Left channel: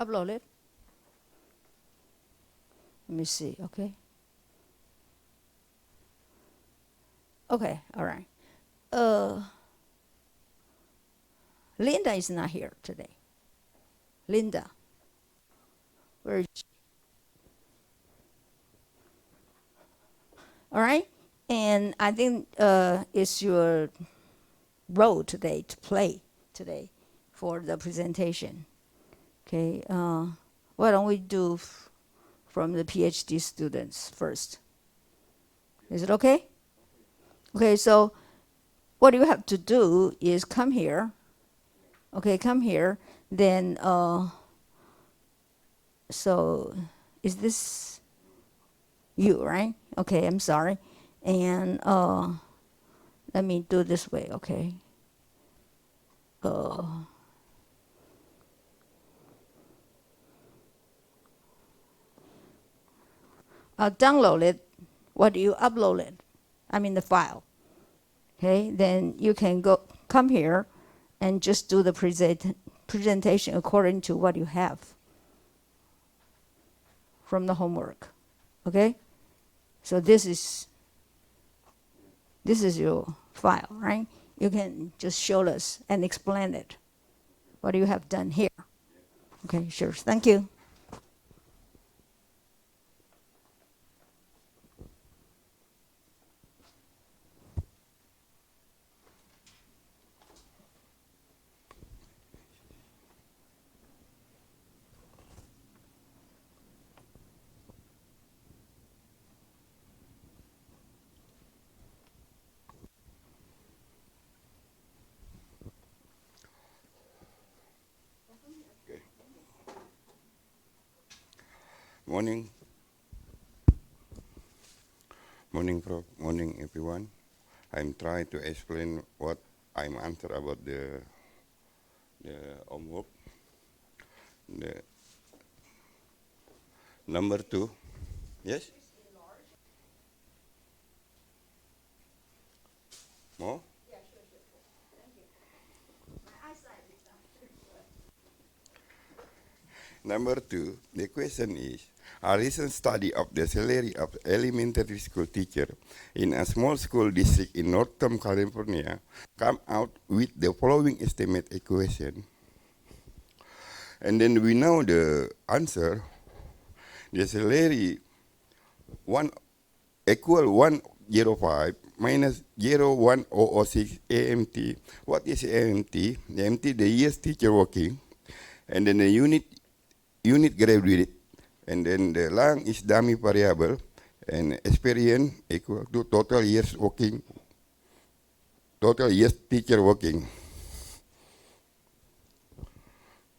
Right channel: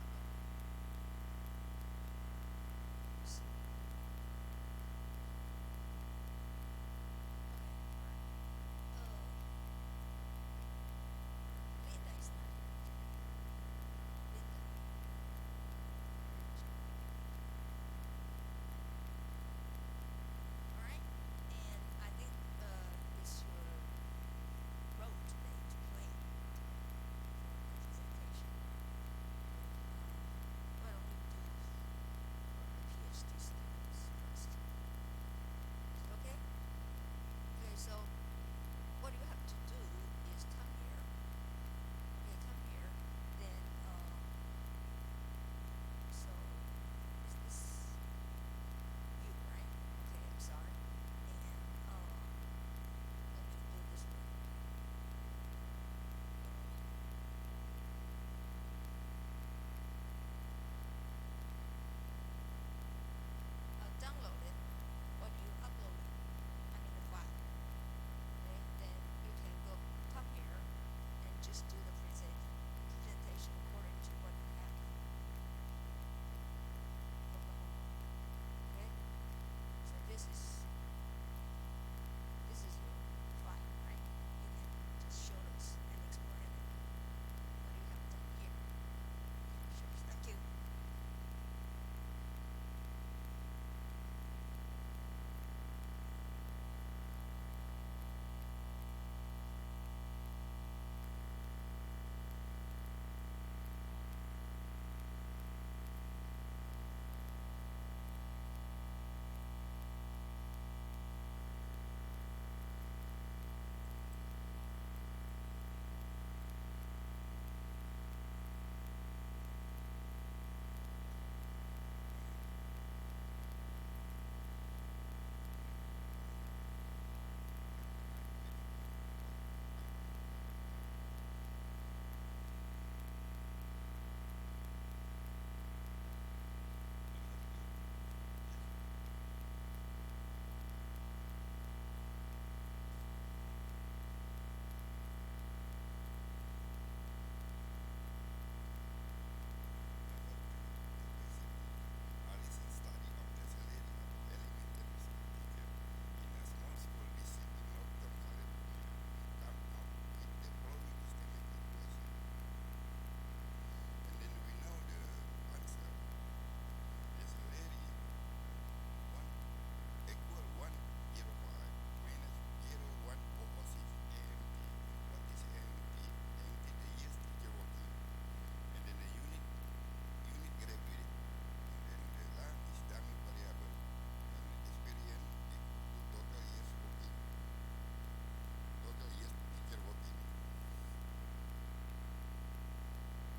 Upload it. Let me see. Okay. Okay. All right. Uh, Linda is not here today. Linda, where is she? All right. And I think it's your role today to play today for the presentation. Okay. Why don't we do from the PhD students first? Is it okay? Okay. So what you have to do is come here. Okay, come here. Then so is this you, right? Okay, I'm sorry. And let me do this way, okay? Uh, I'll download it. What do you upload it? I mean the file. Okay, then you can go come here and just do the presentation according to what you have from the homework. Okay? So this is your file, right? You can just show us and explain it. What you have done here. Okay, sure. Thank you. Morning, morning, Prof. Morning, everyone. I'm trying to explain what I'm answer about the homework. The number two. Yes. More. Number two. The question is: a recent study of the salary of elementary school teacher in a small school district in Northern California come out with the following estimate equation. And then we know the answer. The salary one equal 105 minus 01006 AMT. What is AMT? The AMT, the years teacher working, and then the unit graduate, and then the lang is dummy variable, and experience equal to total years working, total years teacher working.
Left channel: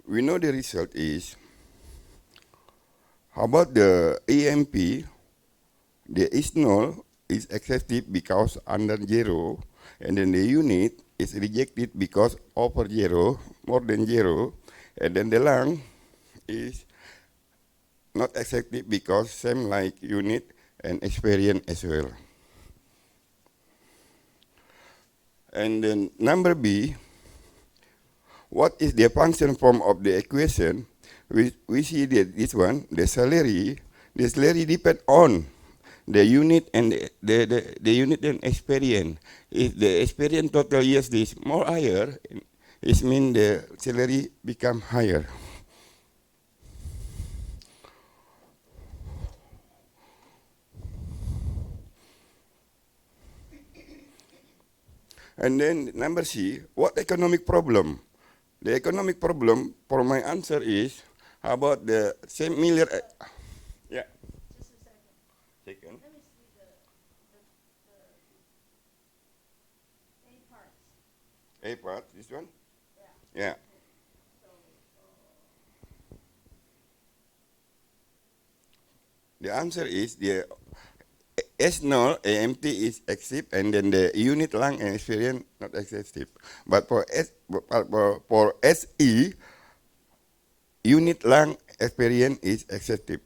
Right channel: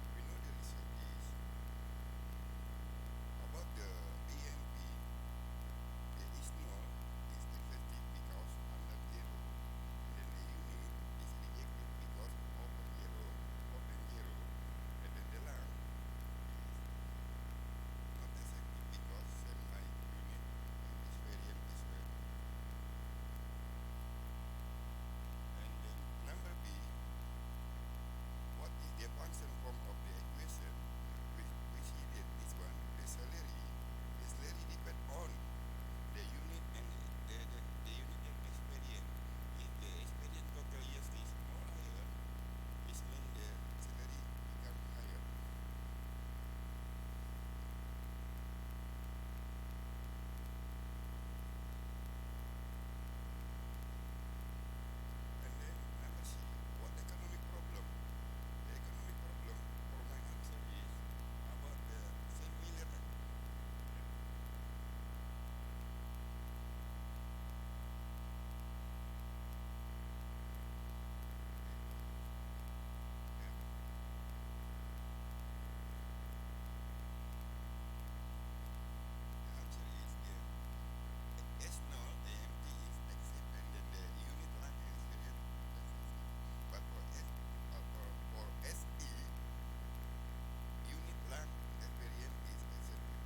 We know the result is, how about the AMP? The is null is accepted because under zero, and then the unit is rejected because over zero, more than zero, and then the lang is not accepted because same like unit and experience as well. And then number B, what is the function form of the equation? We see that this one, the salary depend on the unit and the unit and experience. If the experience total years is more higher, it means the salary become higher. And then number C, what economic problem? The economic problem for my answer is, how about the similar? Yeah. Taken. A part, this one? Yeah. The answer is the S null AMT is active, and then the unit lang and experience not active. But for SE, unit lang experience is active.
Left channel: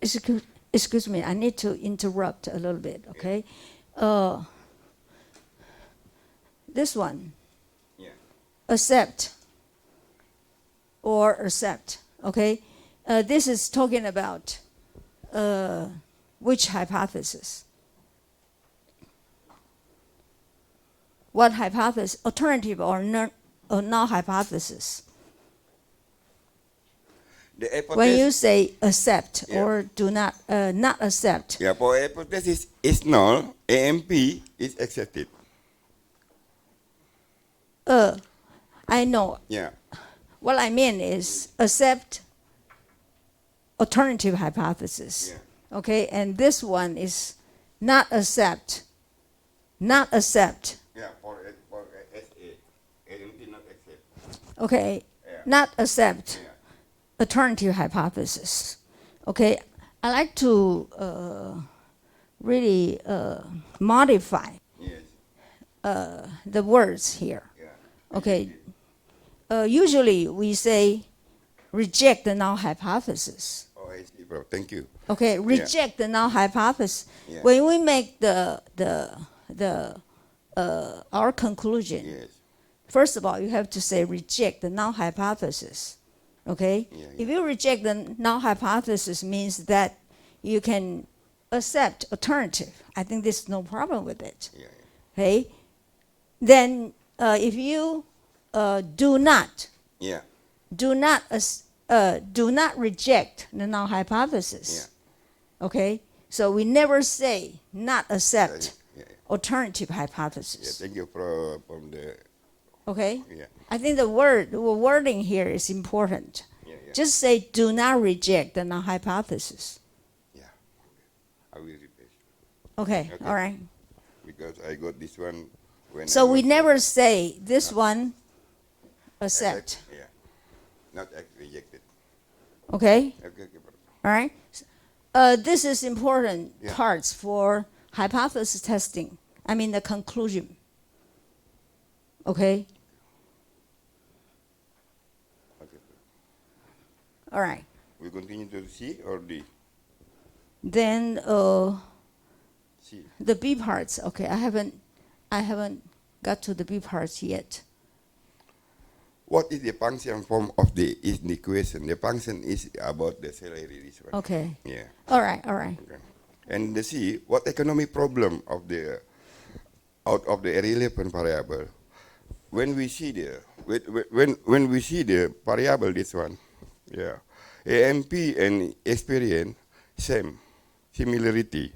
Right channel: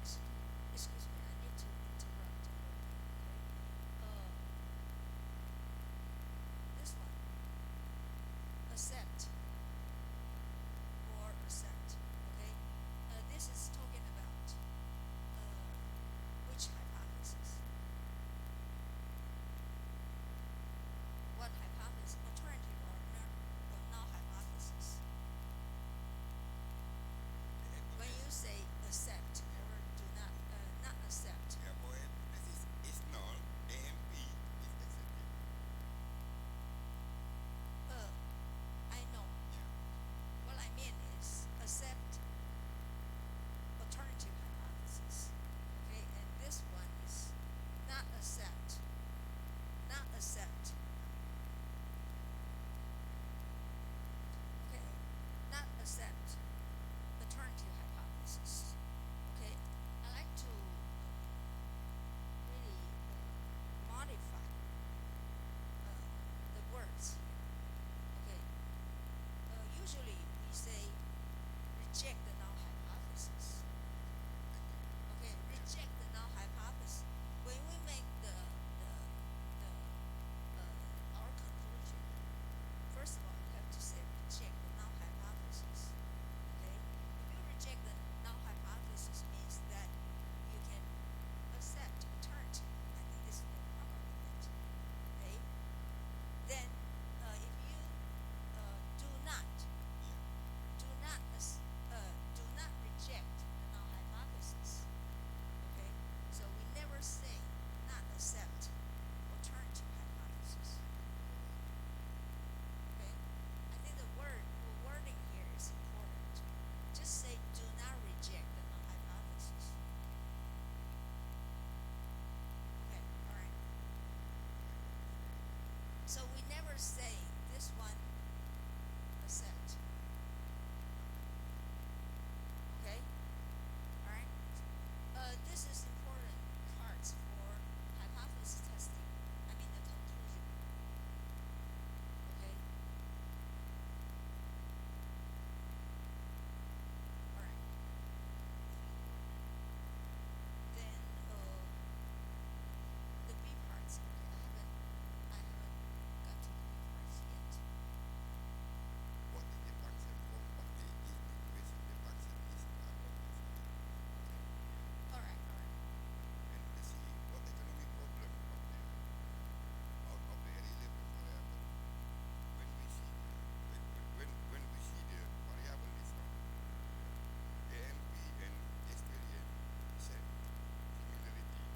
Excuse, excuse me, I need to interrupt a little bit, okay? Uh, this one, Yeah. accept or accept, okay? This is talking about which hypothesis? What hypothesis, alternative or null hypothesis? The hypothesis. When you say accept Yeah. or do not accept, Yeah, for hypothesis is null, AMP is accepted. I know. Yeah. What I mean is accept alternative hypothesis. Yeah. Okay, and this one is not accept. Not accept. Yeah, for SA, AMP not accept. Okay, Yeah. not accept Yeah. alternative hypothesis. Okay, I like to really modify Yes. the words here. Yeah. Okay, usually we say reject the null hypothesis. Oh, I see, bro. Thank you. Okay, reject the null hypothesis. Yeah. When we make our conclusion, Yes. first of all, you have to say reject the null hypothesis. Okay? Yeah, If you reject the null hypothesis, means that you can accept alternative. I think there's no problem with it. Yeah. Okay? Then if you do not Yeah. do not reject the null hypothesis. Okay? So we never say not accept Yeah. alternative Yeah. hypothesis. Thank you from the. Okay? Yeah. I think the wording here is important. Yeah. Yeah. Just say do not reject the null hypothesis. I will repeat Okay, Okay. all right. because I got this one when. So I we was- never say this one accept. Yeah. Not rejected. Okay? Okay, bro. All right? This is important Yeah. parts for hypothesis testing. I mean the conclusion. Okay? Okay. All right. We continue to C or D? Then C. the B parts. Okay, I haven't got to the B parts yet. What is the function form of the equation? The function is about the salary. This one. Okay. Yeah. All right, all right. Okay. And the C, what economic problem of the out of the irrelevant variable? When we see the when we see the variable, this one, yeah, AMP and experience similarity,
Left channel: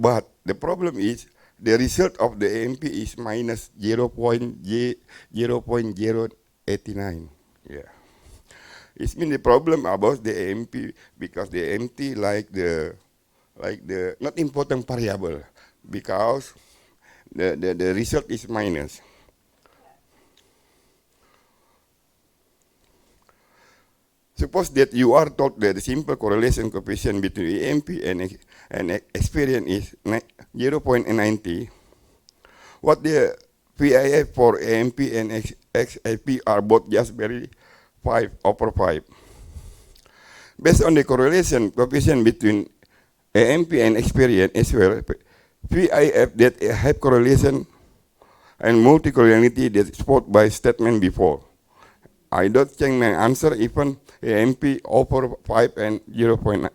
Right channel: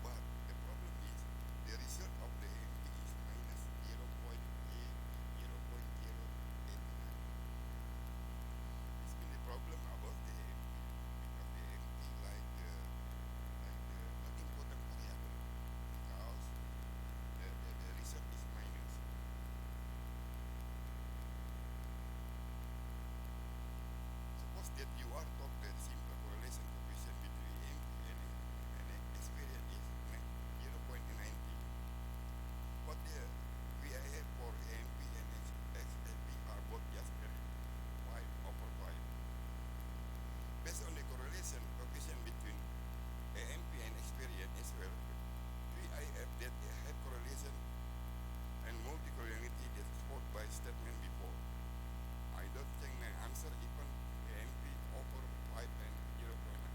but the problem is the result of the AMP is minus 0.089. Yeah, it means the problem about the AMP because the AMP like the not important variable because the result is minus. Suppose that you are told that the simple correlation coefficient between AMP and experience is 0.90. What the PIF for AMP and XAP are both just very 5/5. Based on the correlation coefficient between AMP and experience as well, PIF that have correlation and multicollinearity that spot by statement before. I don't change my answer even AMP over 5 and 0.9.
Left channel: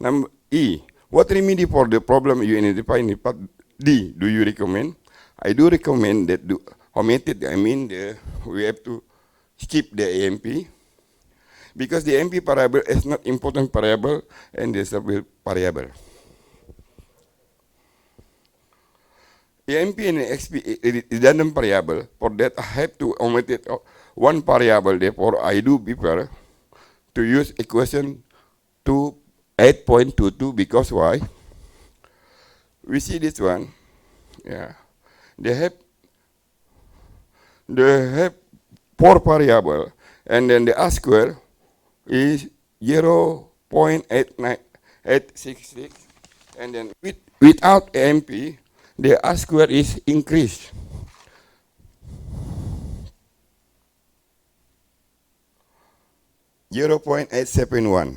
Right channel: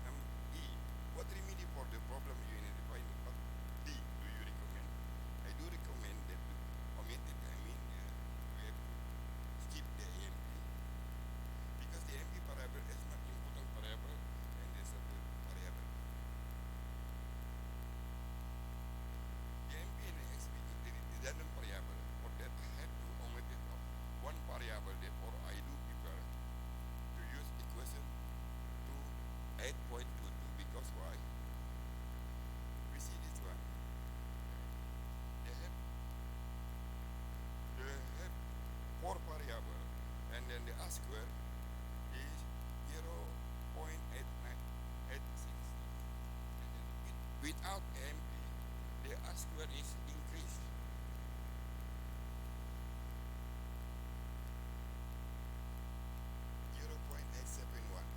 Number E, what remedy for the problem you identify in part D do you recommend? I do recommend that omitted, we have to skip the AMP because the AMP variable is not important variable and the stable variable. AMP and XP is redundant variable. For that, I have to omit it, one variable. Therefore, I do prefer to use equation 8.22 because why? We see this one. Yeah, they have 4 variable, and then the R square is 0.866, and then without AMP, the R square is increased. (0.871).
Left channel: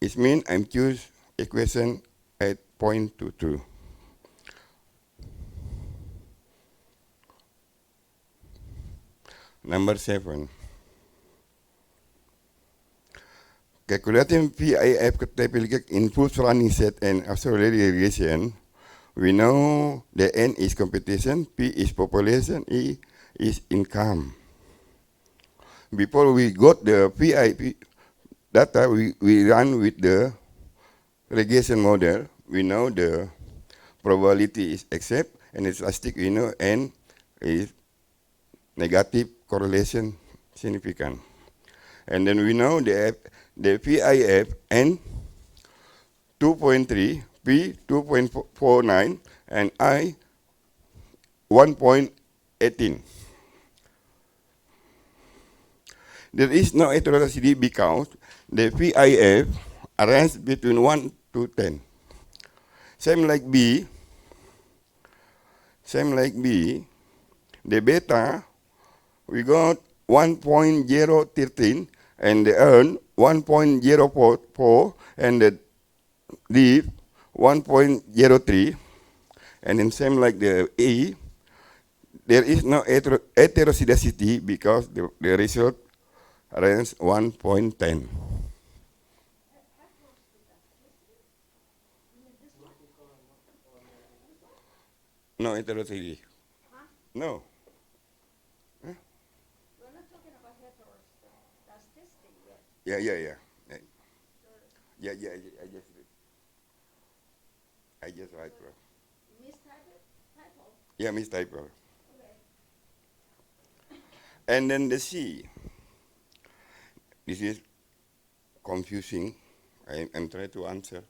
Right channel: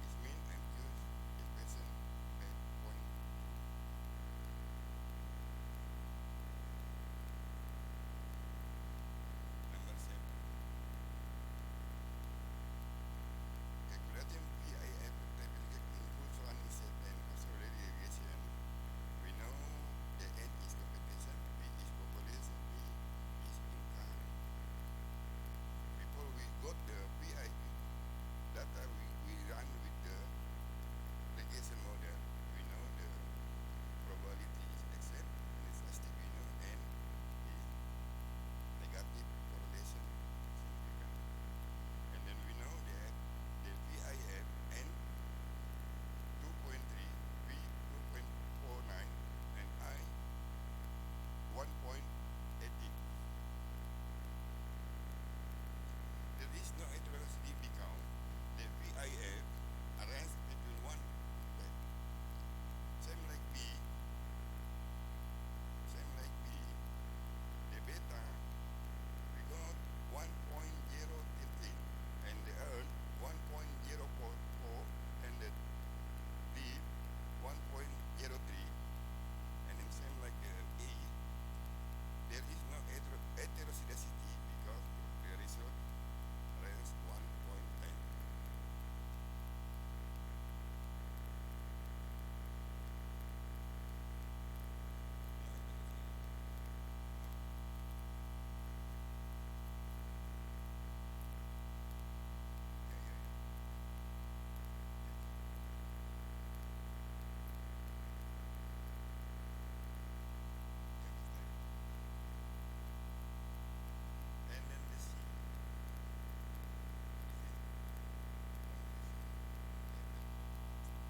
It means I'm choose equation 8.22. Number 7. Calculating PIF typical input running set and auxiliary regression. We know the N is competition, P is population, E is income. Before we got the PIP data, we run with the regression model. We know the probability is accept, and the statistic we know N is negative correlation significant. And then we know the PIF N 2.3, P 2.49, and I 1.18. There is no heteroscedasticity because the PIF arranges between 1 to 10. Same like B, the beta, we got 1.013 and the earn 1.044 and the leave 1.03, and then same like the E, there is no heteroscedasticity because the result range 1.10. No heteroscedasticity. No. Huh? Yeah. Yeah, I just write. Yeah, mistypo. And then the C. This is confusing. I'm trying to answer.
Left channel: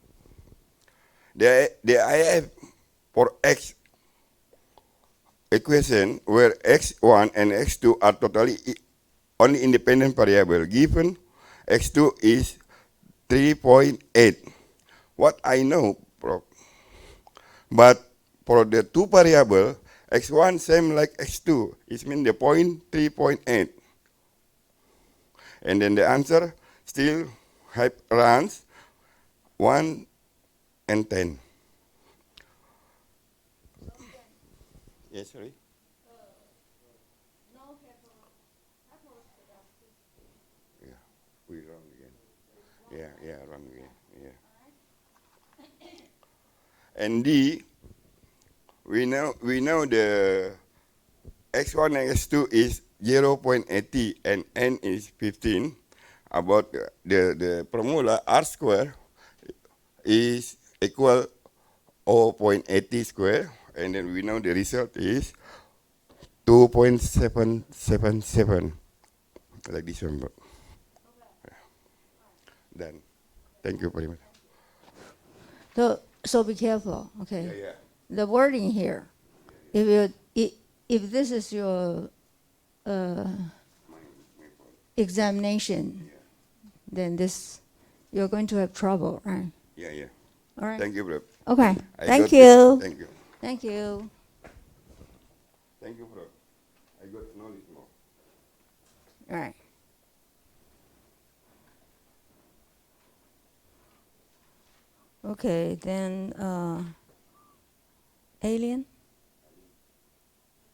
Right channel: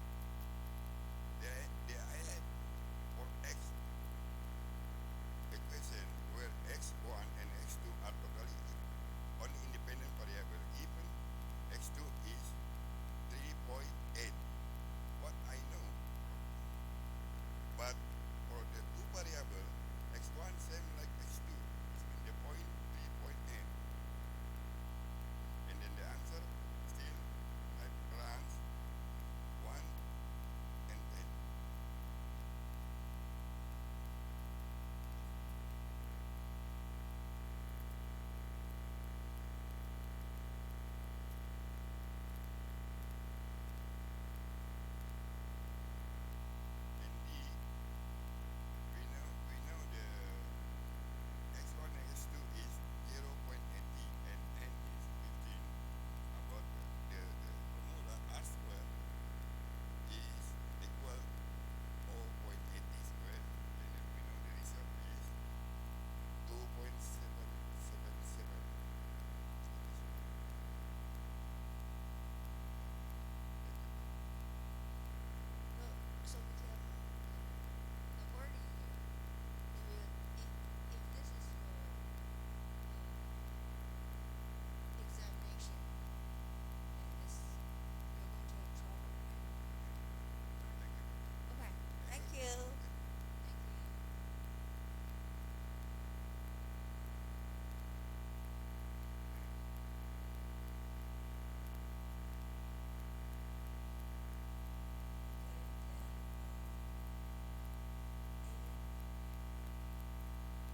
The IF for X equation where X1 and X2 are totally only independent variable given X2 is 3.8. What I know, but for the two variable, X1 same like X2, it means the point 3.8. And then the answer still runs 1 and 10. Yes, sorry. We run again. Yeah, run again. Yeah. And D, we know the X1 and X2 is 0.80 and N is 15. About the formula R square is equal 0.80 square, and then we know the result is 2.777, like this one. Done. Thank you very much. So be careful, okay? Yeah. The wording here, if this is your examination, then you're going to have trouble, right? Yeah. All right. Thank you, bro. Okay. I Thank got you. Thank you. Thank you. Thank you, bro. I got knowledge now. All right. Okay, then alien.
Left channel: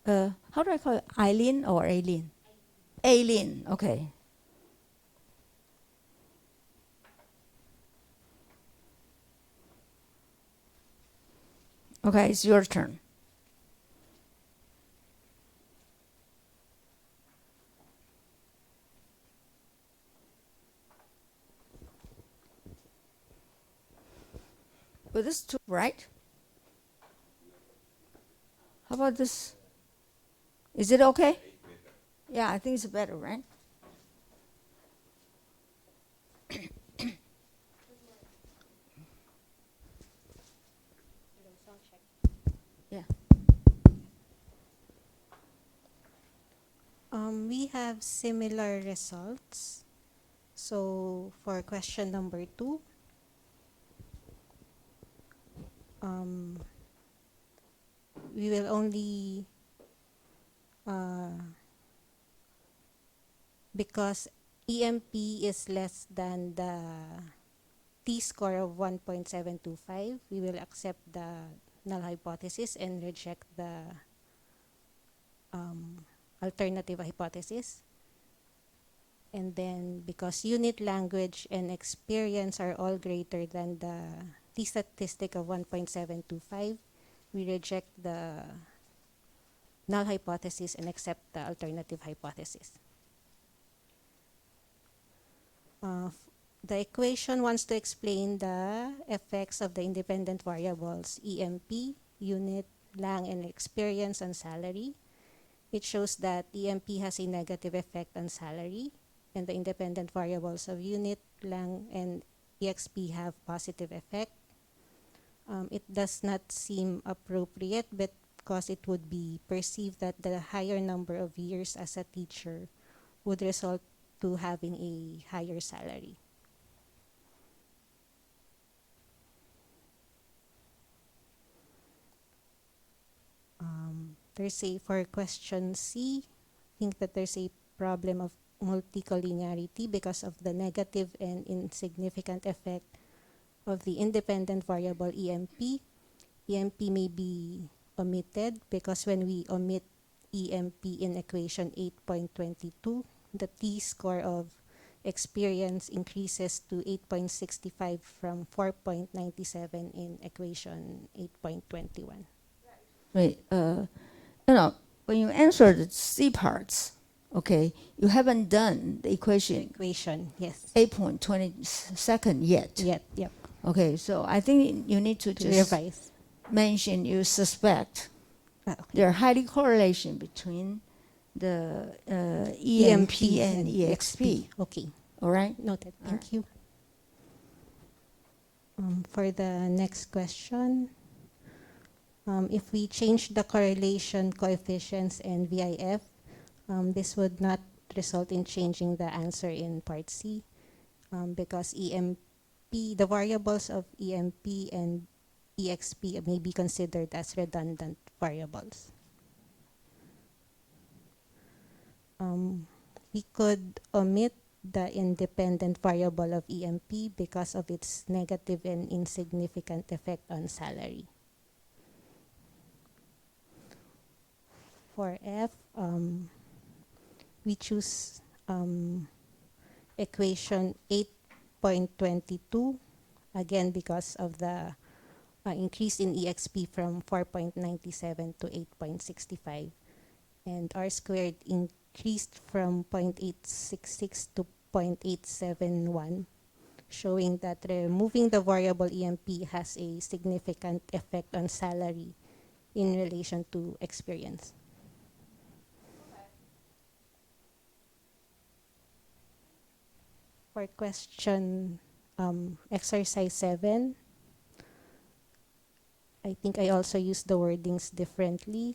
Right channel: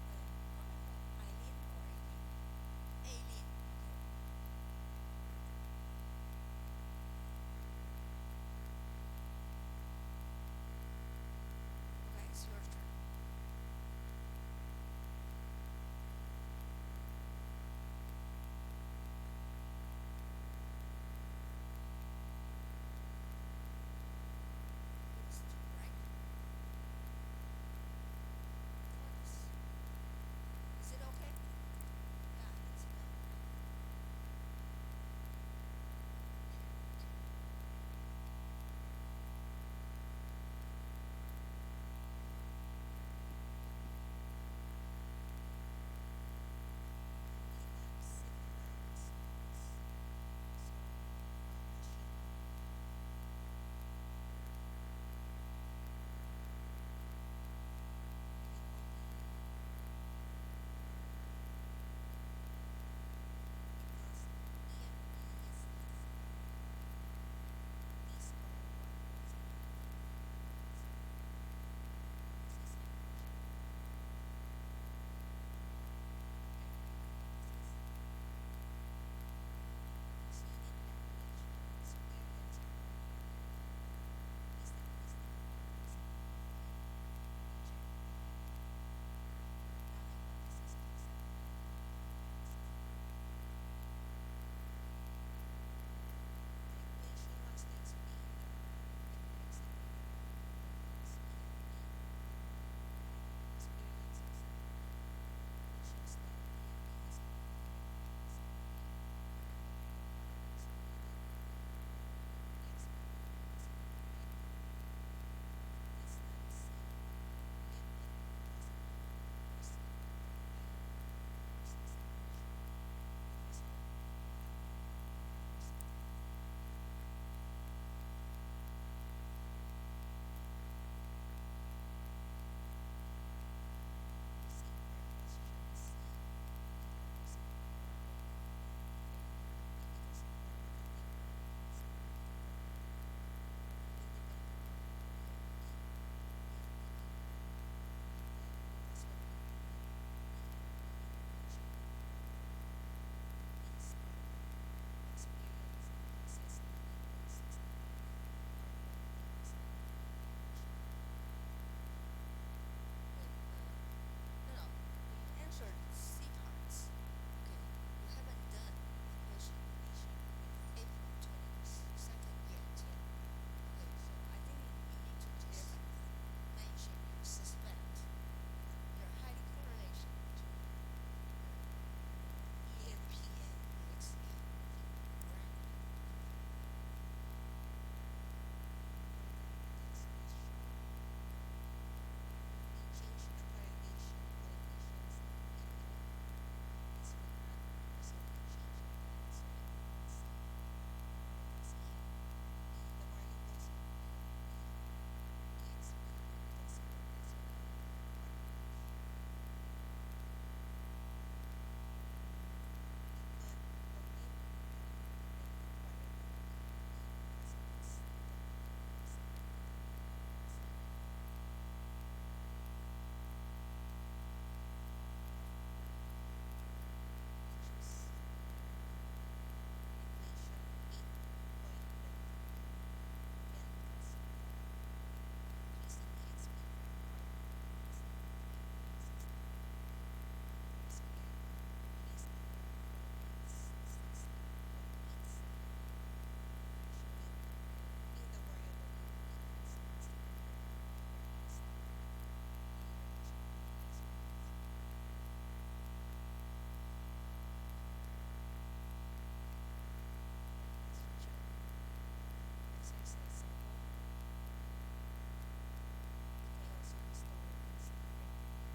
How do I call it? Eileen or alien? Alien. Okay. Okay, it's your turn. But this is too bright. How about this? Is it okay? Yeah, I think it's better, right? Yeah. We have similar results. So for question number 2, we will only, because EMP is less than the t-score of 1.725, we will accept the null hypothesis and reject the alternative hypothesis. And then because unit language and experience are all greater than the t-statistic of 1.725, we reject the null hypothesis and accept the alternative hypothesis. The equation wants to explain the effects of the independent variables EMP, unit, lang, and experience on salary. It shows that EMP has a negative effect on salary, and the independent variables of unit, lang, and EXP have positive effect. It does not seem appropriate because it would be perceived that the higher number of years as a teacher would result to having a higher salary. There's a, for question C, I think that there's a problem of multicollinearity because of the negative and insignificant effect of the independent variable EMP. EMP may be omitted because when we omit EMP in equation 8.22, the t-score of experience increases to 8.65 from 4.97 in equation 8.21. Wait, you know, when you answer the C parts, okay, you haven't done the equation Equation, yes. 8.22 yet. Yep. Okay, so I think you need to To just revise. mention you suspect Okay. there are highly correlation between the EMP and EXP. Okay, All right? noted. Thank Alright. you. For the next question, if we change the correlation coefficients and VIF, this would not result in changing the answer in part C, because the variables of EMP and EXP may be considered as redundant variables. We could omit the independent variable of EMP because of its negative and insignificant effect on salary. For F, we choose equation 8.22, again because of the increase in EXP from 4.97 to 8.65, and R squared increased from 0.866 to 0.871, showing that removing the variable EMP has a significant effect on salary in relation to experience. For question exercise 7, I think I also used the wordings differently.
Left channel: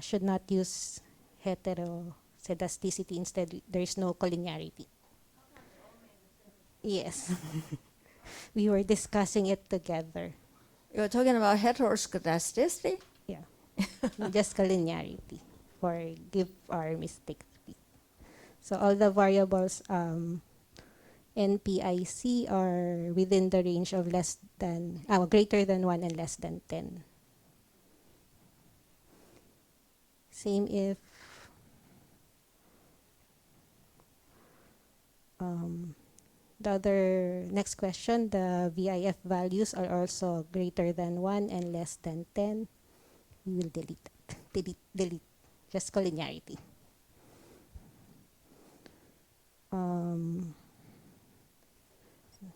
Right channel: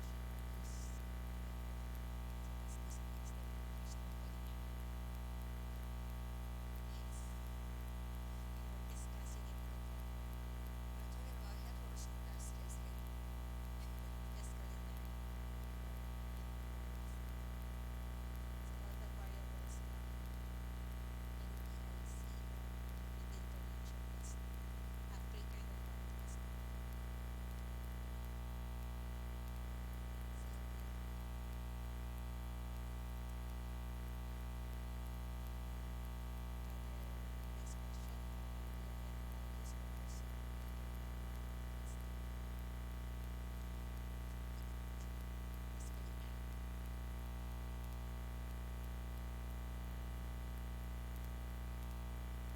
Should not use heteroscedasticity, instead there is no collinearity. Yes. We were discussing it together. You're talking about heteroscedasticity? Just collinearity, forgive our mistake. So all the variables NPIC are within the range of greater than 1 and less than 10. Same if the other next question, the VIF values are also greater than 1 and less than 10. We will delete, just collinearity.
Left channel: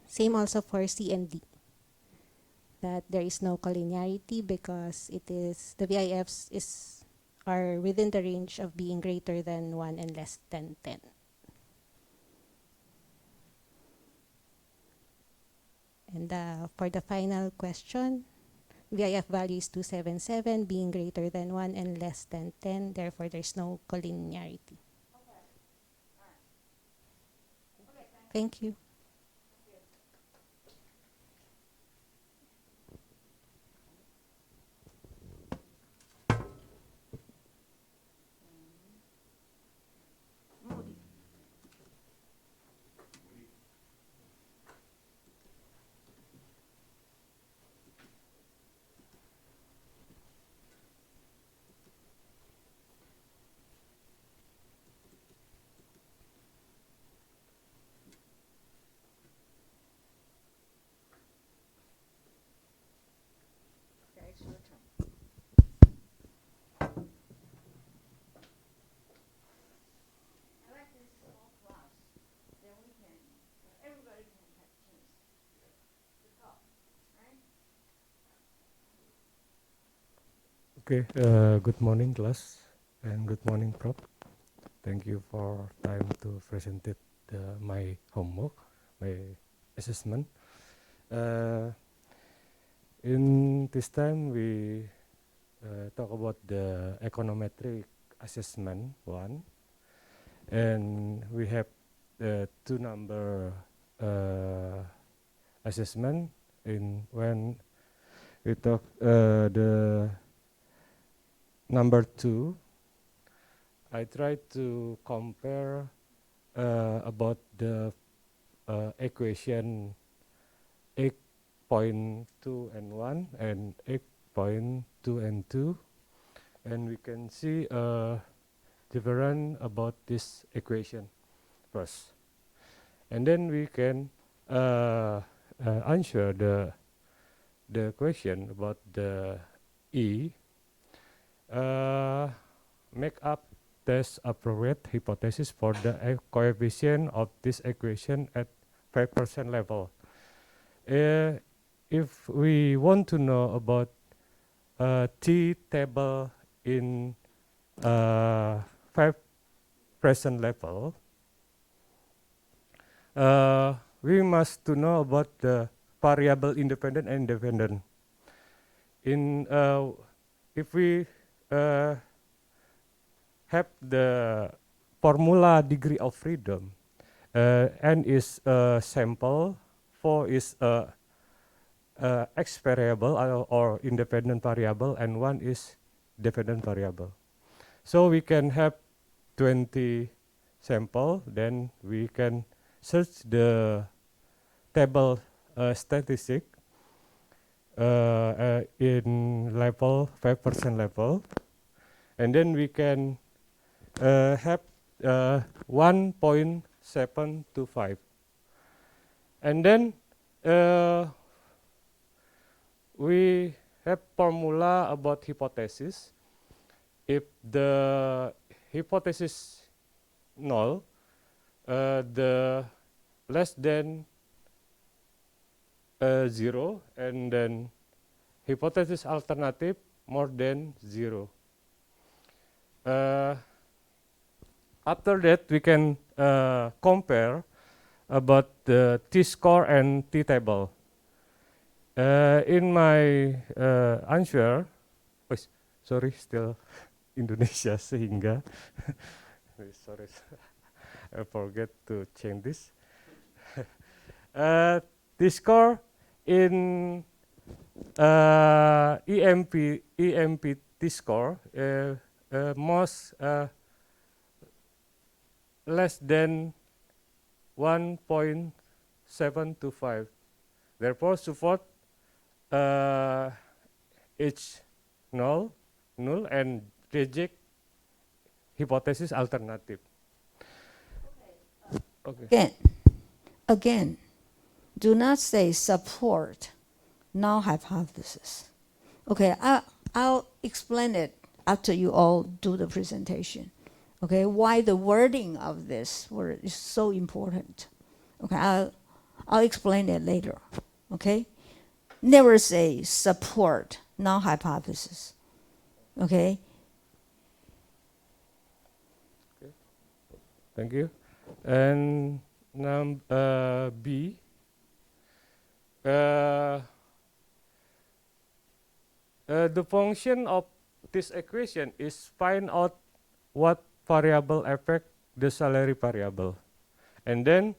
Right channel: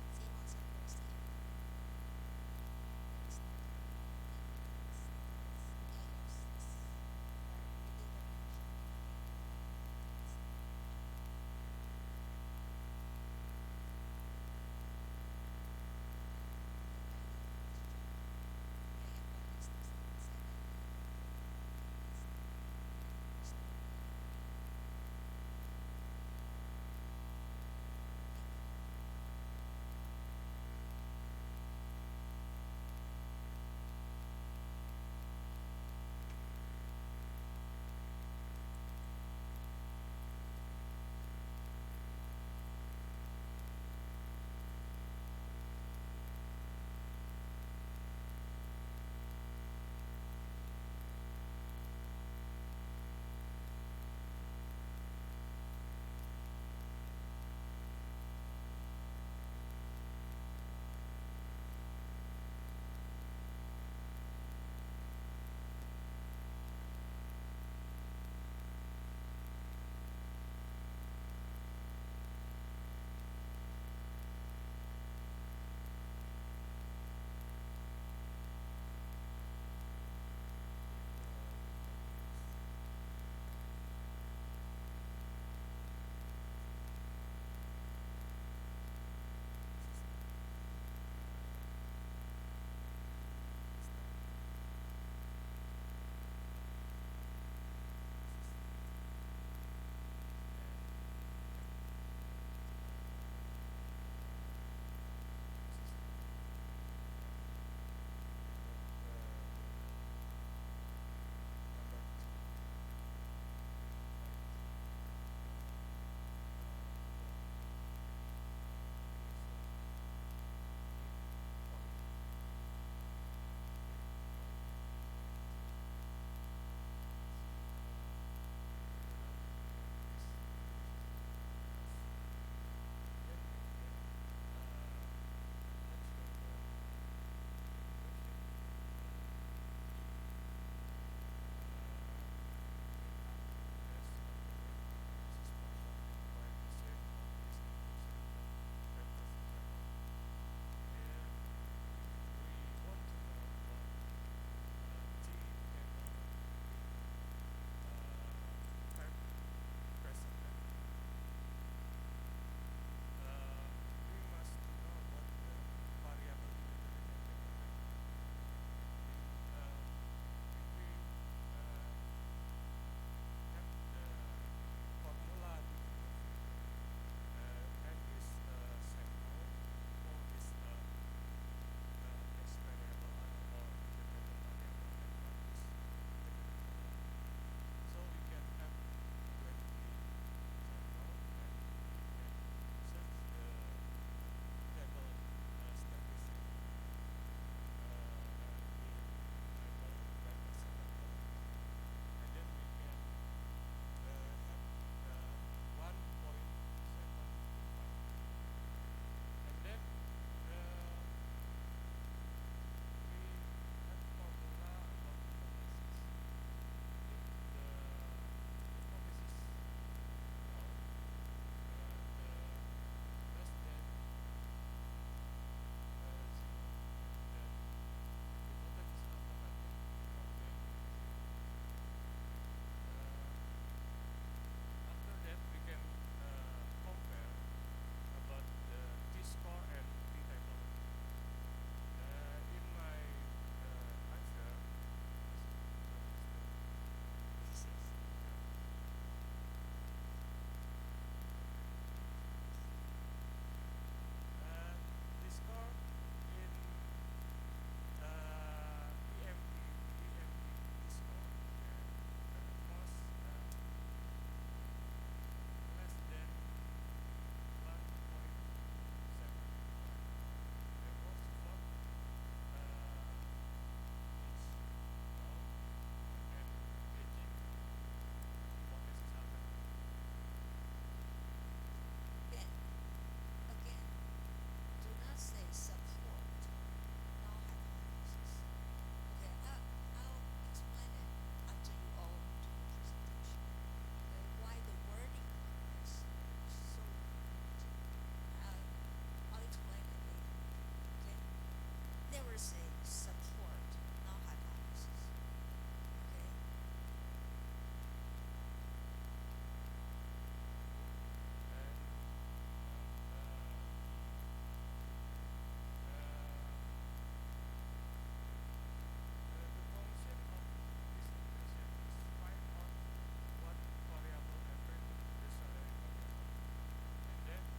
Same also for C and D, that there is no collinearity because the VIFs are within the range of being greater than 1 and less than 10. And for the final question, VIF value is 277, being greater than 1 and less than 10, therefore there's no collinearity. Thank you. Okay, good morning class and good morning Prof. Thank you for time to present it, my homework, my assessment. Uh, in this time we talk about the econometric assessment one, and we have the two number assessment. In when we talk the number 2, I try to compare about the equation 8.2 and 1 and 8.2 and 2, and we can see different about this equation first, and then we can answer the question about the E. Make up test appropriate hypothesis for the coefficient of this equation at 5% level. If we want to know about T table in 5% level, we must to know about the variable independent and dependent. In if we have the formula degree of freedom, n is a sample, 4 is a x variable or independent variable, and 1 is dependent variable. So we can have 20 sample, then we can search the table statistic in level 5% level, and then we can have 1.725, and then we have formula about hypothesis. If the hypothesis null, the less than 0, and then hypothesis alternative more than 0. After that, we can compare about the T-score and T-table. In my answer, sorry, still Indonesia sehingga sorry, I forget to change this. T-score in EMP T-score most less than 1.725. Therefore, support each null and reject hypothesis alternative. Okay. Again, do not say support null hypothesis. Okay, I'll explain it after you all do the presentation. Okay, why the wording of this word is so important. Okay, I'll explain it later. Okay, never say support null hypothesis. Okay. Thank you. And B. The function of this equation is find out what variable affect the salary variable, and then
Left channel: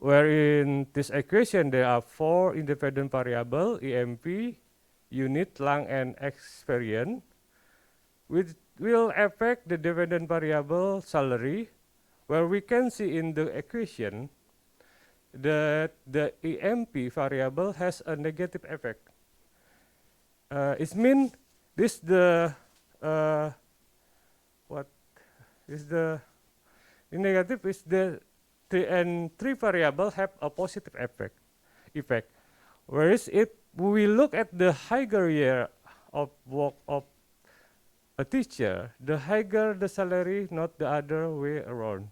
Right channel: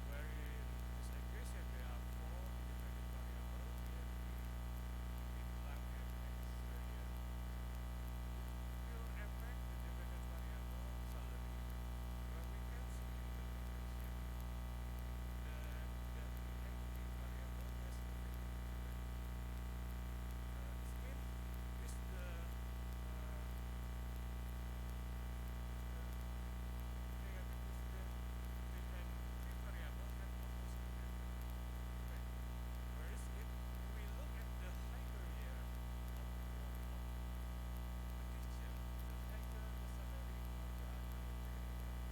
where in this equation there are 4 independent variable, EMP, unit, lang, and experience, which will affect the dependent variable salary, where we can see in the equation that the EMP variable has a negative effect. It means this the what is the negative is the 3 variable have a positive effect, whereas if we look at the higher year of work of a teacher, the higher the salary, not the other way around.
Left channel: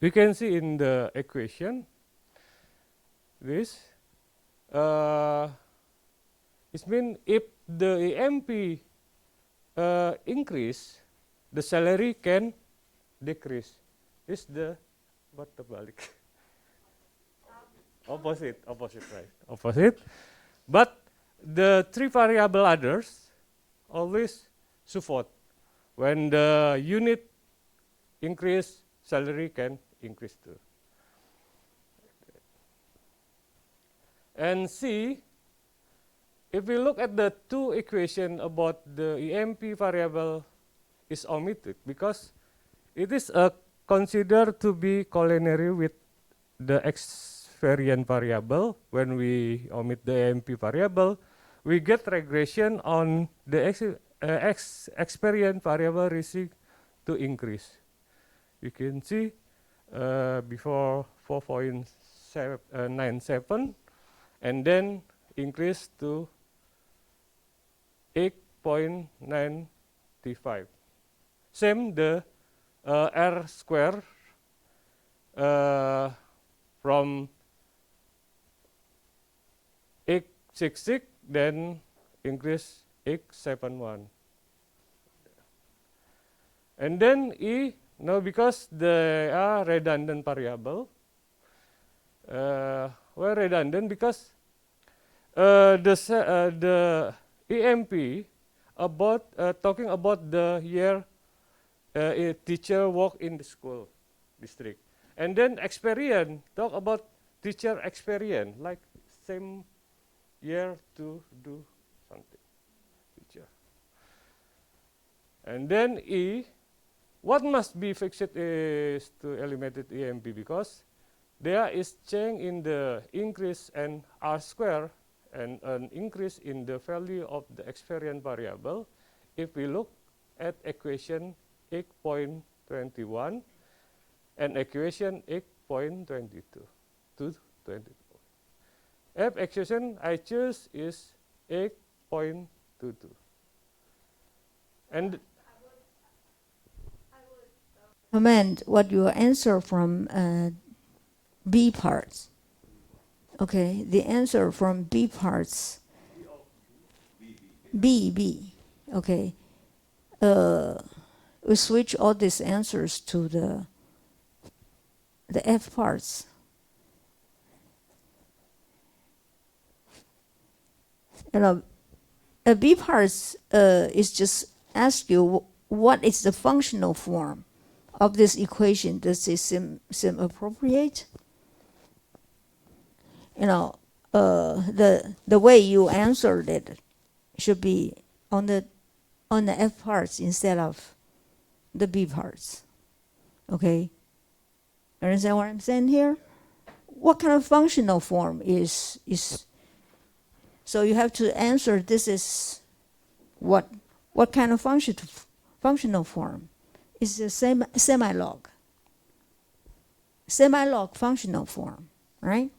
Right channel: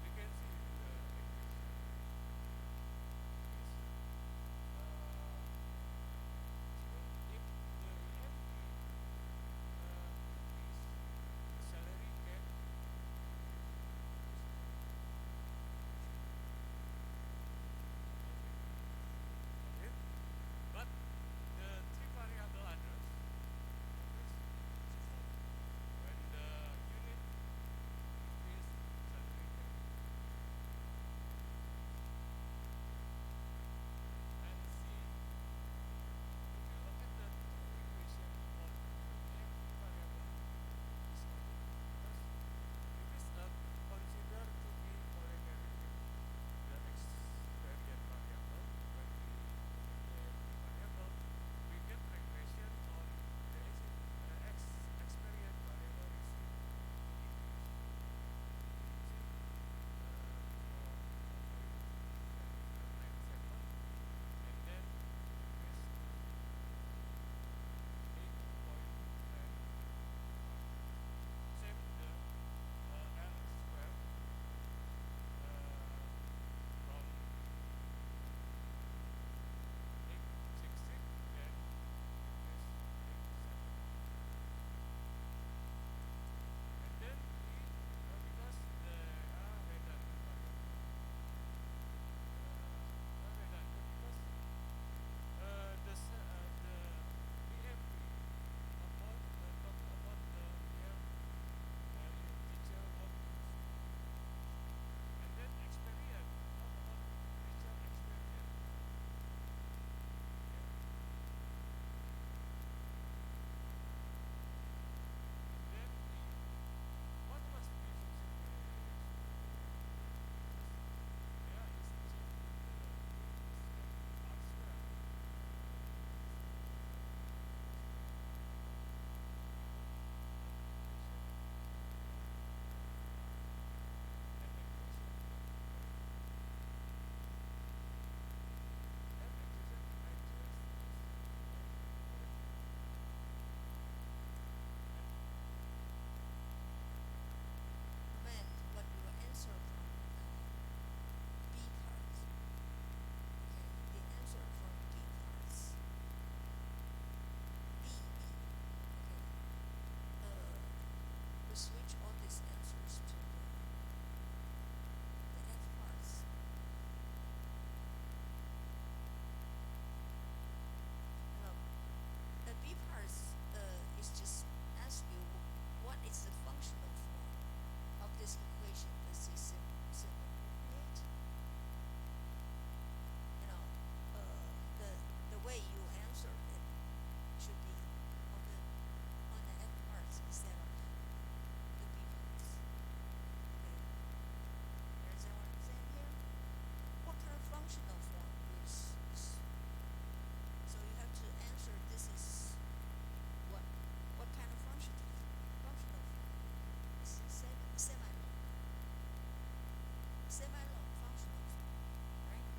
We can see in the equation this It means if the EMP increase, the salary can decrease. This the what terbalik? Opposite, right? Opposite. But the three variable others always support. When the unit increase, salary can increase too. And C, if we look at the two equation about the EMP variable is omitted because it is considered to be collinear with the experience variable. When we omit the EMP variable, we get regression on the experience variable risk to increase. You can see before 4.97 and then increase to 8.95. Same the R square from 866 then increase 871. And then E, no, because they are redundant variable. Why redundant? Because the EMP about talking about the year a teacher work in the school district, and then experience talk about teacher experience like same year to do something teacher. And then E, what must be fixed is to eliminate EMP because there is change in the increase and R square and an increase in the value of the experience variable. If we look at equation 8.21 and equation 8.22 to 24. F equation I choose is 8.22. And Comment what your answer from B parts. Okay, the answer from B parts. B. Okay. We switch all these answers to the F parts. B parts is just ask you what is the functional form of this equation. Does it seem appropriate? The way you answered it should be on the F parts instead of the B parts. Okay, understand what I'm saying here? What kind of functional form is so you have to answer this is what kind of functional form is the same semi-log functional form, right?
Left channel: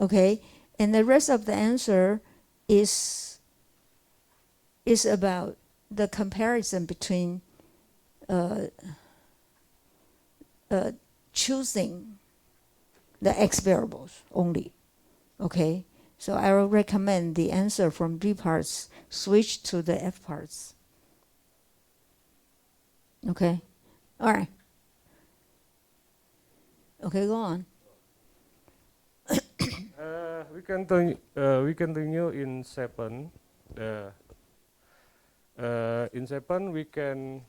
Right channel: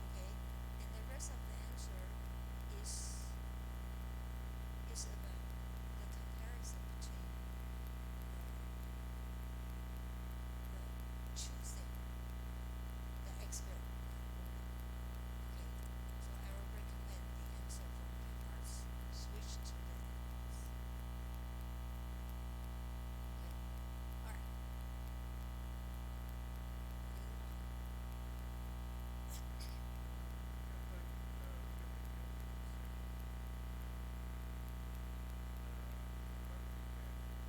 Okay, and the rest of the answer is about the comparison between choosing the x variables only. Okay, so I will recommend the answer from B parts switch to the F parts. Okay, all right. Okay, go on. we continue in 7. In 7 we can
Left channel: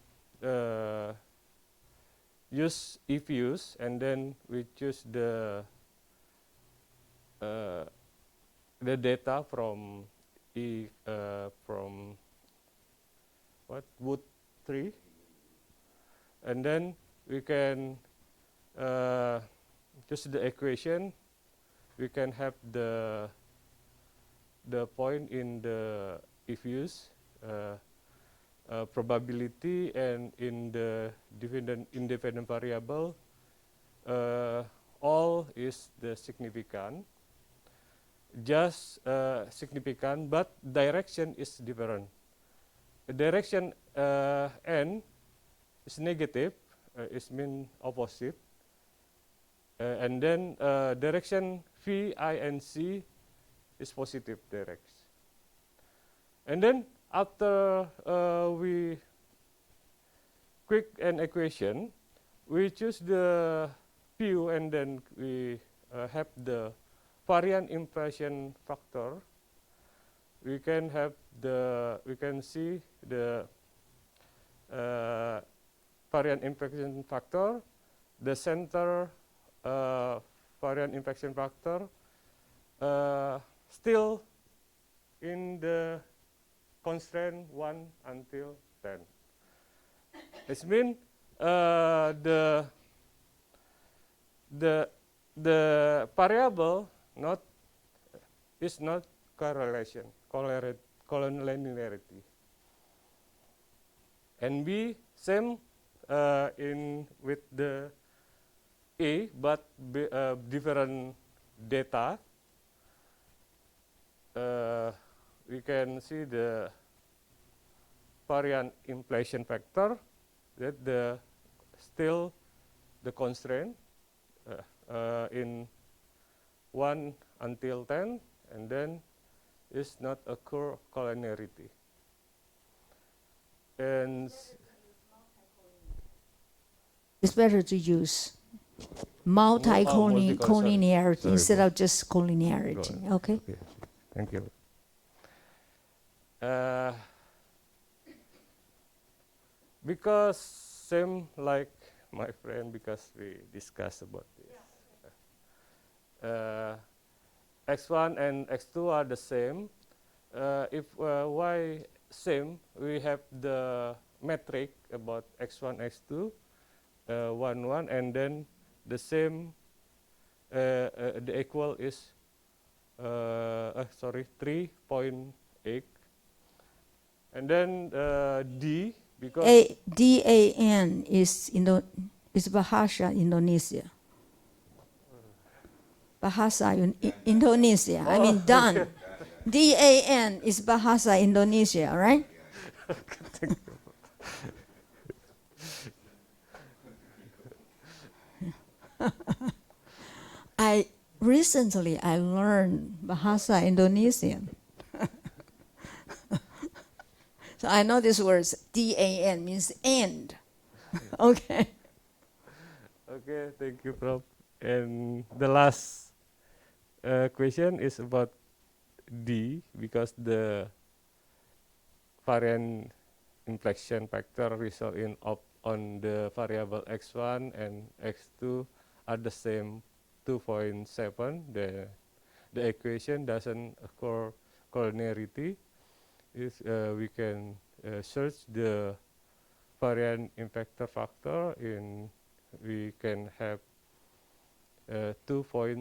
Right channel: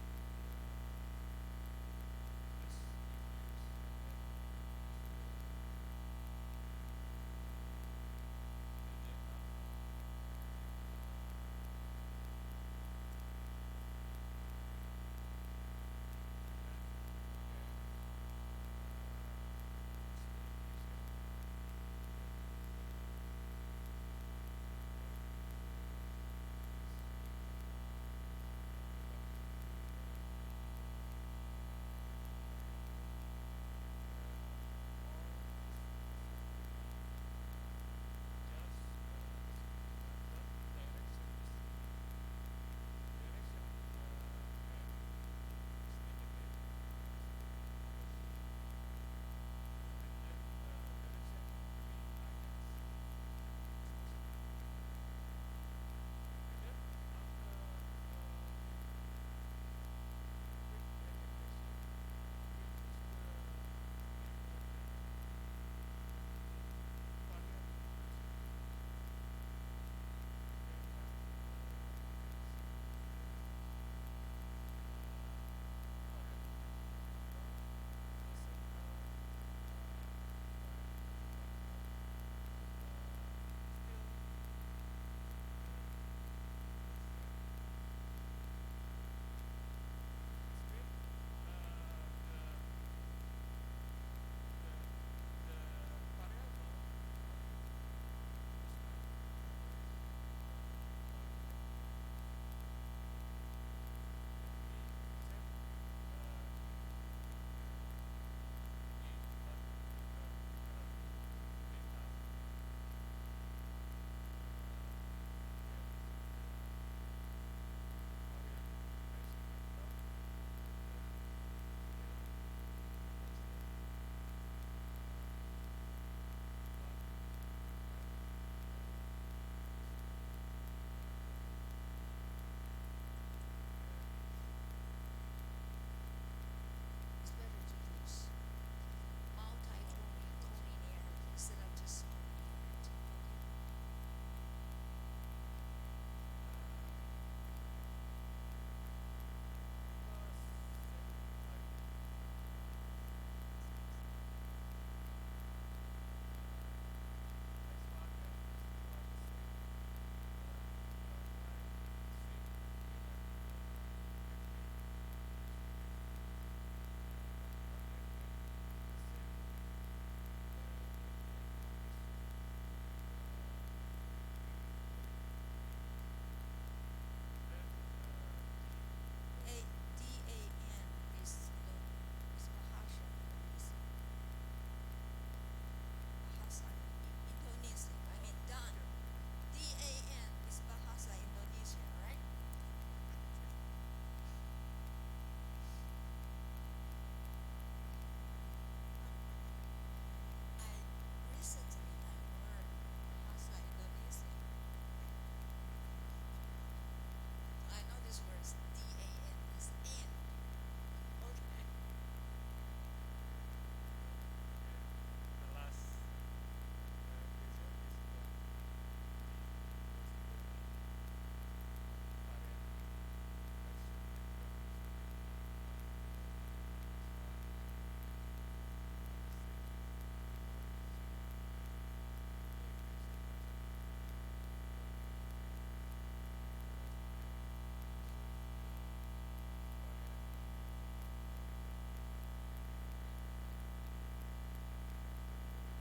use if use and then we choose the data from wood 3, and then we can just the equation. We can have the point in the if use probability, and in the independent variable all is the significant, just significant, but direction is different. The direction n is negative, it means opposite, and then direction V, I, and C is positive direction. And then after we quick an equation, we choose the Q and then we have the variant impression factor. We can see the variant impression factor, the center variant impression factor still in the constraint 1 until 10. It means the variable is not correlation, collinearity. And B same in with the A, but different data. We can see the variant inflation factor that still the constraint in 1 until 10, and then is not occur collinearity. And It's better to use multi-collinearity Sorry, instead bro. of just collinearity. Go Okay. Thank you. Because same like my friend, because we discussed about this. X1 and X2 are the same. If Y same, we have the metric about X1, X2, 1, 1, and then the same, the equal is, 3.8. And then D, because DAN is Bahasa Indonesia. Bahasa Indonesia. I mean, done. DAN is Bahasa Indonesia, right? Recently I learned Bahasa Indonesian. So I know this word DAN means end. Okay. Okay, thank you, Prof. And the last question is about D, because the variant inflection factor result on the variable x1 and x2 are the same 2.7. The equation doesn't occur collinearity. We can search the variant inflector factor we can have 2.7.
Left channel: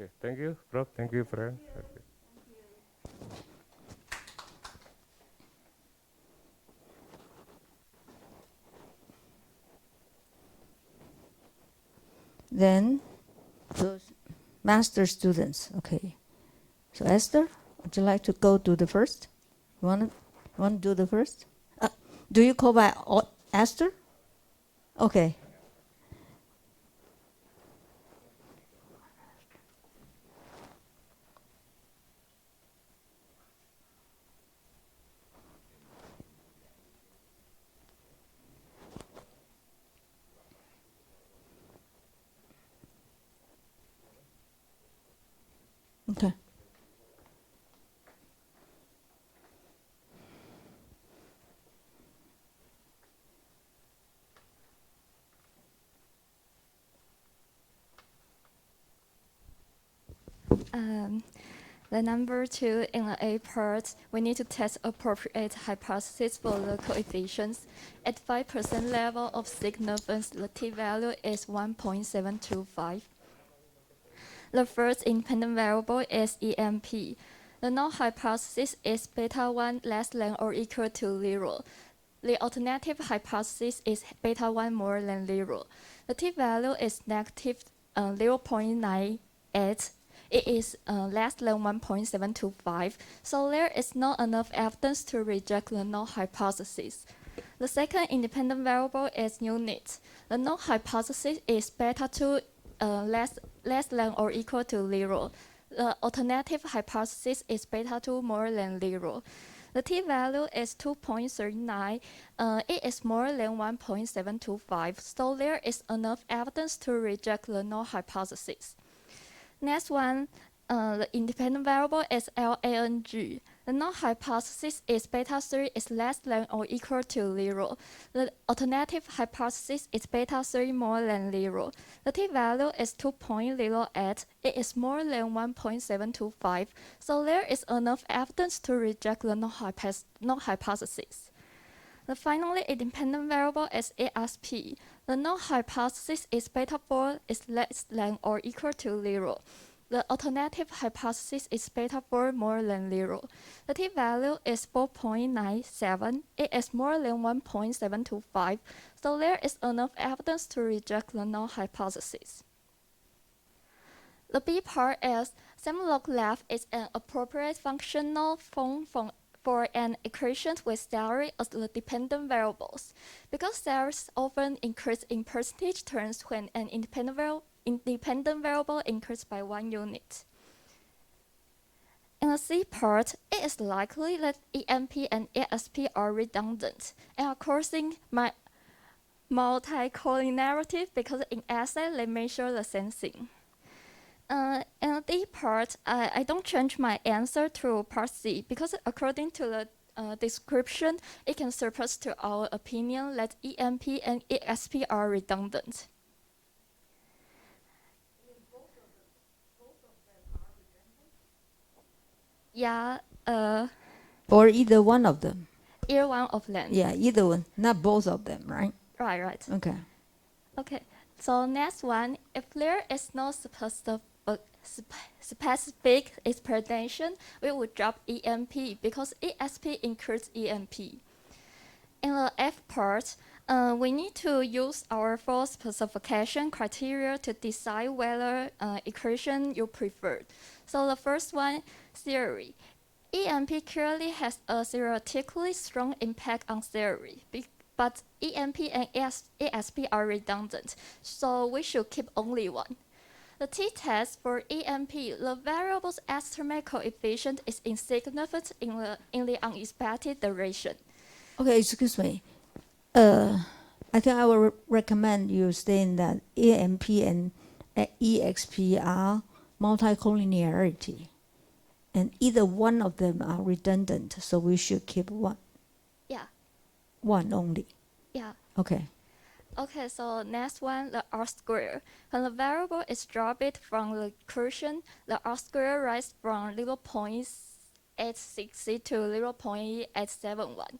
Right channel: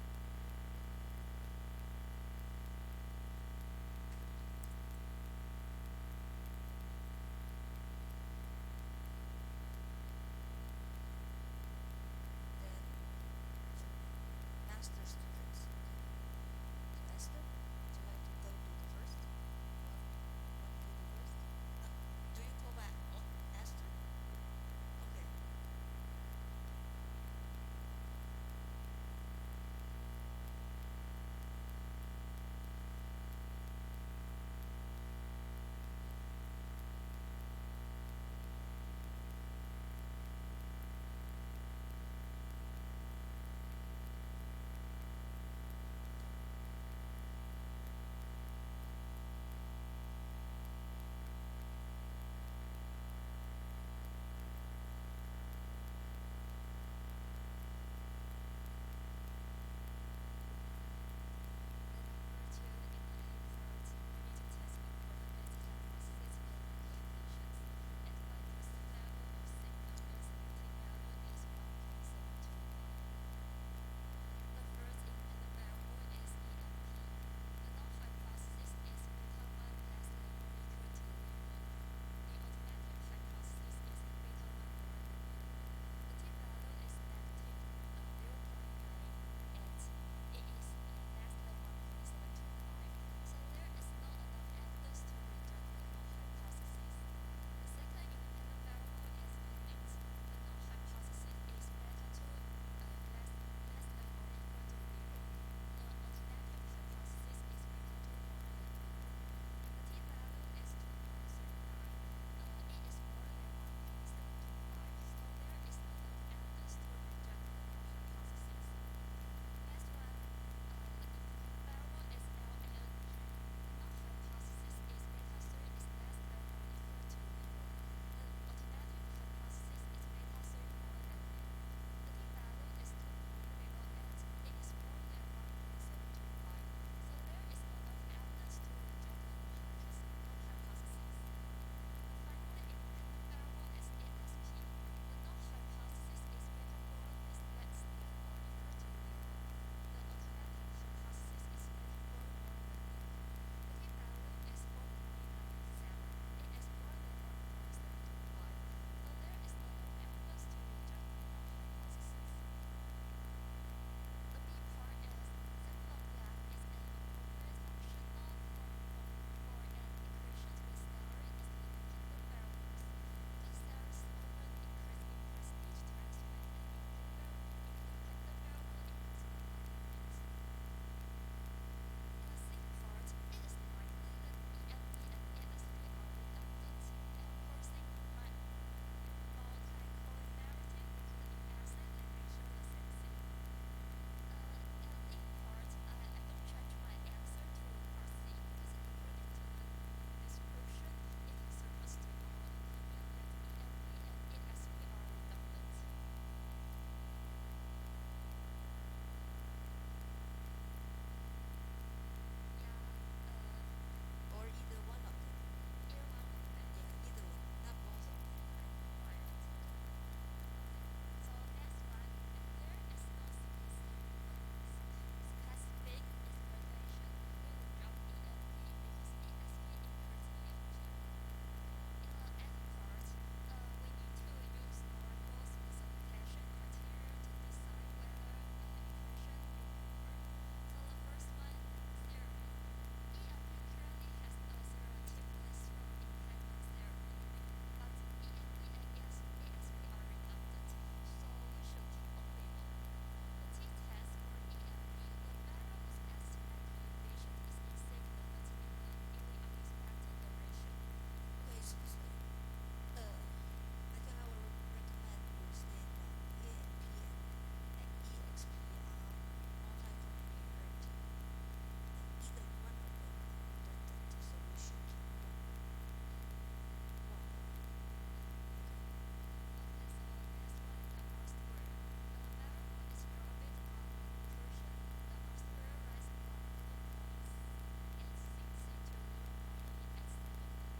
Okay, thank you, Prof. Thank you, friend. Okay. Then those master students. Okay. So Esther, would you like to go do the first? You want to do the first? Do you call by Esther? Okay. Okay. The number 2 in the A part, we need to test appropriate hypothesis for the coefficients. At 5% level of significance, the t-value is 1.725. The first independent variable is EMP. The null hypothesis is beta 1 less than or equal to 0. The alternative hypothesis is beta 1 more than 0. The t-value is negative 0.98. It is less than 1.725, so there is not enough evidence to reject the null hypothesis. The second independent variable is unit. The null hypothesis is beta 2 less than or equal to 0. the alternative hypothesis is beta 2 more than 0. The t-value is 2.39. It is more than 1.725, so there is enough evidence to reject the null hypothesis. Next one, the independent variable is LANG. The null hypothesis is beta 3 is less than or equal to 0. The alternative hypothesis is beta 3 more than 0. The t-value is 2.08. It is more than 1.725, so there is enough evidence to reject the null hypothesis. The finally independent variable is ASP. The null hypothesis is beta 4 is less than or equal to 0. The alternative hypothesis is beta 4 more than 0. The t-value is 4.97. It is more than 1.725, so there is enough evidence to reject the null hypothesis. The B part is sum-log left is an appropriate functional form for an equation with salary as the dependent variables. Because salaries often increase in percentage terms when an independent variable increases by 1 unit. In the C part, it is likely that EMP and ASP are redundant and are causing multicollinearity because in essay they measure the same thing. In the D part, I don't change my answer to part C because according to the description, it can surpass to our opinion that EMP and ASP are redundant. Yeah, Or either one of them. either one of them. Yeah, either one, not both of them, right? Right. Okay. Okay. So next one, if there is no specific explanation, we would drop EMP because ASP includes EMP. In the F part, we need to use our four specification criteria to decide whether equation you prefer. So the first one, theory. EMP clearly has a theoretically strong impact on theory, but EMP and ASP are redundant, so we should keep only one. The t-test for EMP, the variable's estimate coefficient is insignificant in the unexpected duration. Okay, excuse me. I think I will recommend you saying that AMP and EXP are multicollinearity, and either one of them are redundant, so we should keep one. Yeah. One only. Yeah. Okay. Okay, so next one, the R square. When the variable is dropped from the equation, the R square rises from 0.860 to 0.871.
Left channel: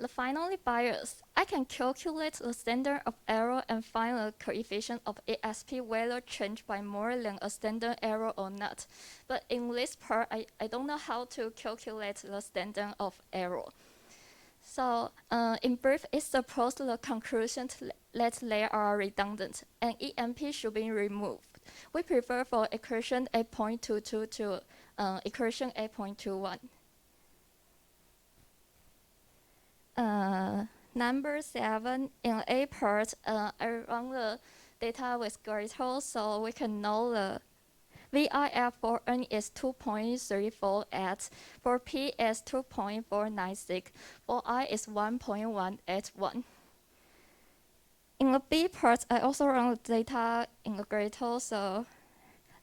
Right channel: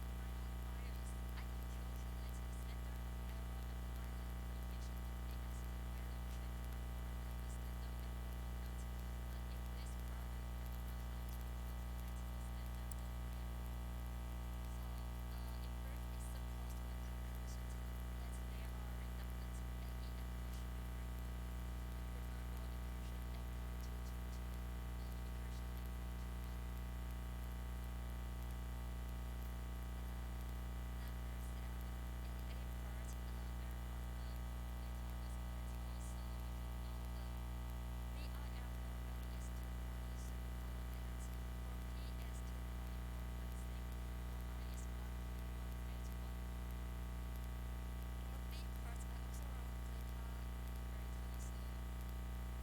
The finally bias. I can calculate the standard of error and find the coefficient of ASP whether changed by more than a standard error or not. But in this part, I don't know how to calculate the standard of error. So in brief, it supports the conclusion that they are redundant and EMP should be removed. We prefer for equation 8.22 to equation 8.21. Number 7, in A part, I run the data with Gradle so we can know the VIF for N is 2.348, for P is 2.496, for I is 1.181. In the B part, I also run the data in the Gradle, so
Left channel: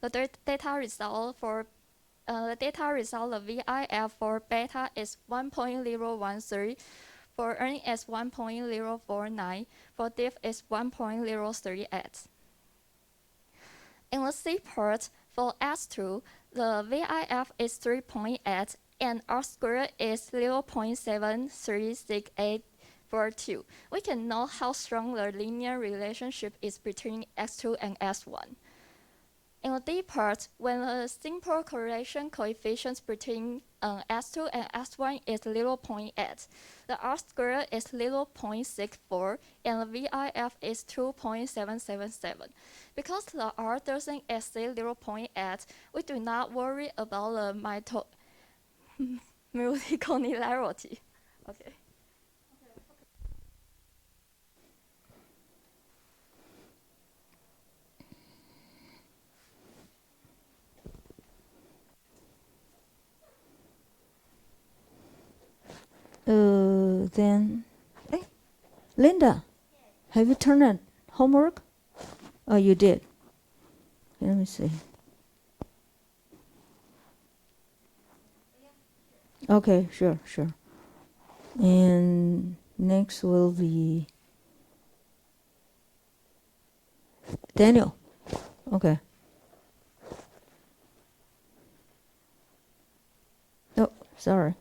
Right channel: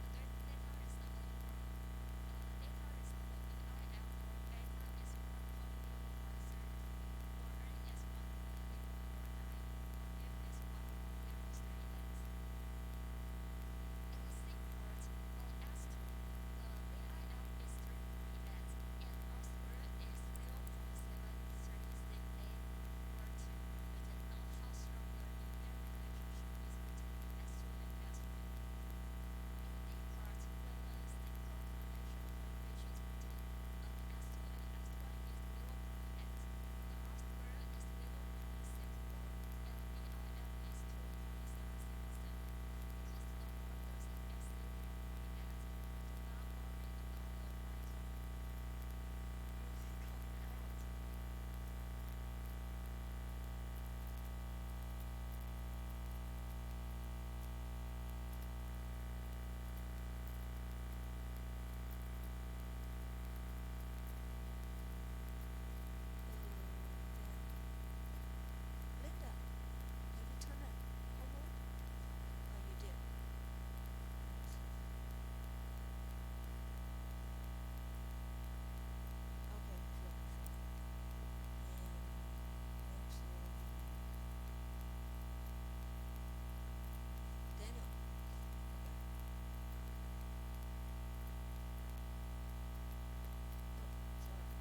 the data result, the VIF for beta is 1.013, for N is 1.049, for diff is 1.038. In the C part, for S2, the VIF is 3.8 and R squared is 0.736842. We can know how strong the linear relationship is between S2 and S1. In the D part, when the simple correlation coefficient between S2 and S1 is 0.8, the R squared is 0.64 and the VIF is 2.777. Because the R doesn't exceed 0.8, we do not worry about the multicollinearity. Okay. Then, hey, Linda, have you turned in homework? Oh, you did. Let me see. Okay, sure, sure. And next will be Daniel. Okay. Oh, sorry.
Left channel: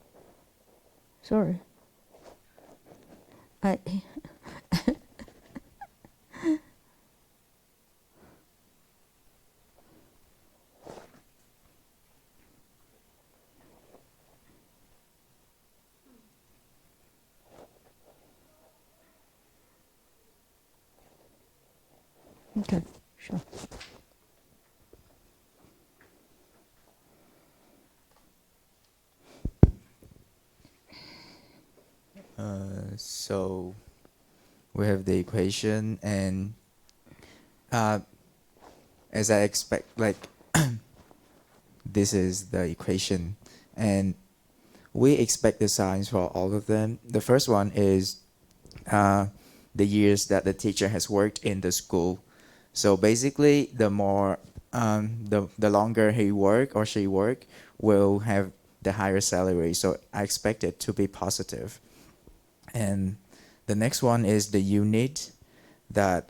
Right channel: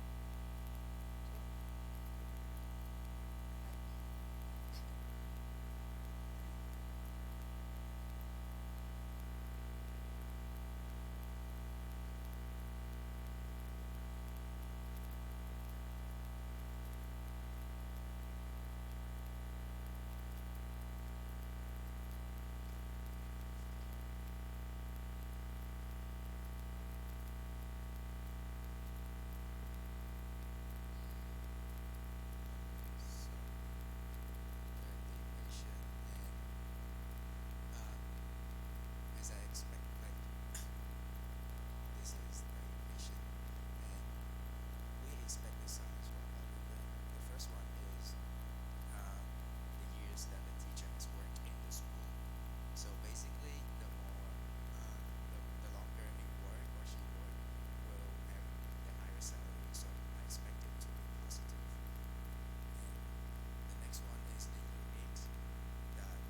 Sorry. I okay, sure. So we have the equation, and uh, as I expect, like this is the equation, and we expect the signs for all of them. The first one is the years that the teacher has worked in the school. So basically, the more the longer he work or she work, will have the higher salary. So I expect it to be positive. And the next one is the unit that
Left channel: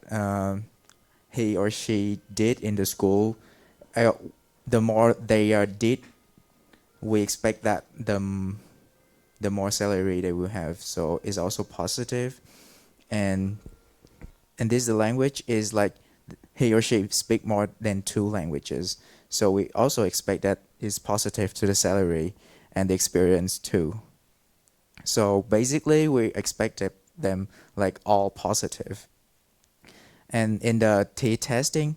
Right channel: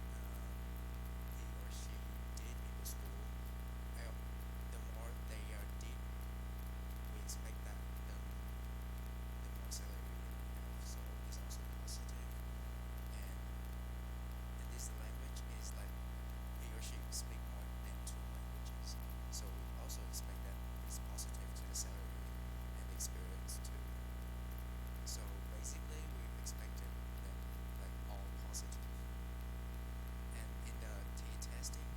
he or she did in the school. Uh, the more they are did, we expect that the more salary they will have. So it's also positive. And this the language is like he or she speak more than 2 languages. So we also expect that is positive to the salary and the experience too. So basically, we expected them like all positive. And in the T testing,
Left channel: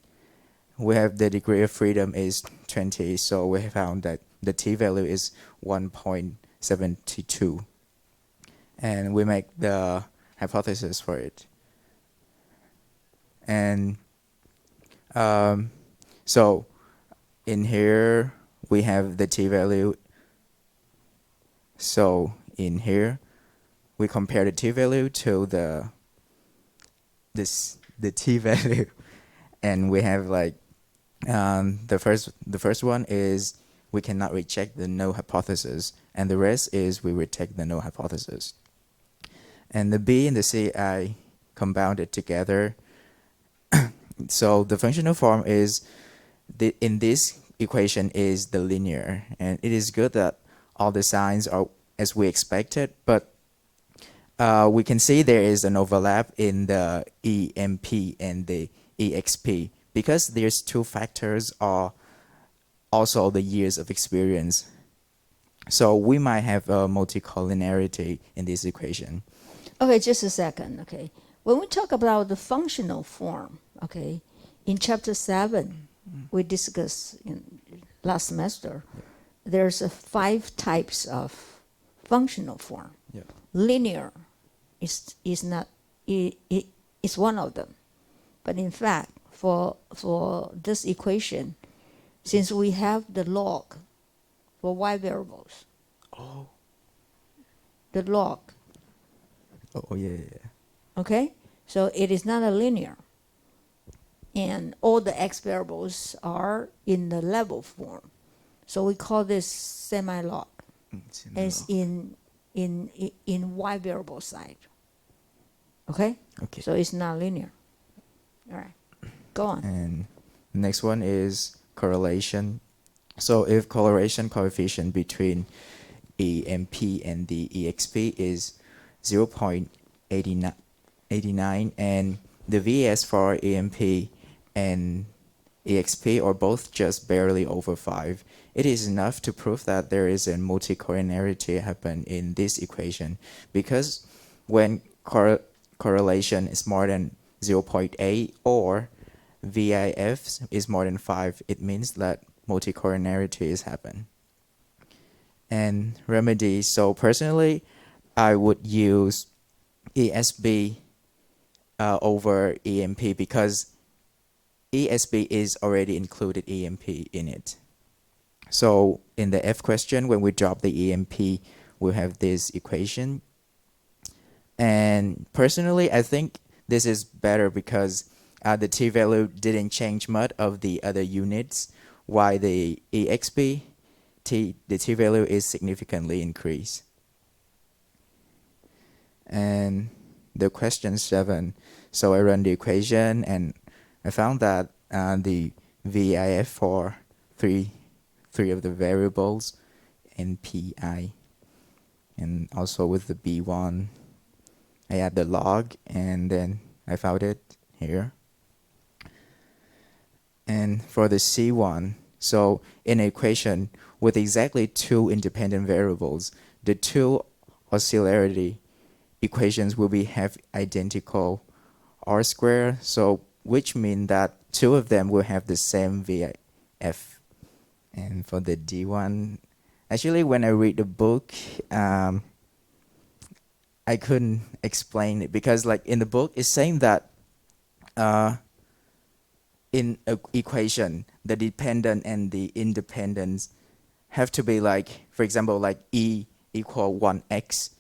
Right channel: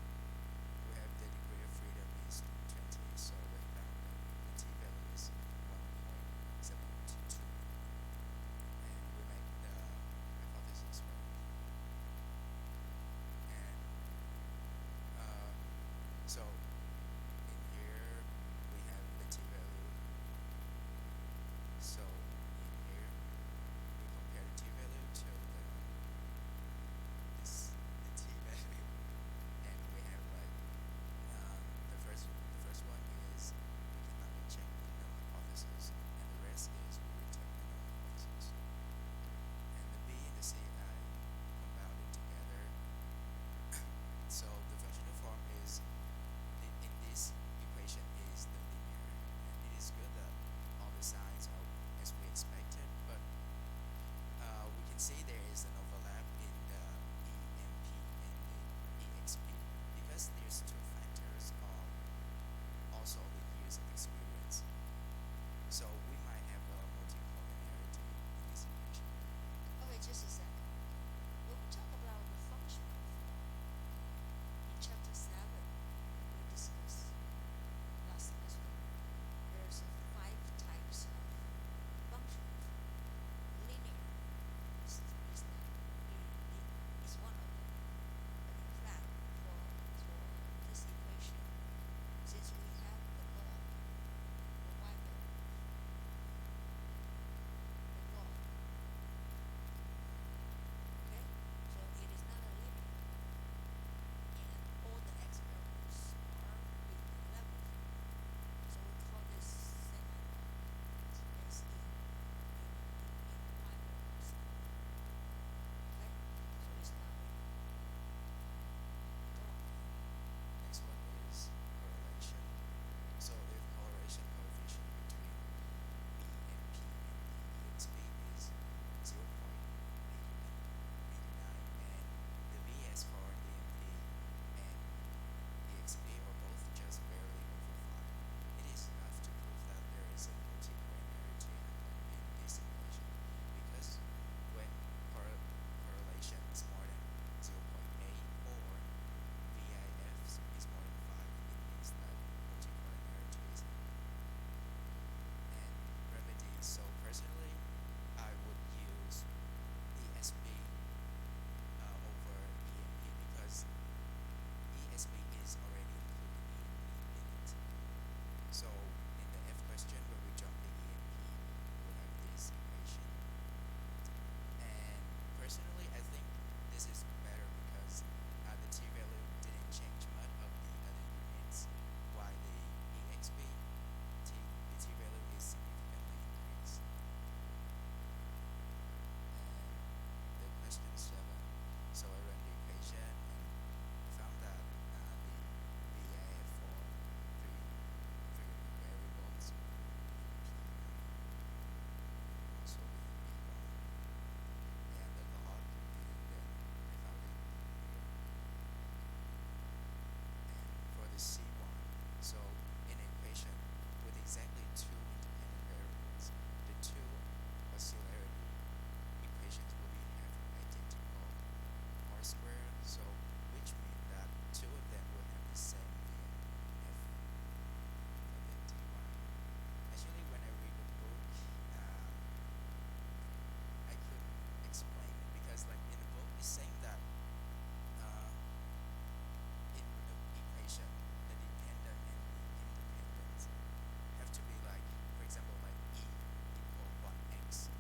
we have the degree of freedom is 20. So we found that the T value is 1.72. And we make the hypothesis for it. And so in here, we have the T value. So in here, we compare the T value to the T value, and we have like the first one is we cannot reject the null hypothesis, and the rest is we reject the null hypothesis. And the B and the C I compounded together. So the functional form is in this equation is the linear, and it is good that all the signs are as we expected, but we can see there is an overlap in the EMP and the EXP because there's 2 factors are also the years of experience. So we might have a multicollinearity in this equation. Okay, just a second. Okay, when we talk about the functional form, okay, in chapter 7, we discussed in last semester. There's 5 types of functional form. Yeah. Linear is not is one of them, but in fact, for this equation, since we have the log for y variables, Oh. the log, Oh yeah. okay, so it is not a linear, and all the x variables are in the level form, so we call this semi-log as in y variable side. Okay, Okay. so it's not linear. All right, go on. And next one is correlation. So if correlation coefficient between EMP and the EXP is 0.89 and the VS for EMP and EXP are both just barely over 5, it is enough to prove that there is a multicollinearity happen in this equation, because when correlation is more than 0.8 or VIF is more than 5, it means that multicollinearity is happen. And remedy, so personally, I would use ESB over EMP because ESB is already included EMP in it. So in the F question, when we drop the EMP, we have this equation And personally, I think this is better because the t value didn't change much of the other units, while the exp the t value is significantly increased. And the question 7, so I run the equation and I found that the VIF for three of the variables in PI, and also with the B1 I add the log and then I found it here. And for the C1, so in an equation with exactly 2 independent variables, the 2 oscillarity equations will be have identical R square, so which means that 2 of them will have the same VF. And for the D1, actually when I read the book, I couldn't explain it because like in the book it's saying that in an equation the dependent and the independence have to be like, for example, like E equal 1x,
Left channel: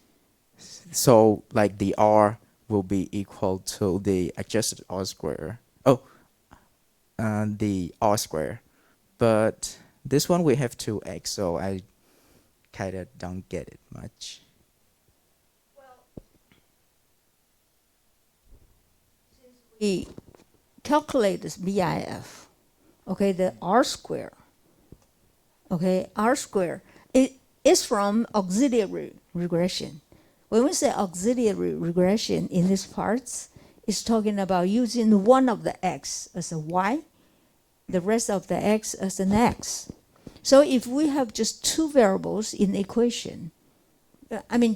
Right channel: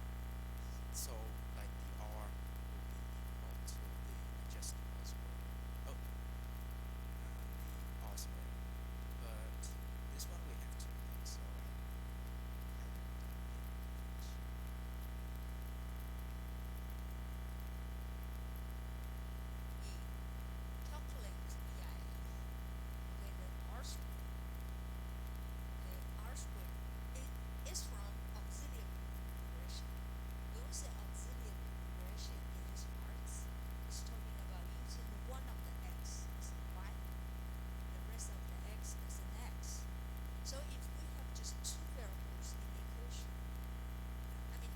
so like the R will be equal to the adjusted R square, the R square, but this one we have 2x, so I kind of don't get it much. We calculate this BIF, okay, the R square, okay, R square, it is from auxiliary regression. When we say auxiliary regression in these parts, it's talking about using one of the x as a y, the rest of the x as an x. So if we have just 2 variables in equation,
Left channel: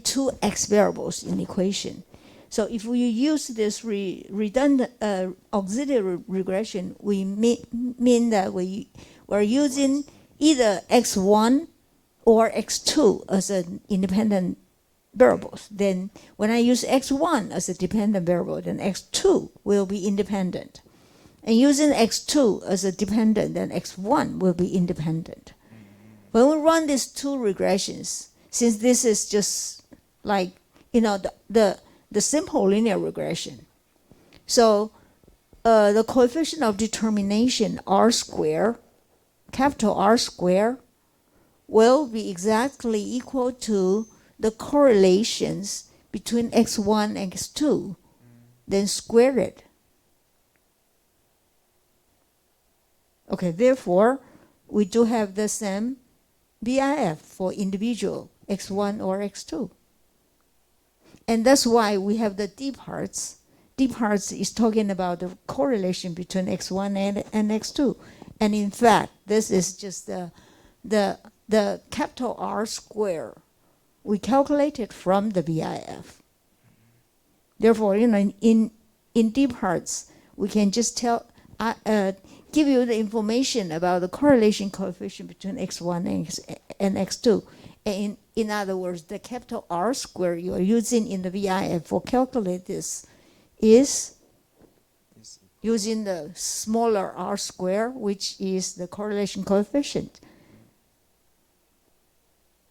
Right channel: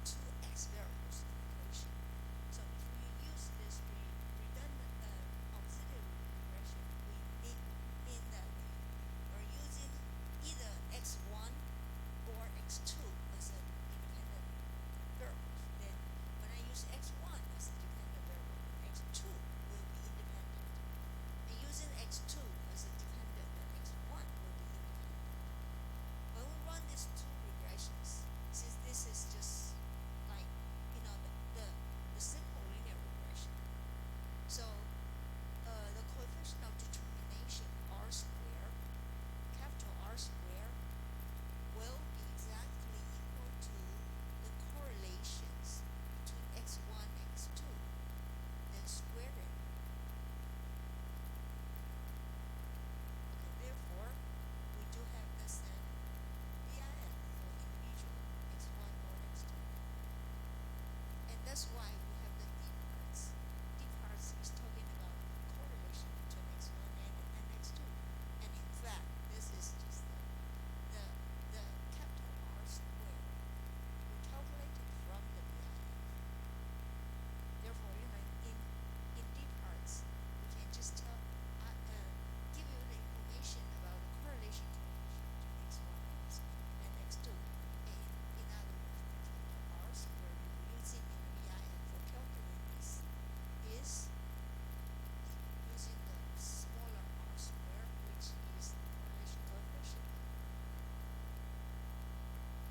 two x variables in equation. So if we use this redundant auxiliary regression, we mean that we're using either x1 or x2 as an independent variables. Then when I use x1 as a dependent variable, then x2 will be independent. And using x2 as a dependent, then x1 will be independent. When we run these 2 regressions, since this is just like, the simple linear regression, so the coefficient of determination R square, capital R square, will be exactly equal to the correlations between x1 and x2, then square it. Okay, therefore, we do have the same BIF for individual x1 or x2. And that's why we have the D parts. D parts is talking about the correlation between x1 and x2. And in fact, this is just the capital R square. We calculated from the BIF. Therefore, in D parts, we can just give you the information about the correlation coefficient between x1 and x2. And in other words, the capital R square you are using in the VIF for calculate this is using the smaller R square, which is the correlation coefficient.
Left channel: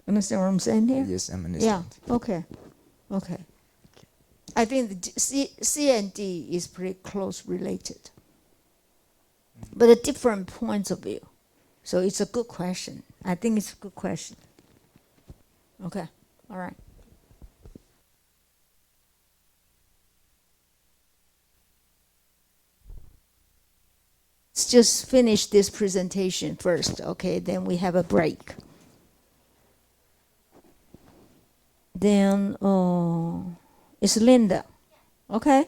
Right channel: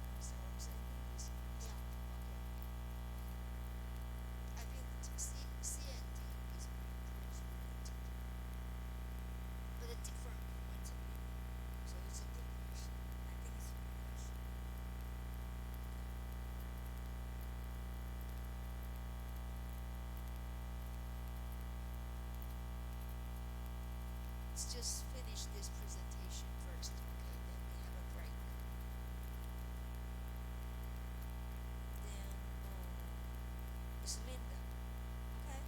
Understand what I'm saying here? Yes, I'm understand. Yeah, okay. I think the C and D is pretty close related, but at different points of view. So it's a good question. I think it's a good question. Okay, all right. Let's just finish this presentation first, okay? Then we have a break. Then it's Linda, okay?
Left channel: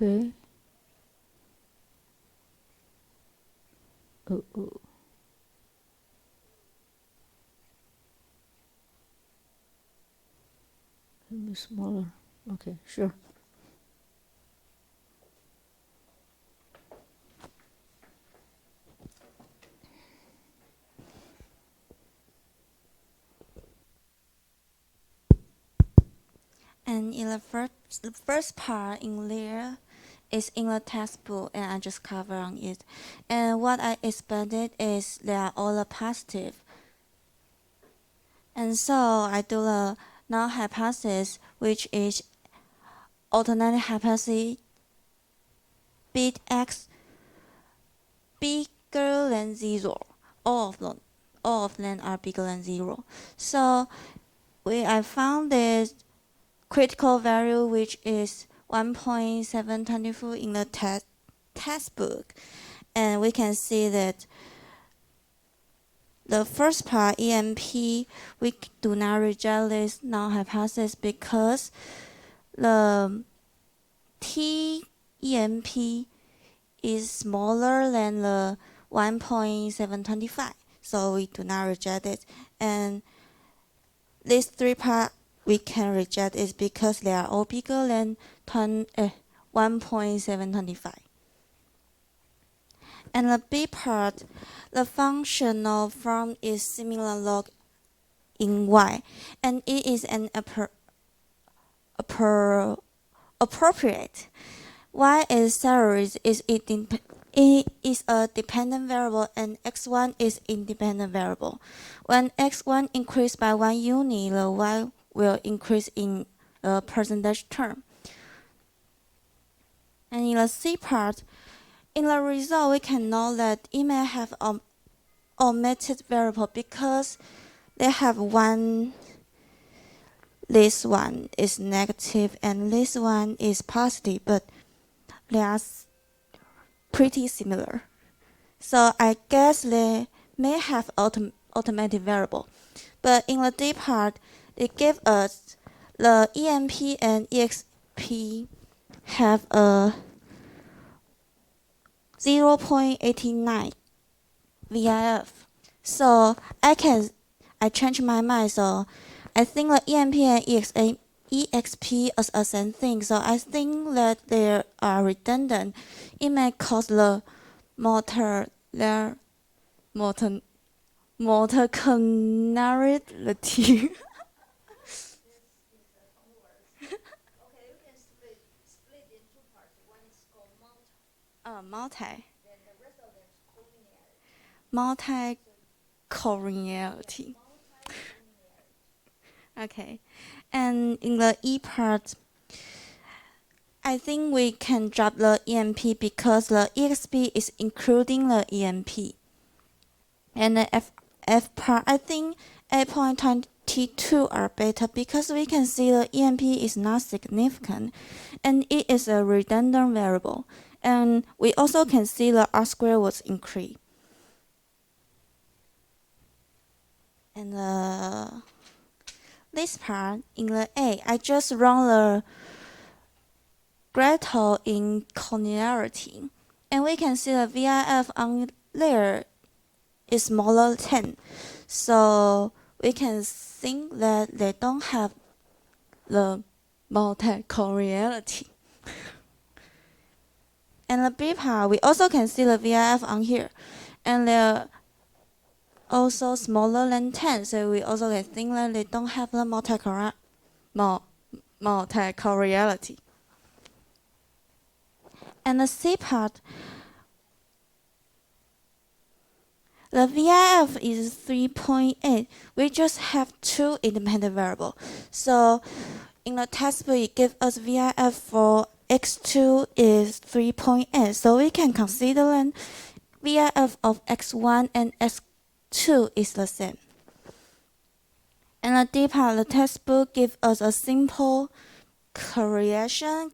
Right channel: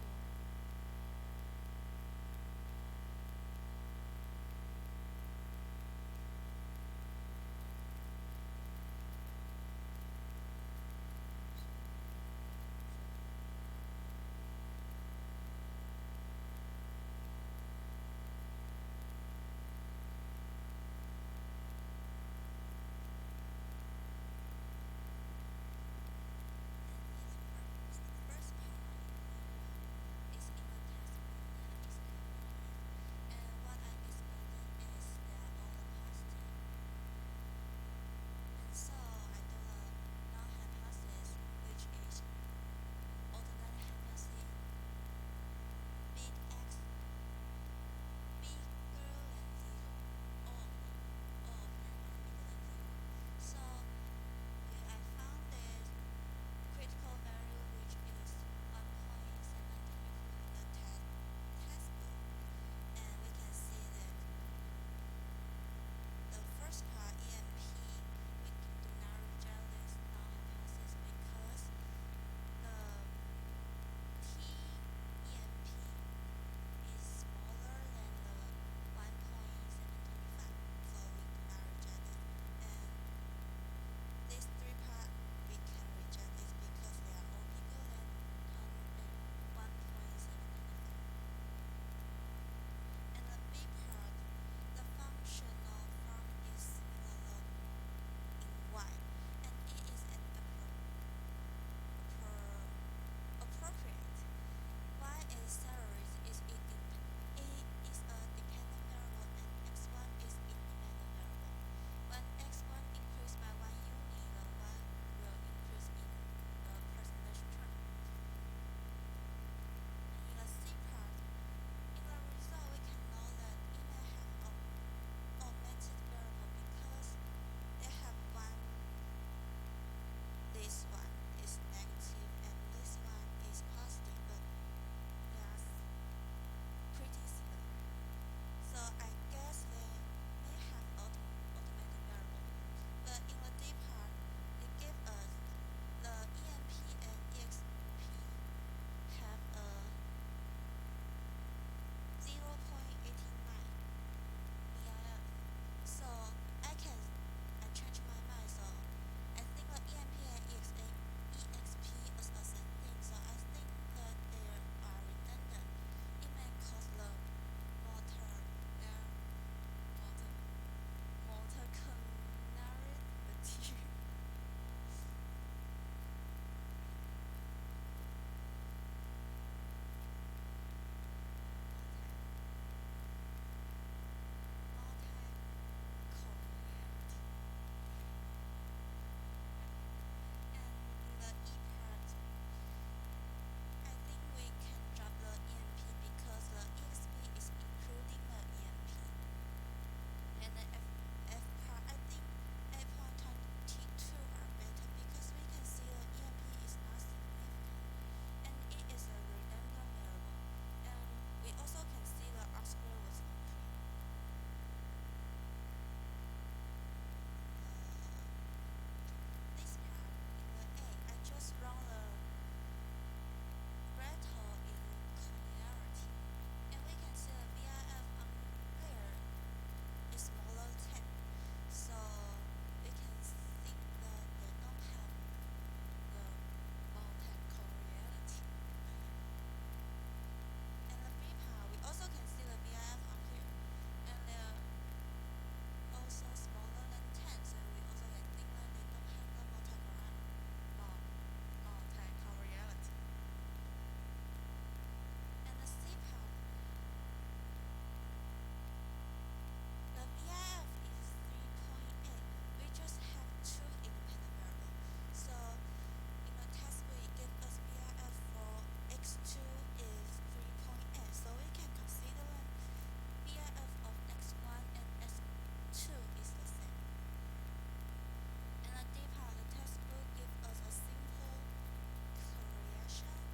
Okay. Oh. Maybe smaller. Okay, sure. And in the first part in there, is in the textbook and I just cover on it. And what I expected is they are all positive. And so I do the null hypothesis, which is alternative hypothesis bit x bigger than 0. All of them are bigger than 0. So I found this critical value, which is 1.724 in the textbook, and we can see that the first part EMP, we do not reject this null hypothesis because the T EMP is smaller than the 1.725, so we do not reject it. And these three parts we can reject is because they are all bigger than 1.725. And the B part, the functional form is similar log in Y, and it is an appropriate. Y is salary it is a dependent variable and x1 is independent variable. When x1 increase by 1 unit, the y will increase in the percentage term. And in the C part, in the result, we can know that it may have omitted variable because they have one. This one is negative and this one is positive, but they are pretty similar. So I guess they may have automatic variable. But in the D part, it gives us the EMP and EXP have a 0.89 VIF. So I changed my mind, so I think the EMP and EXP is the same thing, so I think that they are redundant. It may cause the molecularity. Multi-collinearity. Okay, and in the E part, I think we can drop the EMP because the EXP is including the EMP. And the F part, I think 8.22 are better because we can see the EMP is not significant and it is a redundant variable. And we also can see the R square was increased. And this part, in the A, I just run the Gretel in collinearity. And we can see the VIF on there is smaller than 10. So we can think that they don't have the multi-collinearity. And the B part, we also can see the VIF on here. And they're also smaller than 10, so we also can think that they don't have the multi-collinearity. And the C part, the VIF is 3.8. We just have two independent variables. So in the textbook, it gives us VIF for x2 is 3.8. So we can consider that VIF of x1 and x2 is the same. And the D part, the textbook gives us a simple correlation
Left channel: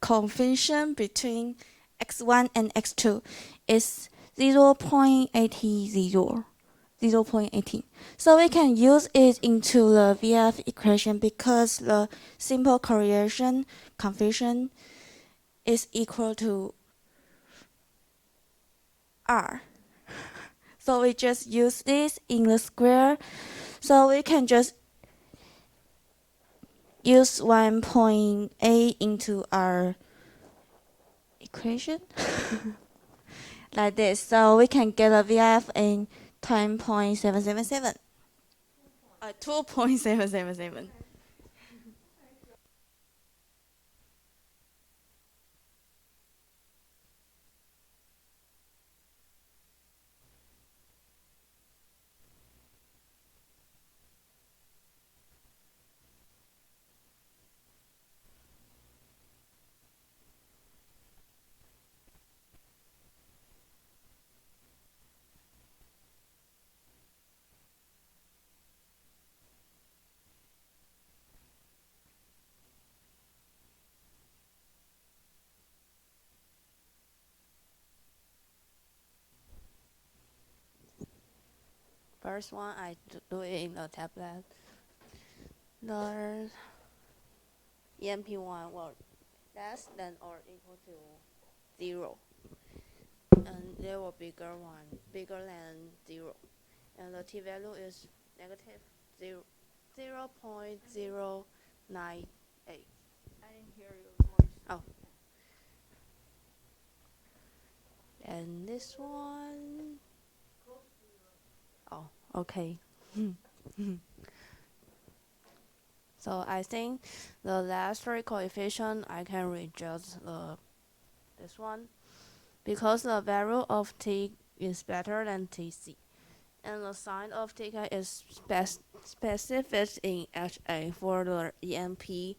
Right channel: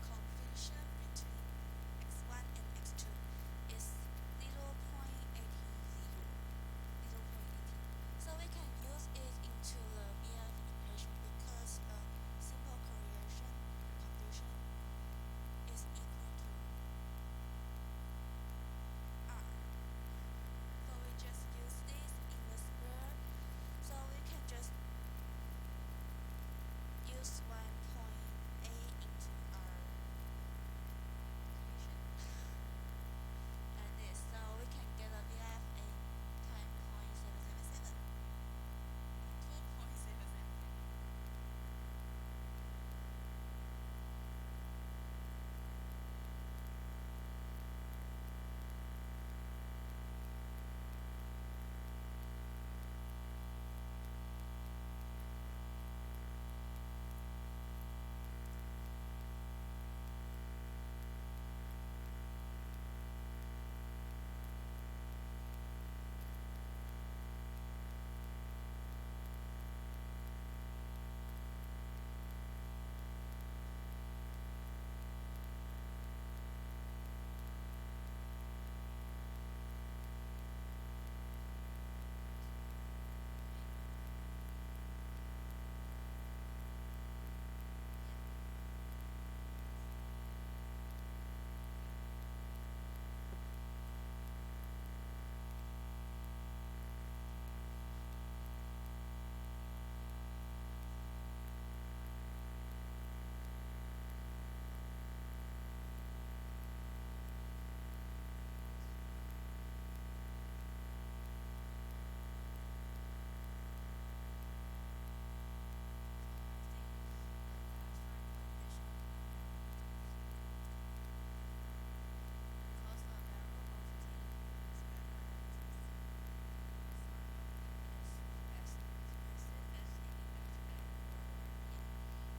coefficient between x1 and x2 is 0.80. So we can use it into the VIF equation because the simple correlation coefficient is equal to R. So we just use this in the square. So we can just use 1.8 into our equation like this. So we can get a VIF in 10.777. 2.777. first one I do it in the tablet. The EMP1 will less than or equal to 0. And there will bigger one, bigger than 0. And the t-value is negative 0.098. Oh. And this one, oh, okay. So I think the last three coefficient I can reject this one because the value of t is better than tc, and the sign of tk is specific in HA for the EMP,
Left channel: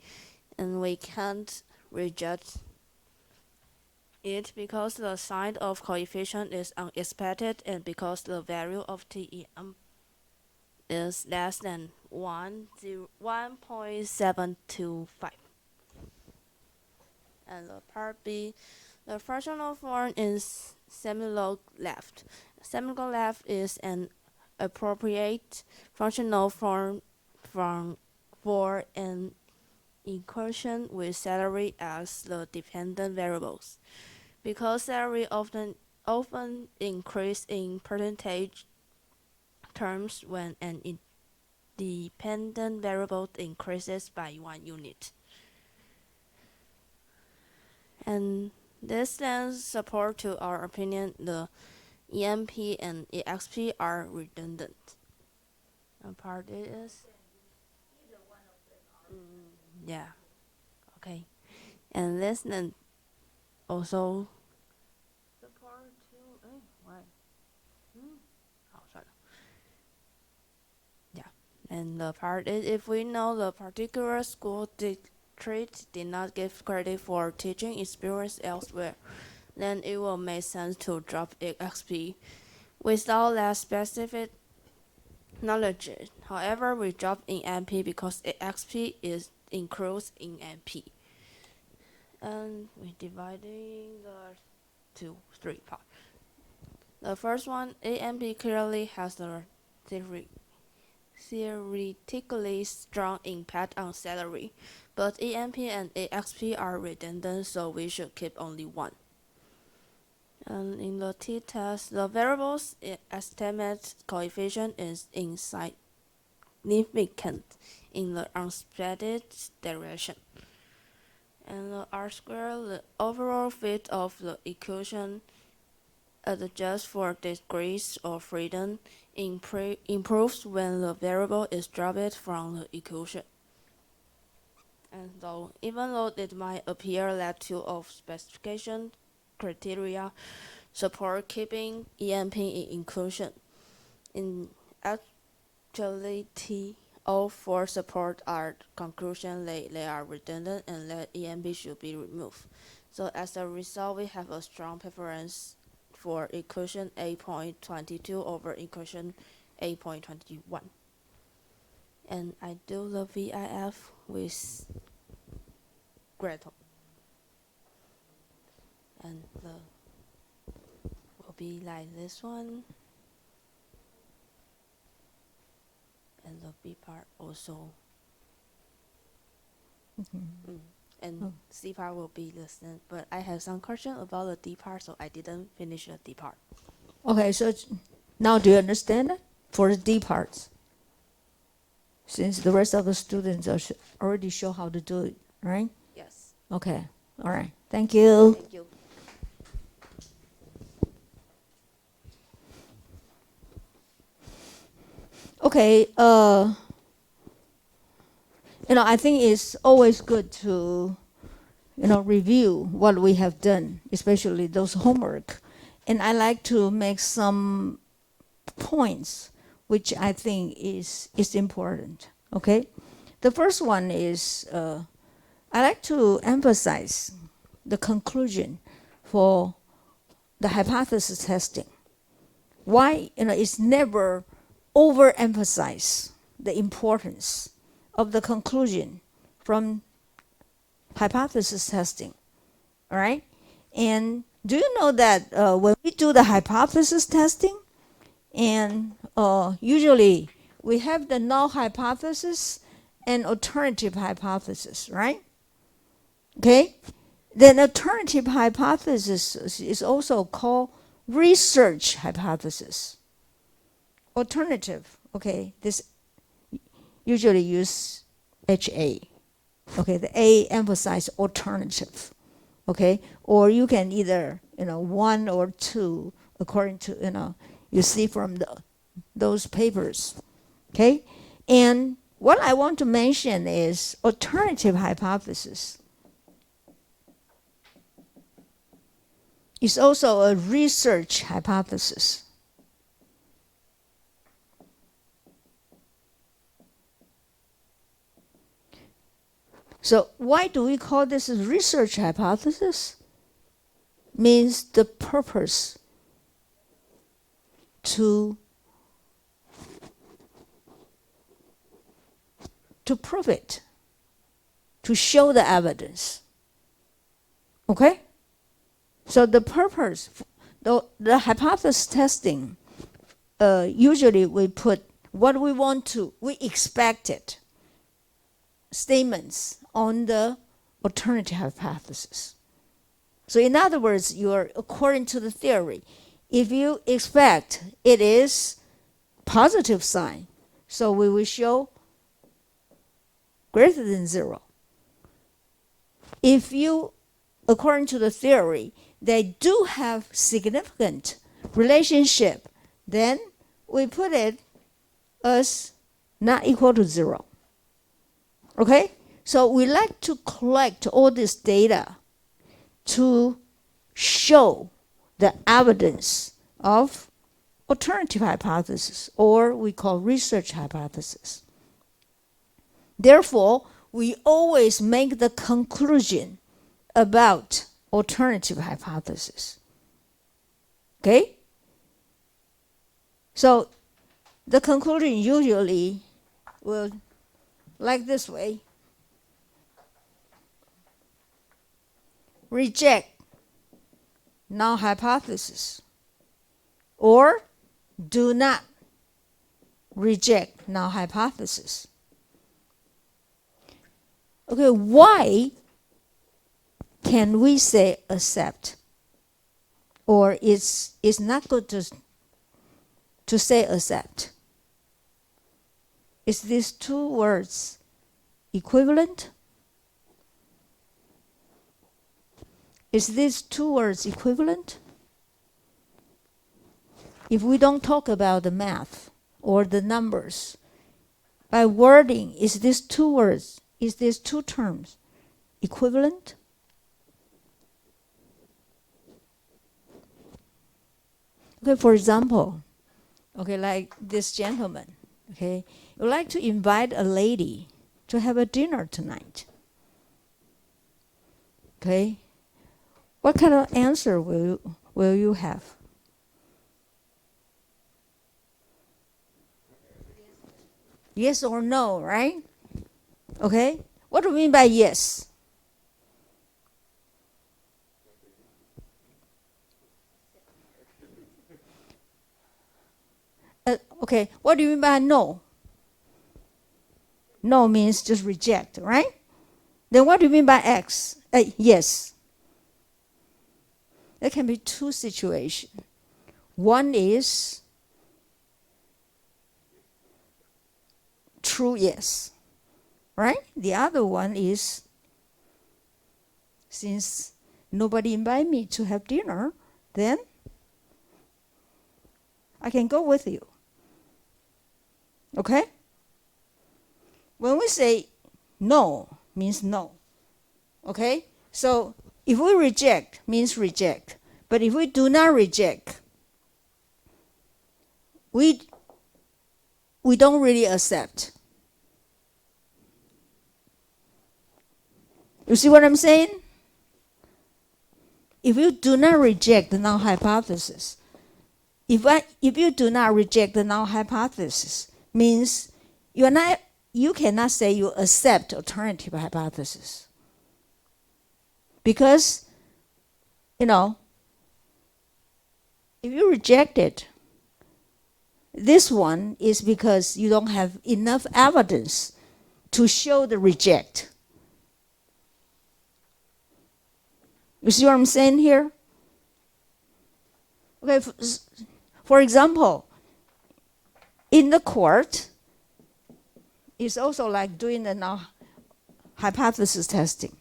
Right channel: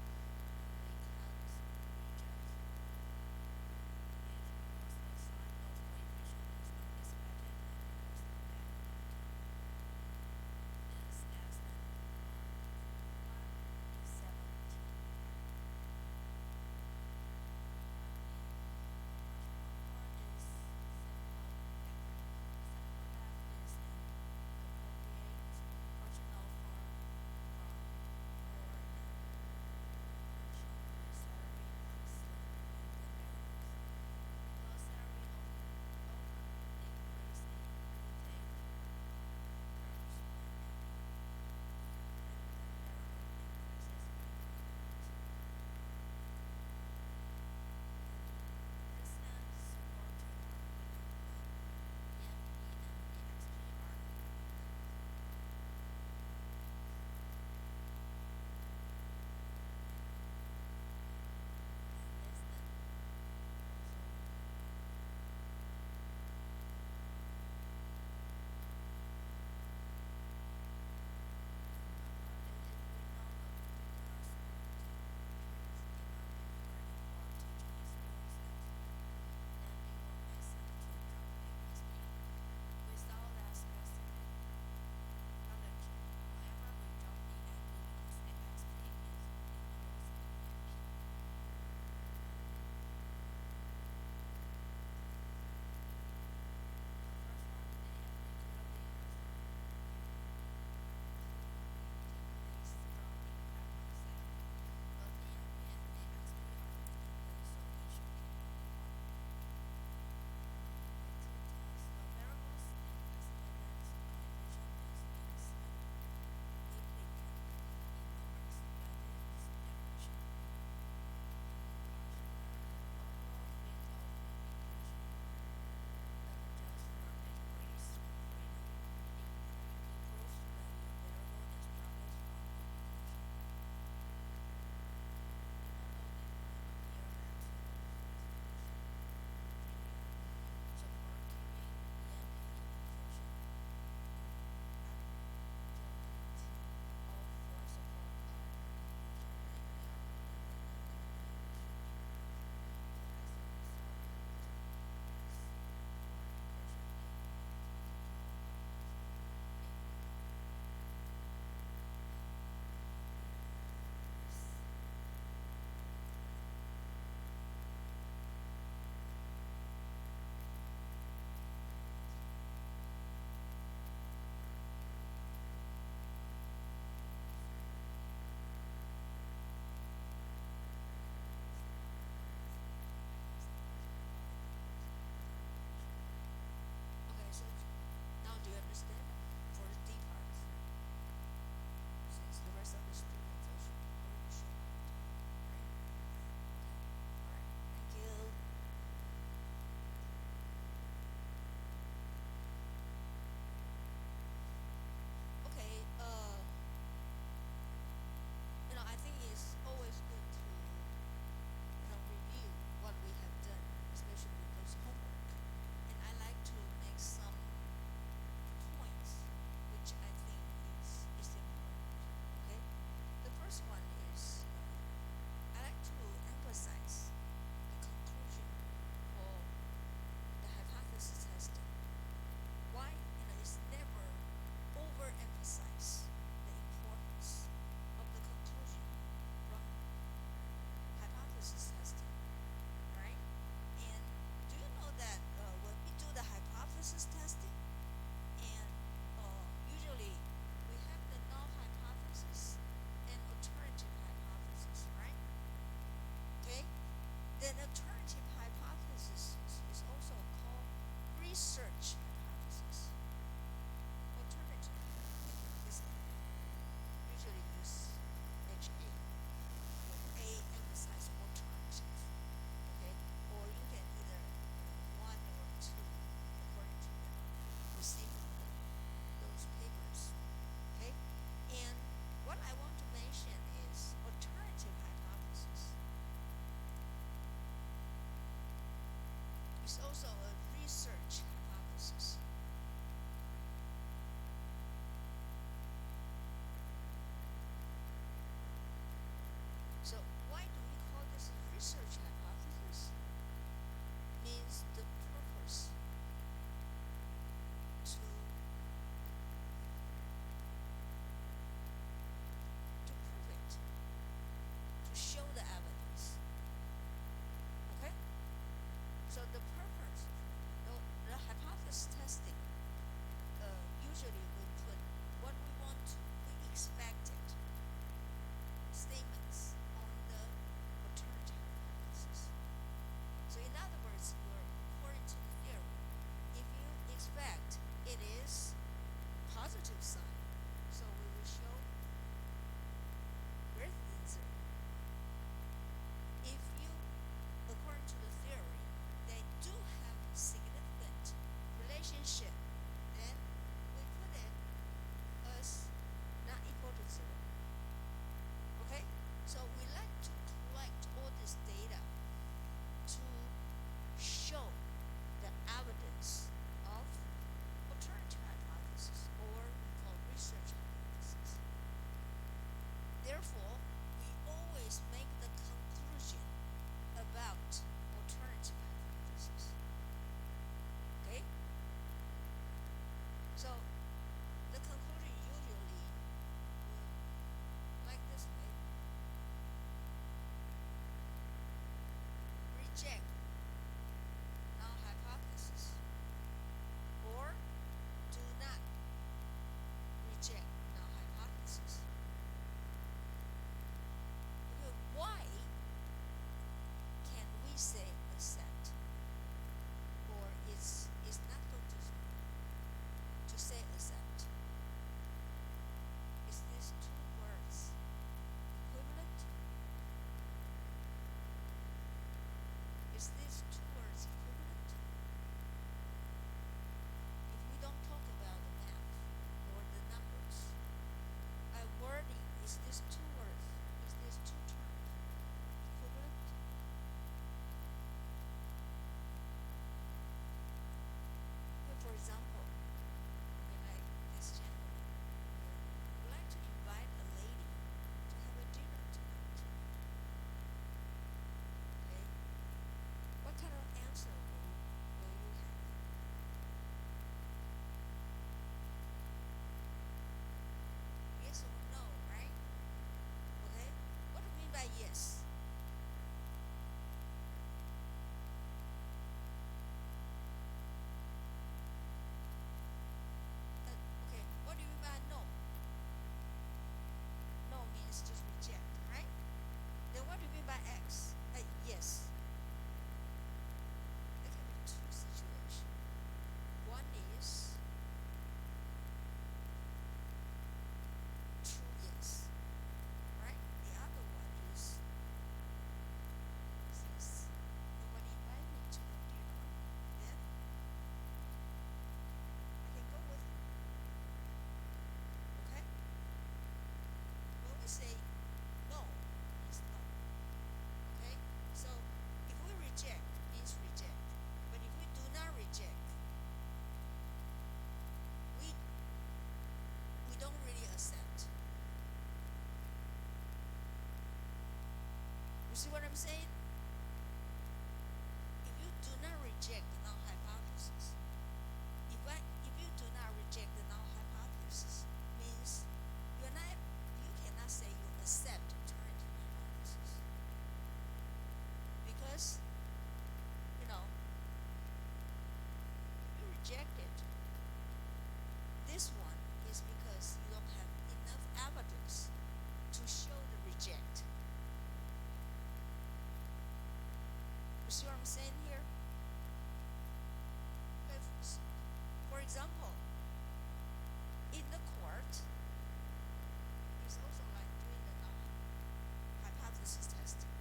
and we can't reject it because the sign of coefficient is unexpected and because the value of TEM is less than 1.725. And the part B, the fractional form is semilog left. Semilog left is an appropriate functional form for an equation with salary as the dependent variables. Because salary often increase in percentage terms when an independent variable increases by 1 unit. And this lends support to our opinion the EMP and EXP are redundant. And part A is yeah. Okay. And this then also and the part is if we know the particular school district did not give credit for teaching experience elsewhere, then it will make sense to drop XP. Without that specific knowledge, however, we drop in MP because XP is included in MP. And we dividing the 3 parts. The first one, AMP clearly has a theoretically strong impact on salary, but EMP and AXP are redundant, so we should keep only one. And in the t-test, the variable's estimate coefficient is insignificant in the unexpected direction. And the R-square, the overall fit of the equation adjusts for degrees of freedom, improves when the variable is dropped from the equation. And so, even though it might appear that two of specification criteria support keeping EMP in inclusion, in actuality, all four support our conclusion that they are redundant and that EMP should be removed. So as a result, we have a strong preference for equation 8.22 over equation 8.21. And I do the VIF with Gretel. And the will be like this one. And the B part also. And C part will be the same, but I have some question about the D part, so I didn't finish the D part. Okay, so now do you understand it? For the D parts, since the rest of the students are already show how to do it, right? Yes. Okay, all right. Thank you. Thank you. Okay, I think it's always good to, review what we have done, especially those homework. And I like to make some points which I think is important, okay? The first one is I like to emphasize the conclusion for the hypothesis testing. Why, it's never overemphasize the importance of the conclusion from hypothesis testing, all right? And do you know that when we do the hypothesis testing, and usually we have the null hypothesis and alternative hypothesis, right? Okay? Then alternative hypothesis is also called research hypothesis. Alternative, okay, this usually use HA. Okay, the A emphasize alternative. Okay, or you can either, one or two according to, you see from those papers. Okay, and what I want to mention is alternative hypothesis is also a research hypothesis. So why do we call this a research hypothesis? Means the purpose to prove it, to show the evidence. Okay? So the purpose, the hypothesis testing, usually we put what we expected statements on the alternative hypothesis. So in other words, according to the theory, if you expect it is positive sign, so we will show greater than 0. If you, according to the theory, they do have significant relationship, then we put it as not equal to 0. Okay? So we like to collect all this data to show the evidence of alternative hypothesis, or we call research hypothesis. Therefore, we always make the conclusion about alternative hypothesis. Okay? So the conclusion usually will like this way. Reject null hypothesis, or do not reject null hypothesis. Okay, why can we say accept, or it's not good to say accept? Is these two words equivalent? Is these two words equivalent? If we don't talk about the math or the numbers, by wording, is these two terms equivalent? Okay, for example, okay, like this gentleman, okay, would like to invite a lady to have a dinner tonight. Okay, what kind of answer will you have? Yes or no, right? Okay, what do we mean by yes? Okay, what do you mean by no? No means just reject, right? Then what do you mean by X? Yes. There can be two situations. One is true yes, right? The other one is, since nobody invited me to have dinner, then I can go with you. Okay? When we say no, means no. Okay? So if we reject, means reject. But if we do not reject, we don't really accept. You see what I'm saying? If you do not reject the null hypothesis, if you do not reject the null hypothesis, means you cannot say you accept alternative hypothesis. Because, if you reject it, This one is because you don't have enough evidence to show the reject. You see what I'm saying here? Okay, for example, in the court, it's also like doing the null hypothesis testing.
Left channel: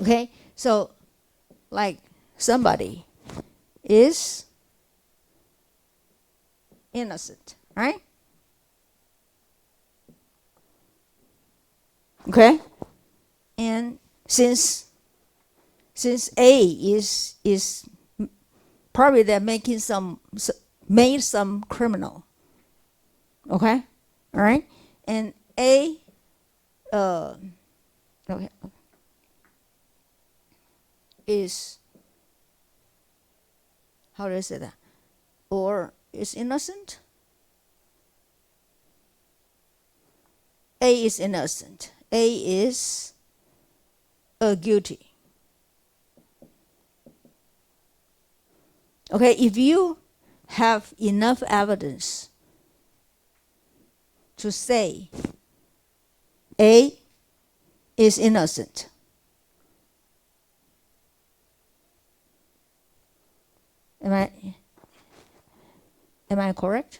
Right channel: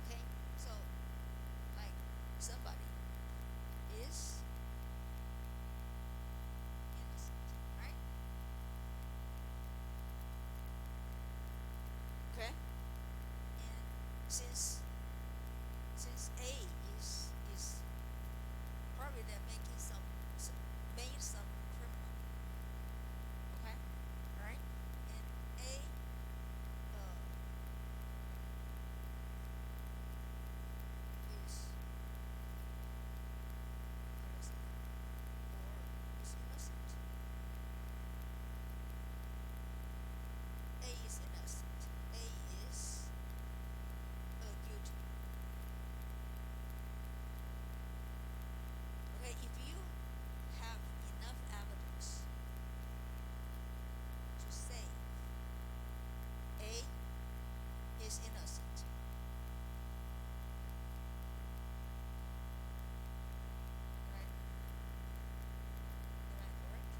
Okay, so like somebody is innocent, right? Okay, and since A is probably they're making made some criminal. Okay, all right, and A, okay, is, how do I say that? Or is innocent. A is innocent. A is guilty. Okay, if you have enough evidence to say A is innocent, am I correct?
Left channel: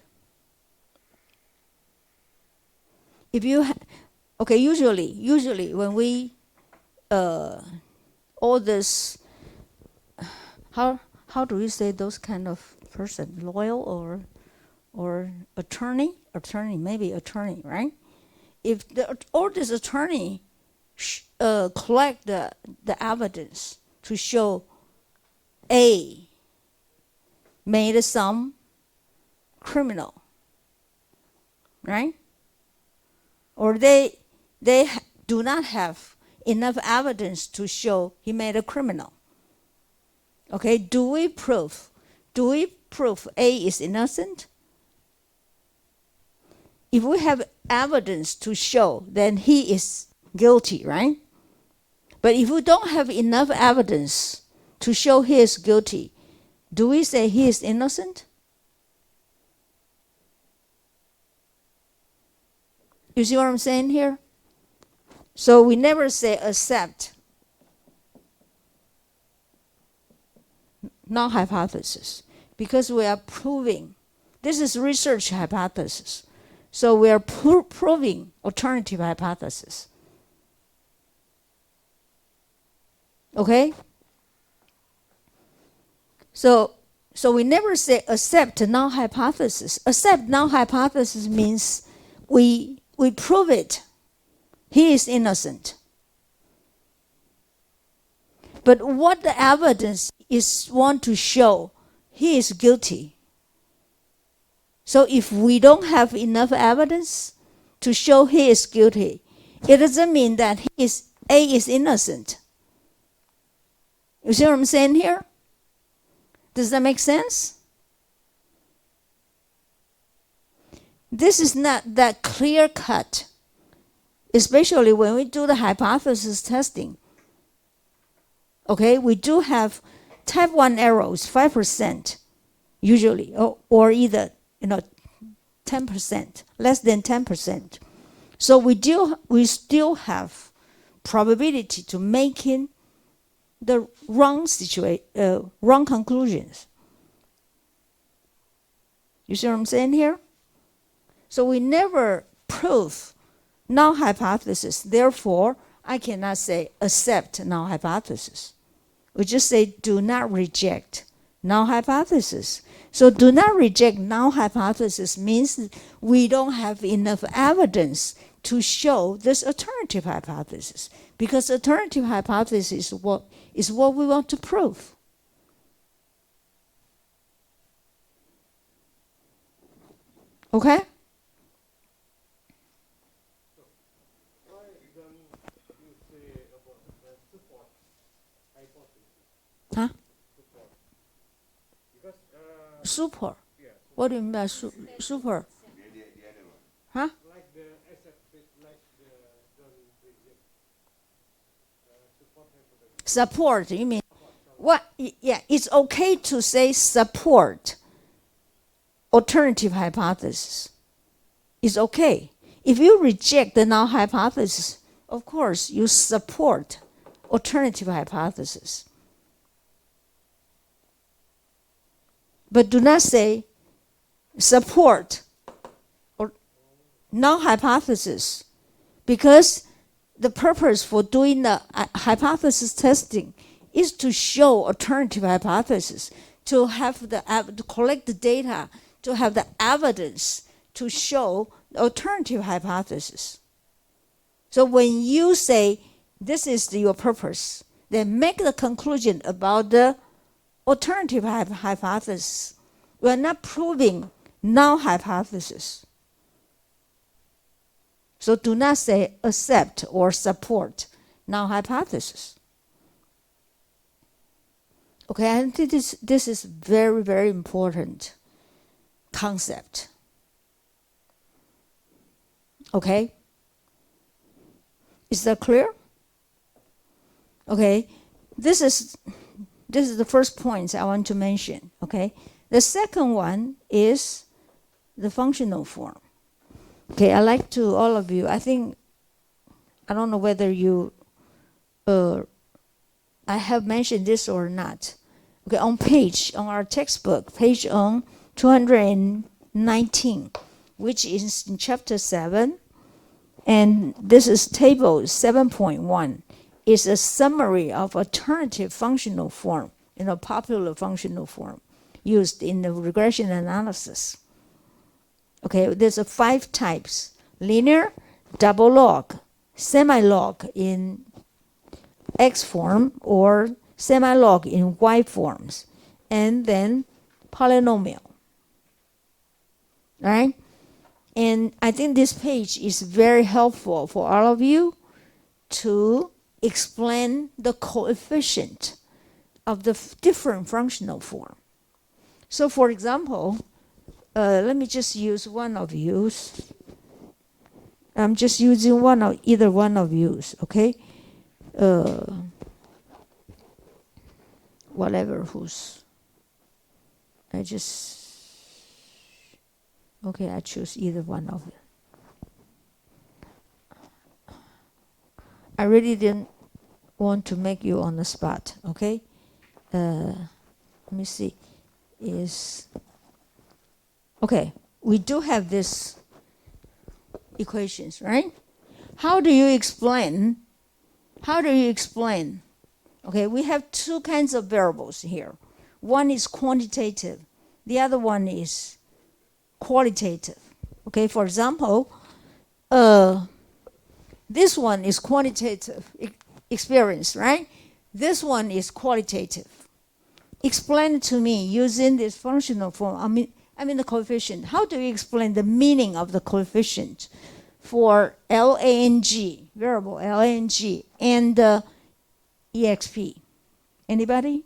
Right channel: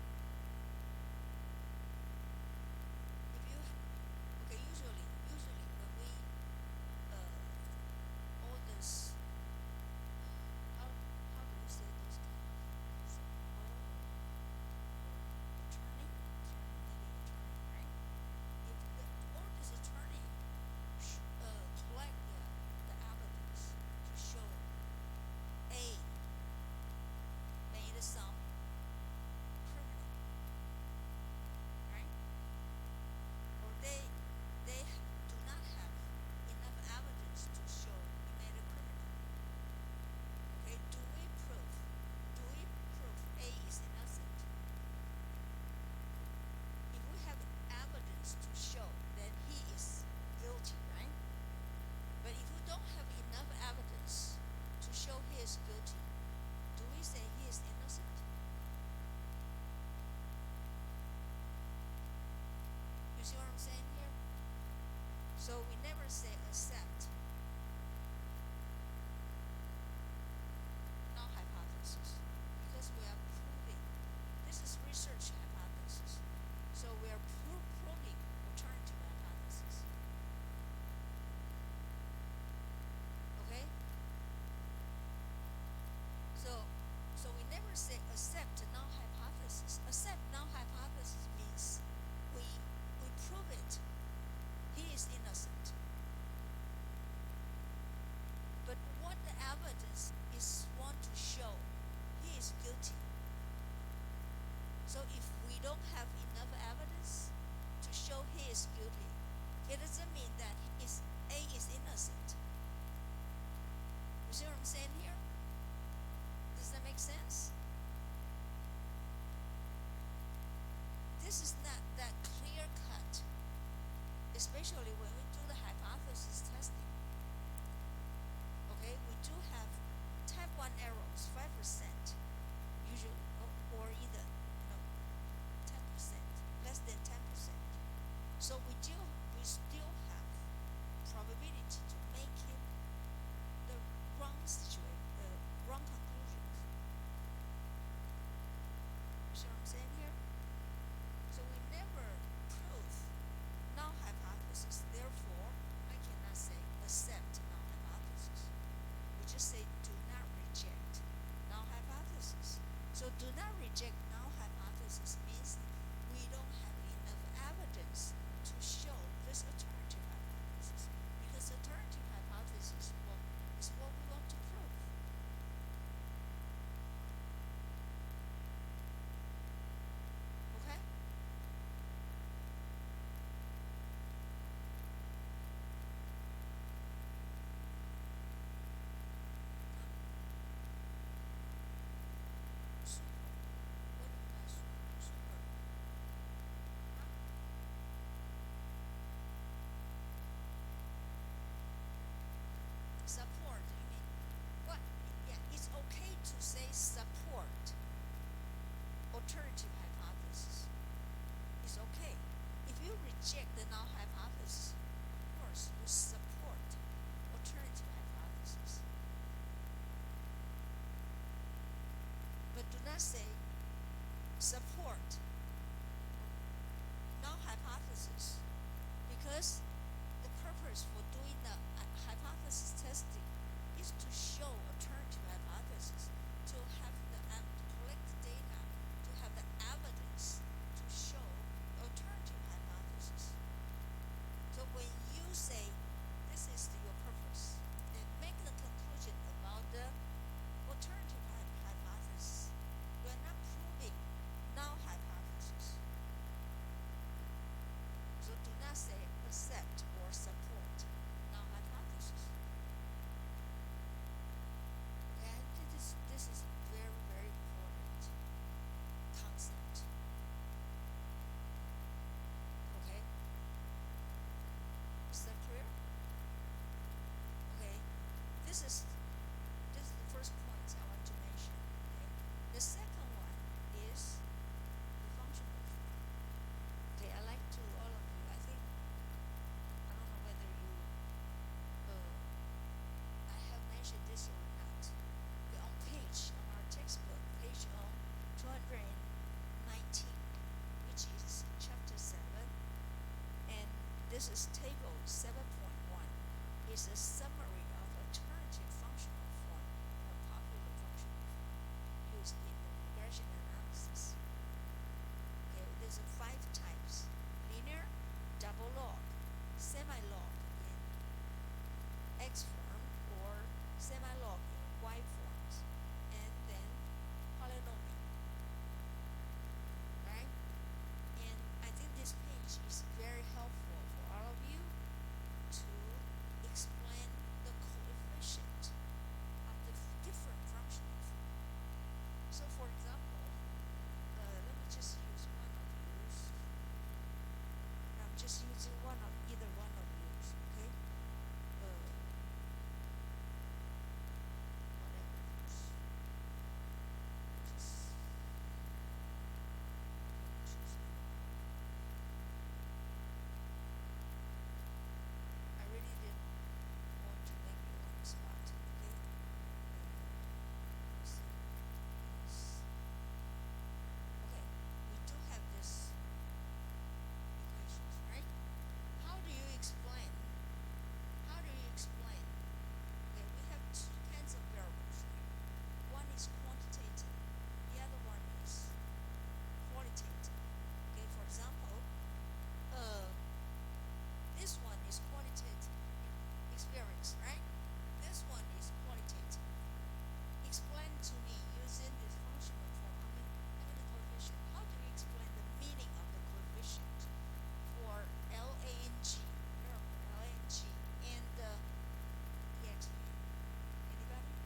If you okay, usually when we all this, how do you say those kind of person, loyal or attorney, maybe attorney, right? If all this attorney collect the evidence to show A made some criminal, right? Or they do not have enough evidence to show he made a criminal. Okay, do we prove A is innocent? If we have evidence to show, then he is guilty, right? But if we don't have enough evidence to show he is guilty, do we say he is innocent? You see what I'm saying here? So we never say accept null hypothesis, because we are proving, this is research hypothesis. So we are proving alternative hypothesis. Okay? So we never say accept null hypothesis. Accept null hypothesis means we prove it. He is innocent. But what the evidence is want to show, he is guilty. So if we don't have enough evidence to show he is guilty, it doesn't mean that A is innocent. You see what I'm saying here? Does that make sense? This is not that clear cut, especially when we do the hypothesis testing. Okay, we do have type 1 errors, 5% usually, or either 10%, less than 10%. So we still have probability to making the wrong conclusions. You see what I'm saying here? So we never prove null hypothesis. Therefore, I cannot say accept null hypothesis. We just say do not reject null hypothesis. So do not reject null hypothesis means we don't have enough evidence to show this alternative hypothesis, because alternative hypothesis is what we want to prove. Okay? Huh? Super. What do you mean by super? Huh? Support, you mean? What? Yeah, it's okay to say support. alternative hypothesis, it's okay. If you reject the null hypothesis, of course, you support alternative hypothesis. But do not say support or null hypothesis, because the purpose for doing the hypothesis testing is to show alternative hypothesis, to have to collect the data, to have the evidence to show the alternative hypothesis. So when you say this is your purpose, then make the conclusion about the alternative hypothesis. We are not proving null hypothesis. So do not say accept or support null hypothesis. Okay, I think this is very, very important concept. Okay? Is that clear? Okay, this is the first point I want to mention. Okay, the second one is the functional form. Okay, I like to all of you. I don't know whether you, I have mentioned this or not. Okay, on our textbook, page on 219, which is in chapter 7, and this is table 7.1. Is a summary of alternative functional form, popular functional form used in the regression analysis. Okay, there's 5 types: linear, double log, semi-log in X form or semi-log in Y forms, and then polynomial. Right? And I think this page is very helpful for all of you to explain the coefficient of the different functional form. So for example, let me just use one of yous. I'm just using either one of yous, okay? Whatever who's, I choose either one of them. I really didn't want to make you on the spot, okay? Let me see. Okay, we do have this equations, right? How do you explain? Okay, we have 2 kinds of variables here. One is quantitative, the other one is qualitative. Okay, for example, this one is quantitative experience, right? This one is qualitative. Explain it to me using this functional form. I mean the coefficient. How do you explain the meaning of the coefficient for LANG, variable LANG, and EXP? Anybody?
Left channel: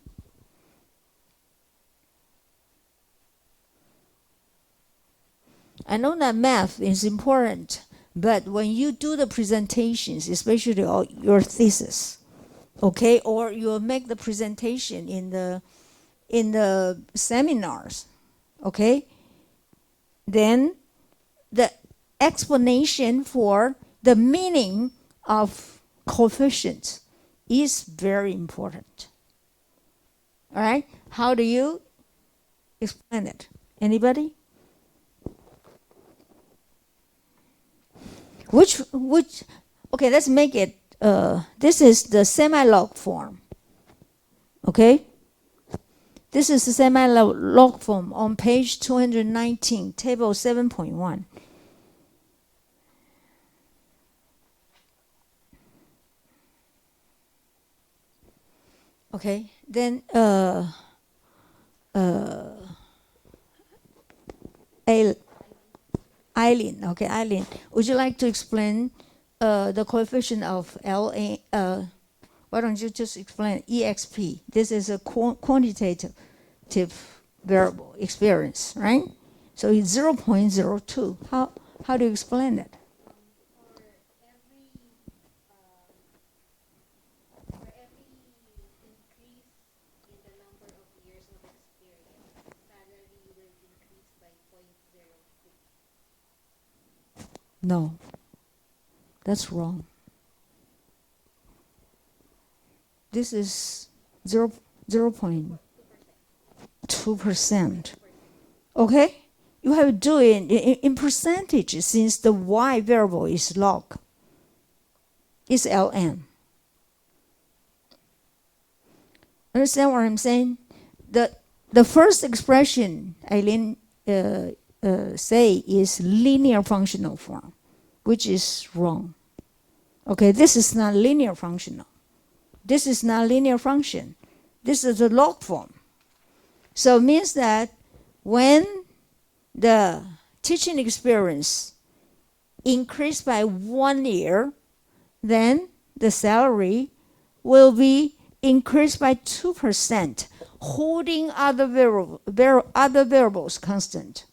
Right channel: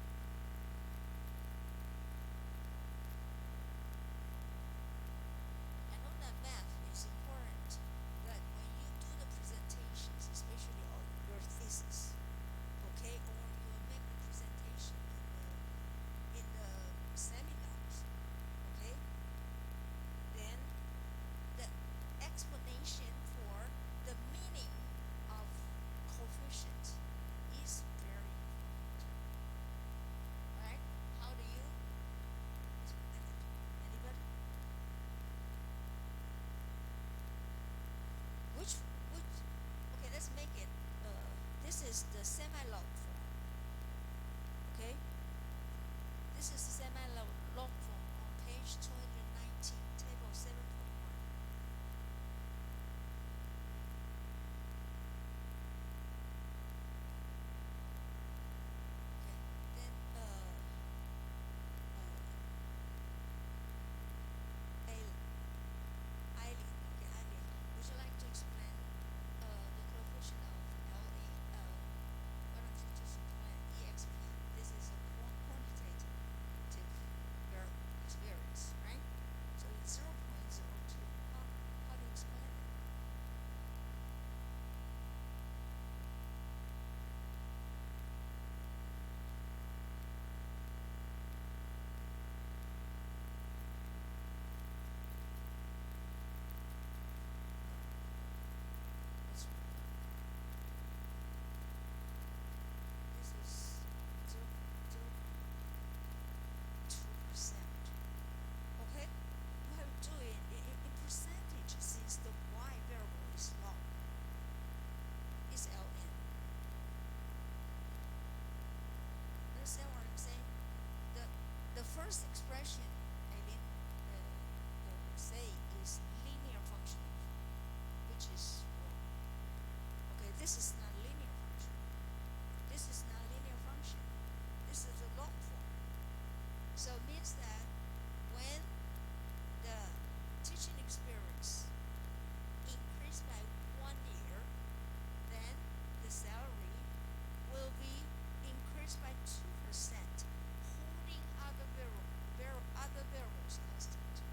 I know that math is important, but when you do the presentations, especially your thesis, okay, or you make the presentation in the seminars, okay, then the explanation for the meaning of coefficient is very important. All right, how do you explain it? Anybody? Which okay, let's make it this is the semi-log form. Okay, this is the semi-log form on page 219, table 7.1. Okay, then Eileen, okay, Eileen, would you like to explain the coefficient of LA? Why don't you just explain EXP? This is a quantitative variable experience, right? So it's 0.02. How do you explain it? No, that's wrong. This is 0.2%. Okay? You have to do it in percentage since the y variable is log. It's ln. Understand what I'm saying? The first expression Eileen say is linear functional form, which is wrong. Okay, this is not linear functional. This is not linear function. This is a log form. So it means that when the teaching experience increased by 1 year, then the salary will be increased by 2%, holding other variables constant.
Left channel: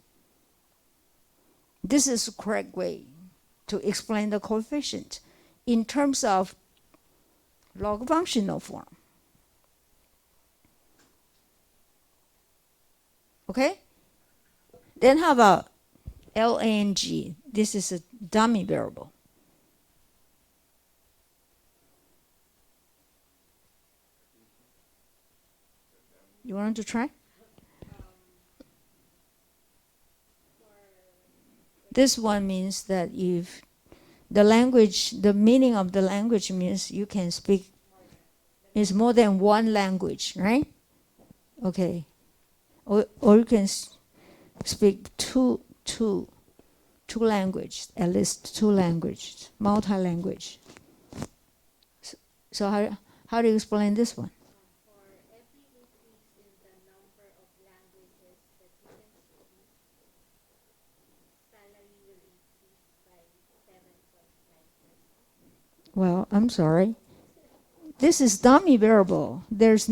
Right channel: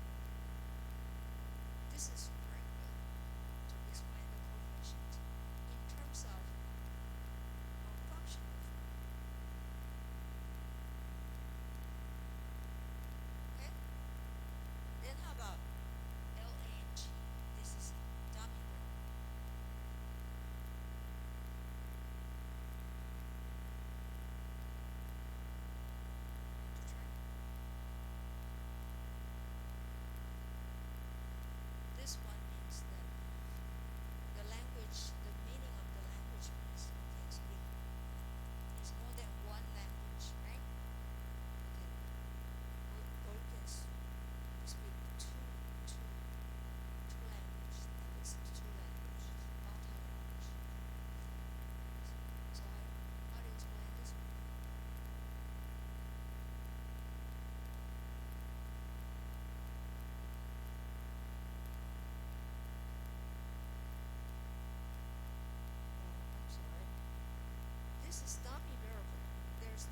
This is the correct way to explain the coefficient in terms of log functional form. Okay? Then how about LANG? This is a dummy variable. You want to try? This one means that if the language, the meaning of the language means you can speak is more than one language, right? Okay. Or you can speak two languages, at least two languages, multi-language. So how do you explain this one? Well, I'm sorry. This is dummy variable. This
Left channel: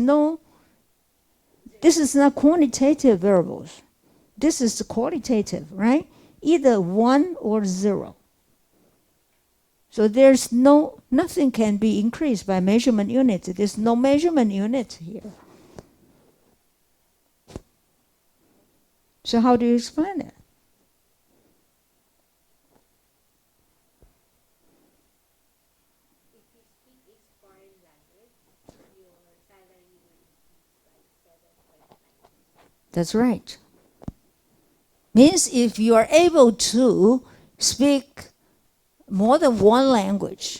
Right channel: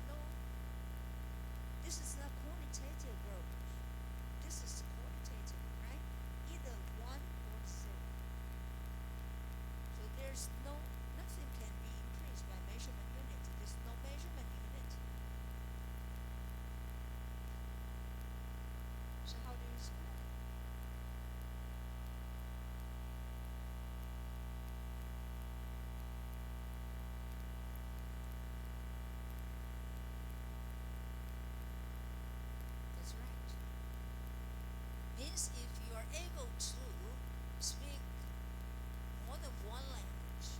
is not quantitative variables. This is qualitative, right? Either 1 or 0. So there's nothing can be increased by measurement unit. There's no measurement unit here. So how do you explain it? That's right. Means if you are able to speak more than one language,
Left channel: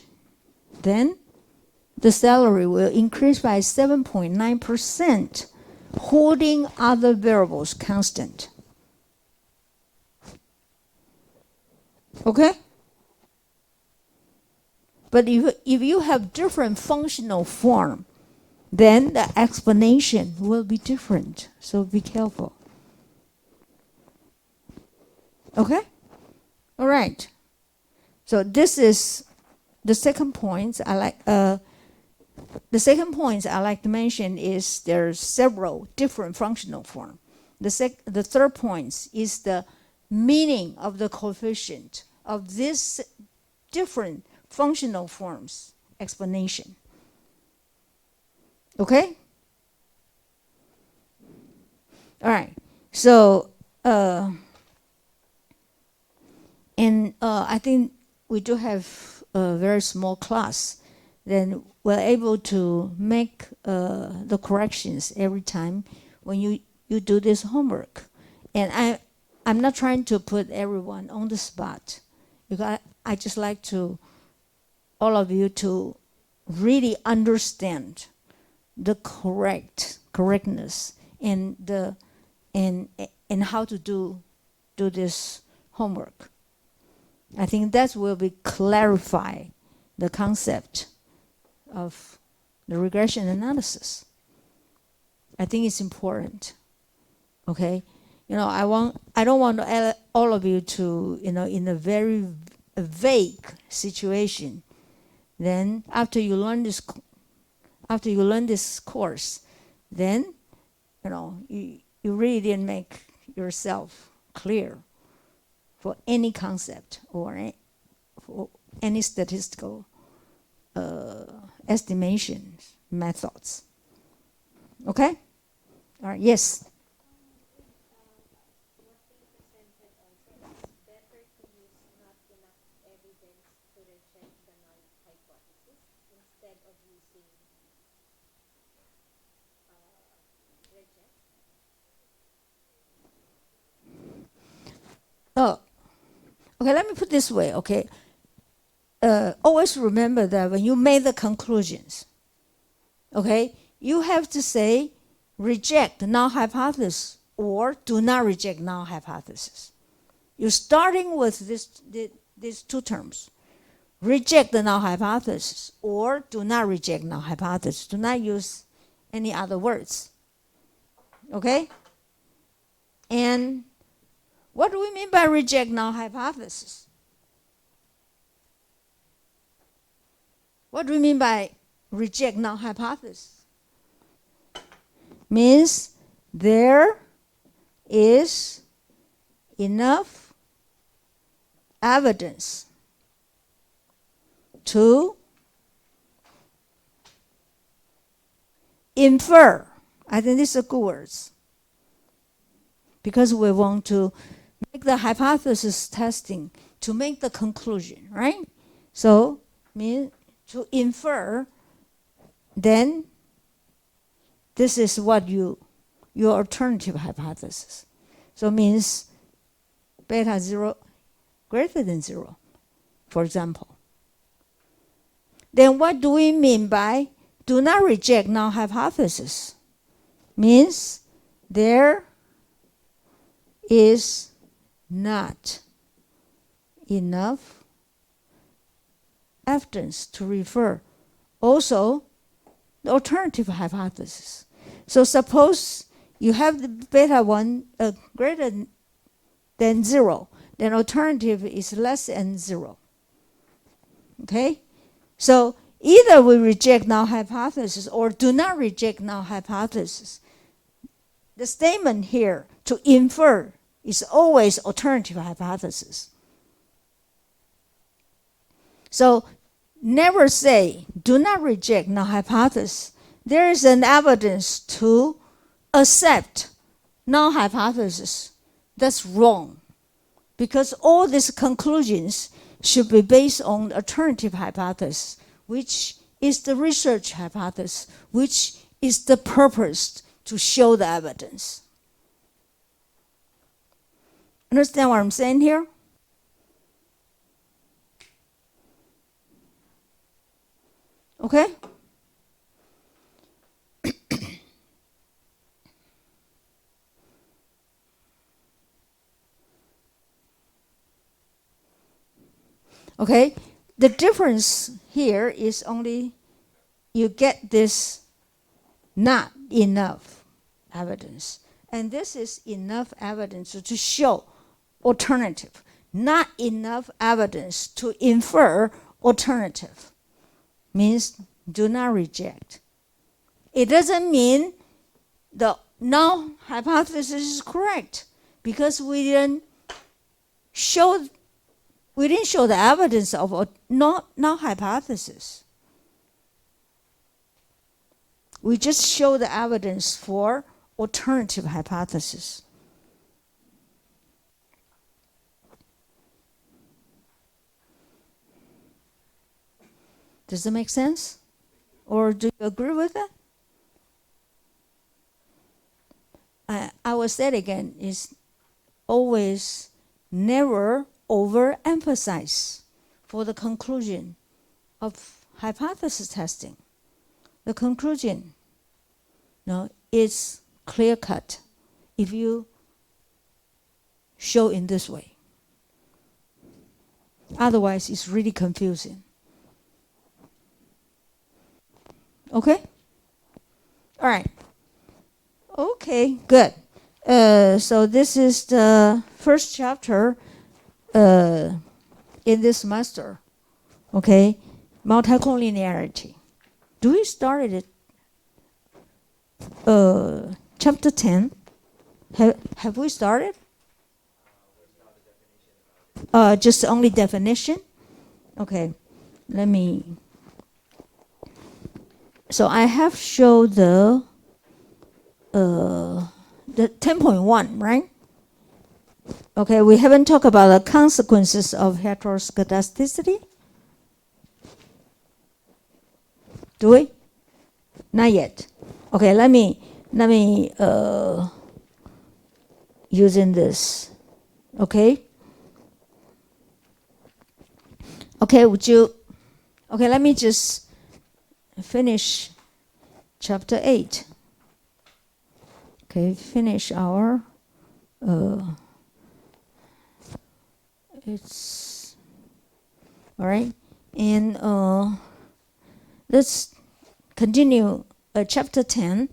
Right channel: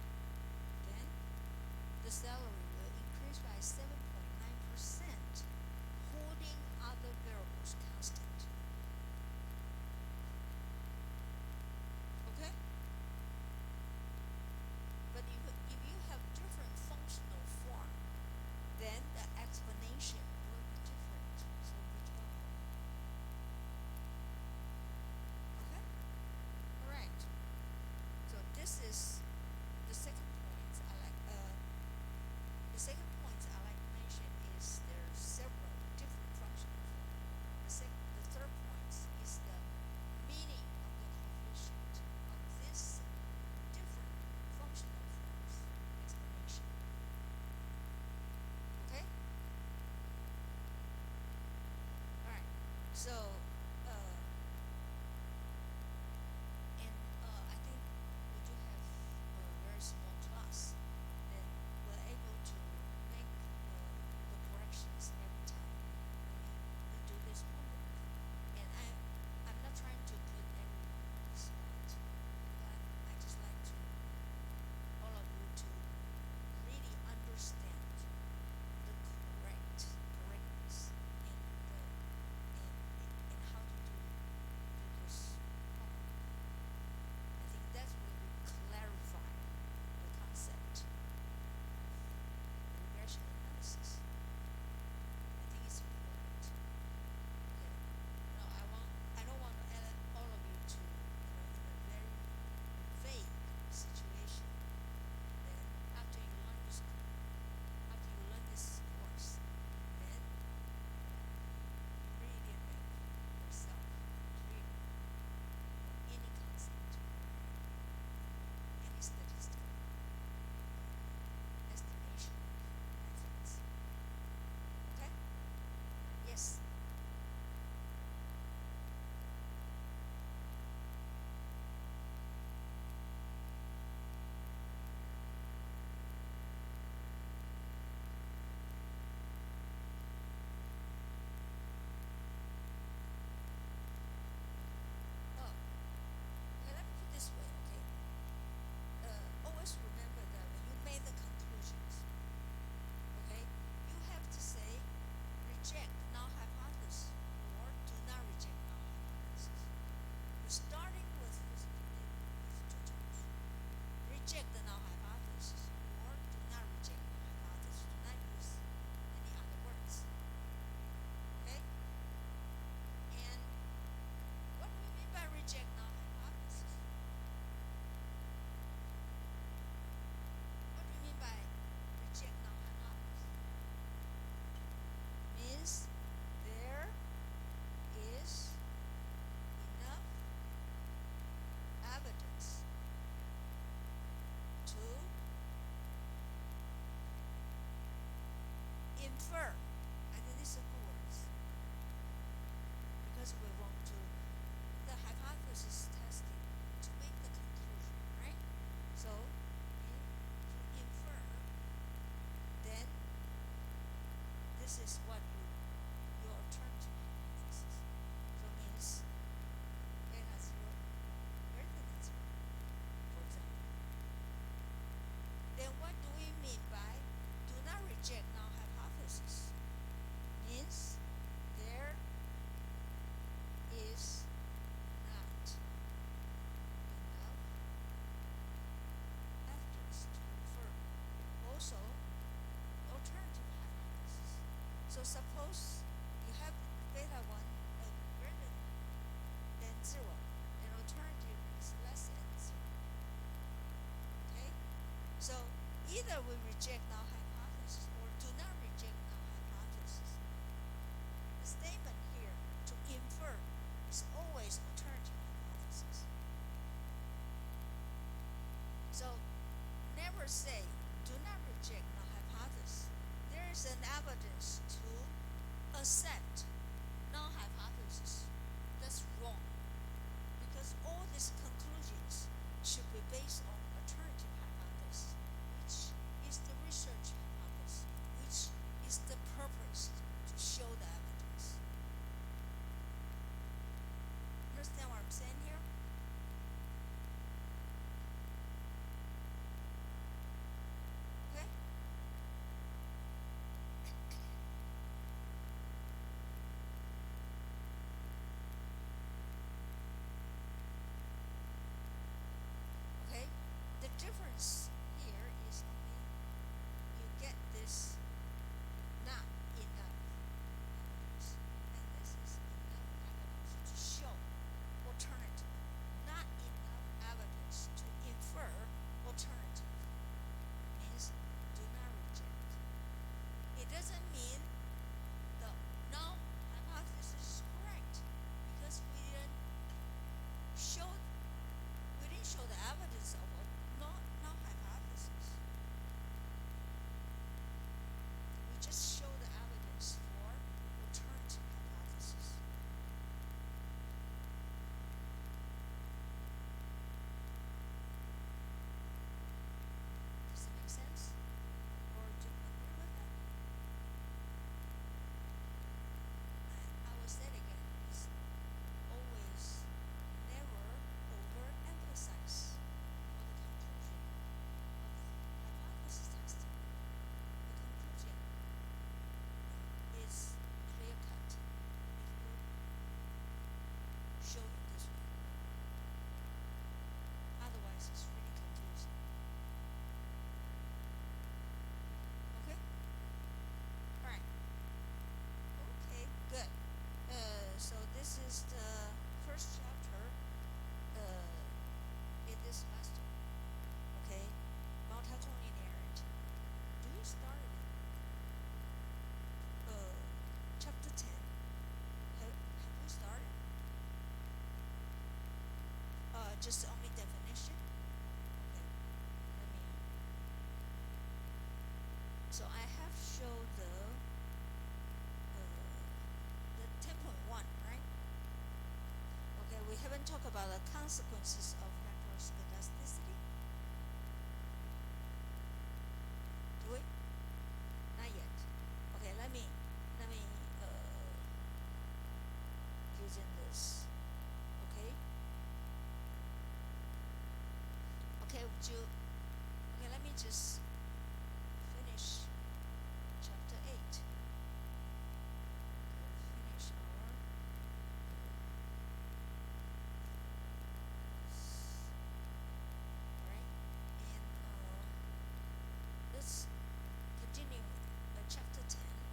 then the salary will increase by 7.9%, holding other variables constant. Okay? But if you have different functional form, then the explanation will be different. So be careful. Okay? All right. So this is the second point I like. The second point I like to mention is there's several different functional forms. The third point is the meaning of the coefficient of this different functional forms explanation. Okay? All right. So, I think we do have a very small class. Then we're able to make the corrections every time when you do this homework. And I'm not trying to put everyone on the spot, because I just like to all of you to really understand the correctness and how to do this homework. I think that will be clarify the concept of the regression analysis. I think it's important. Okay, I don't want all of you to in a very vague situation. Then after you learn this course, then you really didn't make yourself clear for any concept or for any statistical estimation methods. Okay? All right, yes. Okay, let me put this way, okay? Always remember that when you make the conclusions, okay, you have to say reject null hypothesis or do not reject null hypothesis. You're starting with these two terms. Reject the null hypothesis or do not reject null hypothesis. Do not use any other words. Okay? And what do we mean by reject null hypothesis? What do we mean by reject null hypothesis? Means there is enough evidence to infer. I think these are good words because we want to make the hypothesis testing to make the conclusion, right? So, mean to infer, then this is what your alternative hypothesis. So means beta 0 greater than 0, for example. Then what do we mean by do not reject null hypothesis? Means there is not enough evidence to refer also the alternative hypothesis. So suppose you have the beta 1 greater than 0, then alternative is less than 0. Okay? So either we reject null hypothesis or do not reject null hypothesis. The statement here to infer is always alternative hypothesis. So never say do not reject null hypothesis. There is an evidence to accept null hypothesis. That's wrong, because all these conclusions should be based on alternative hypothesis, which is the research hypothesis, which is the purpose to show the evidence. Understand what I'm saying here? Okay? Okay? The difference here is only you get this not enough evidence. And this is enough evidence to show alternative. Not enough evidence to infer alternative. Means do not reject. It doesn't mean the null hypothesis is correct, because we didn't show the evidence of a null hypothesis. We just show the evidence for alternative hypothesis. Does that make sense? Or do you agree with that? I will say it again, is always never overemphasize for the conclusion of hypothesis testing. The conclusion is clear cut if you show in this way. Otherwise, it's really confusing. Okay? All right. Okay, good. So this is the first chapter in this semester. Okay? Multicollinearity. Do we start it chapter 10? Have we started? Just only definition? Okay. Let me. So I have showed the 10.1, right? Okay, we haven't talked about the consequences of heteroscedasticity. Do we? Not yet. Okay, let me using this. Okay. Okay, would you? Okay, let me just finish chapter 8. Okay, finish our. It's all right, and let's continue chapter 10,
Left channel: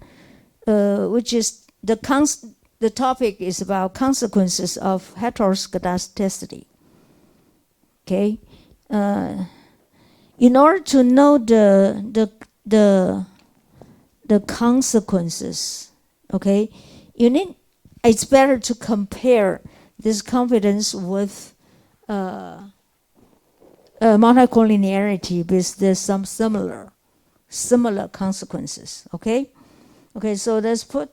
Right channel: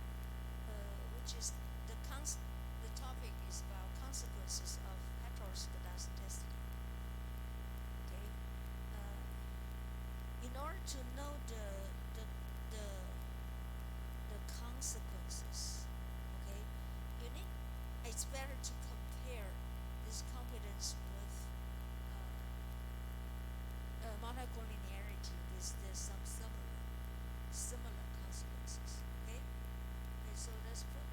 which is the topic is about consequences of heteroscedasticity. Okay, in order to know the consequences, okay, it's better to compare this confidence with multicollinearity, because there's some similar consequences. Okay, so let's put.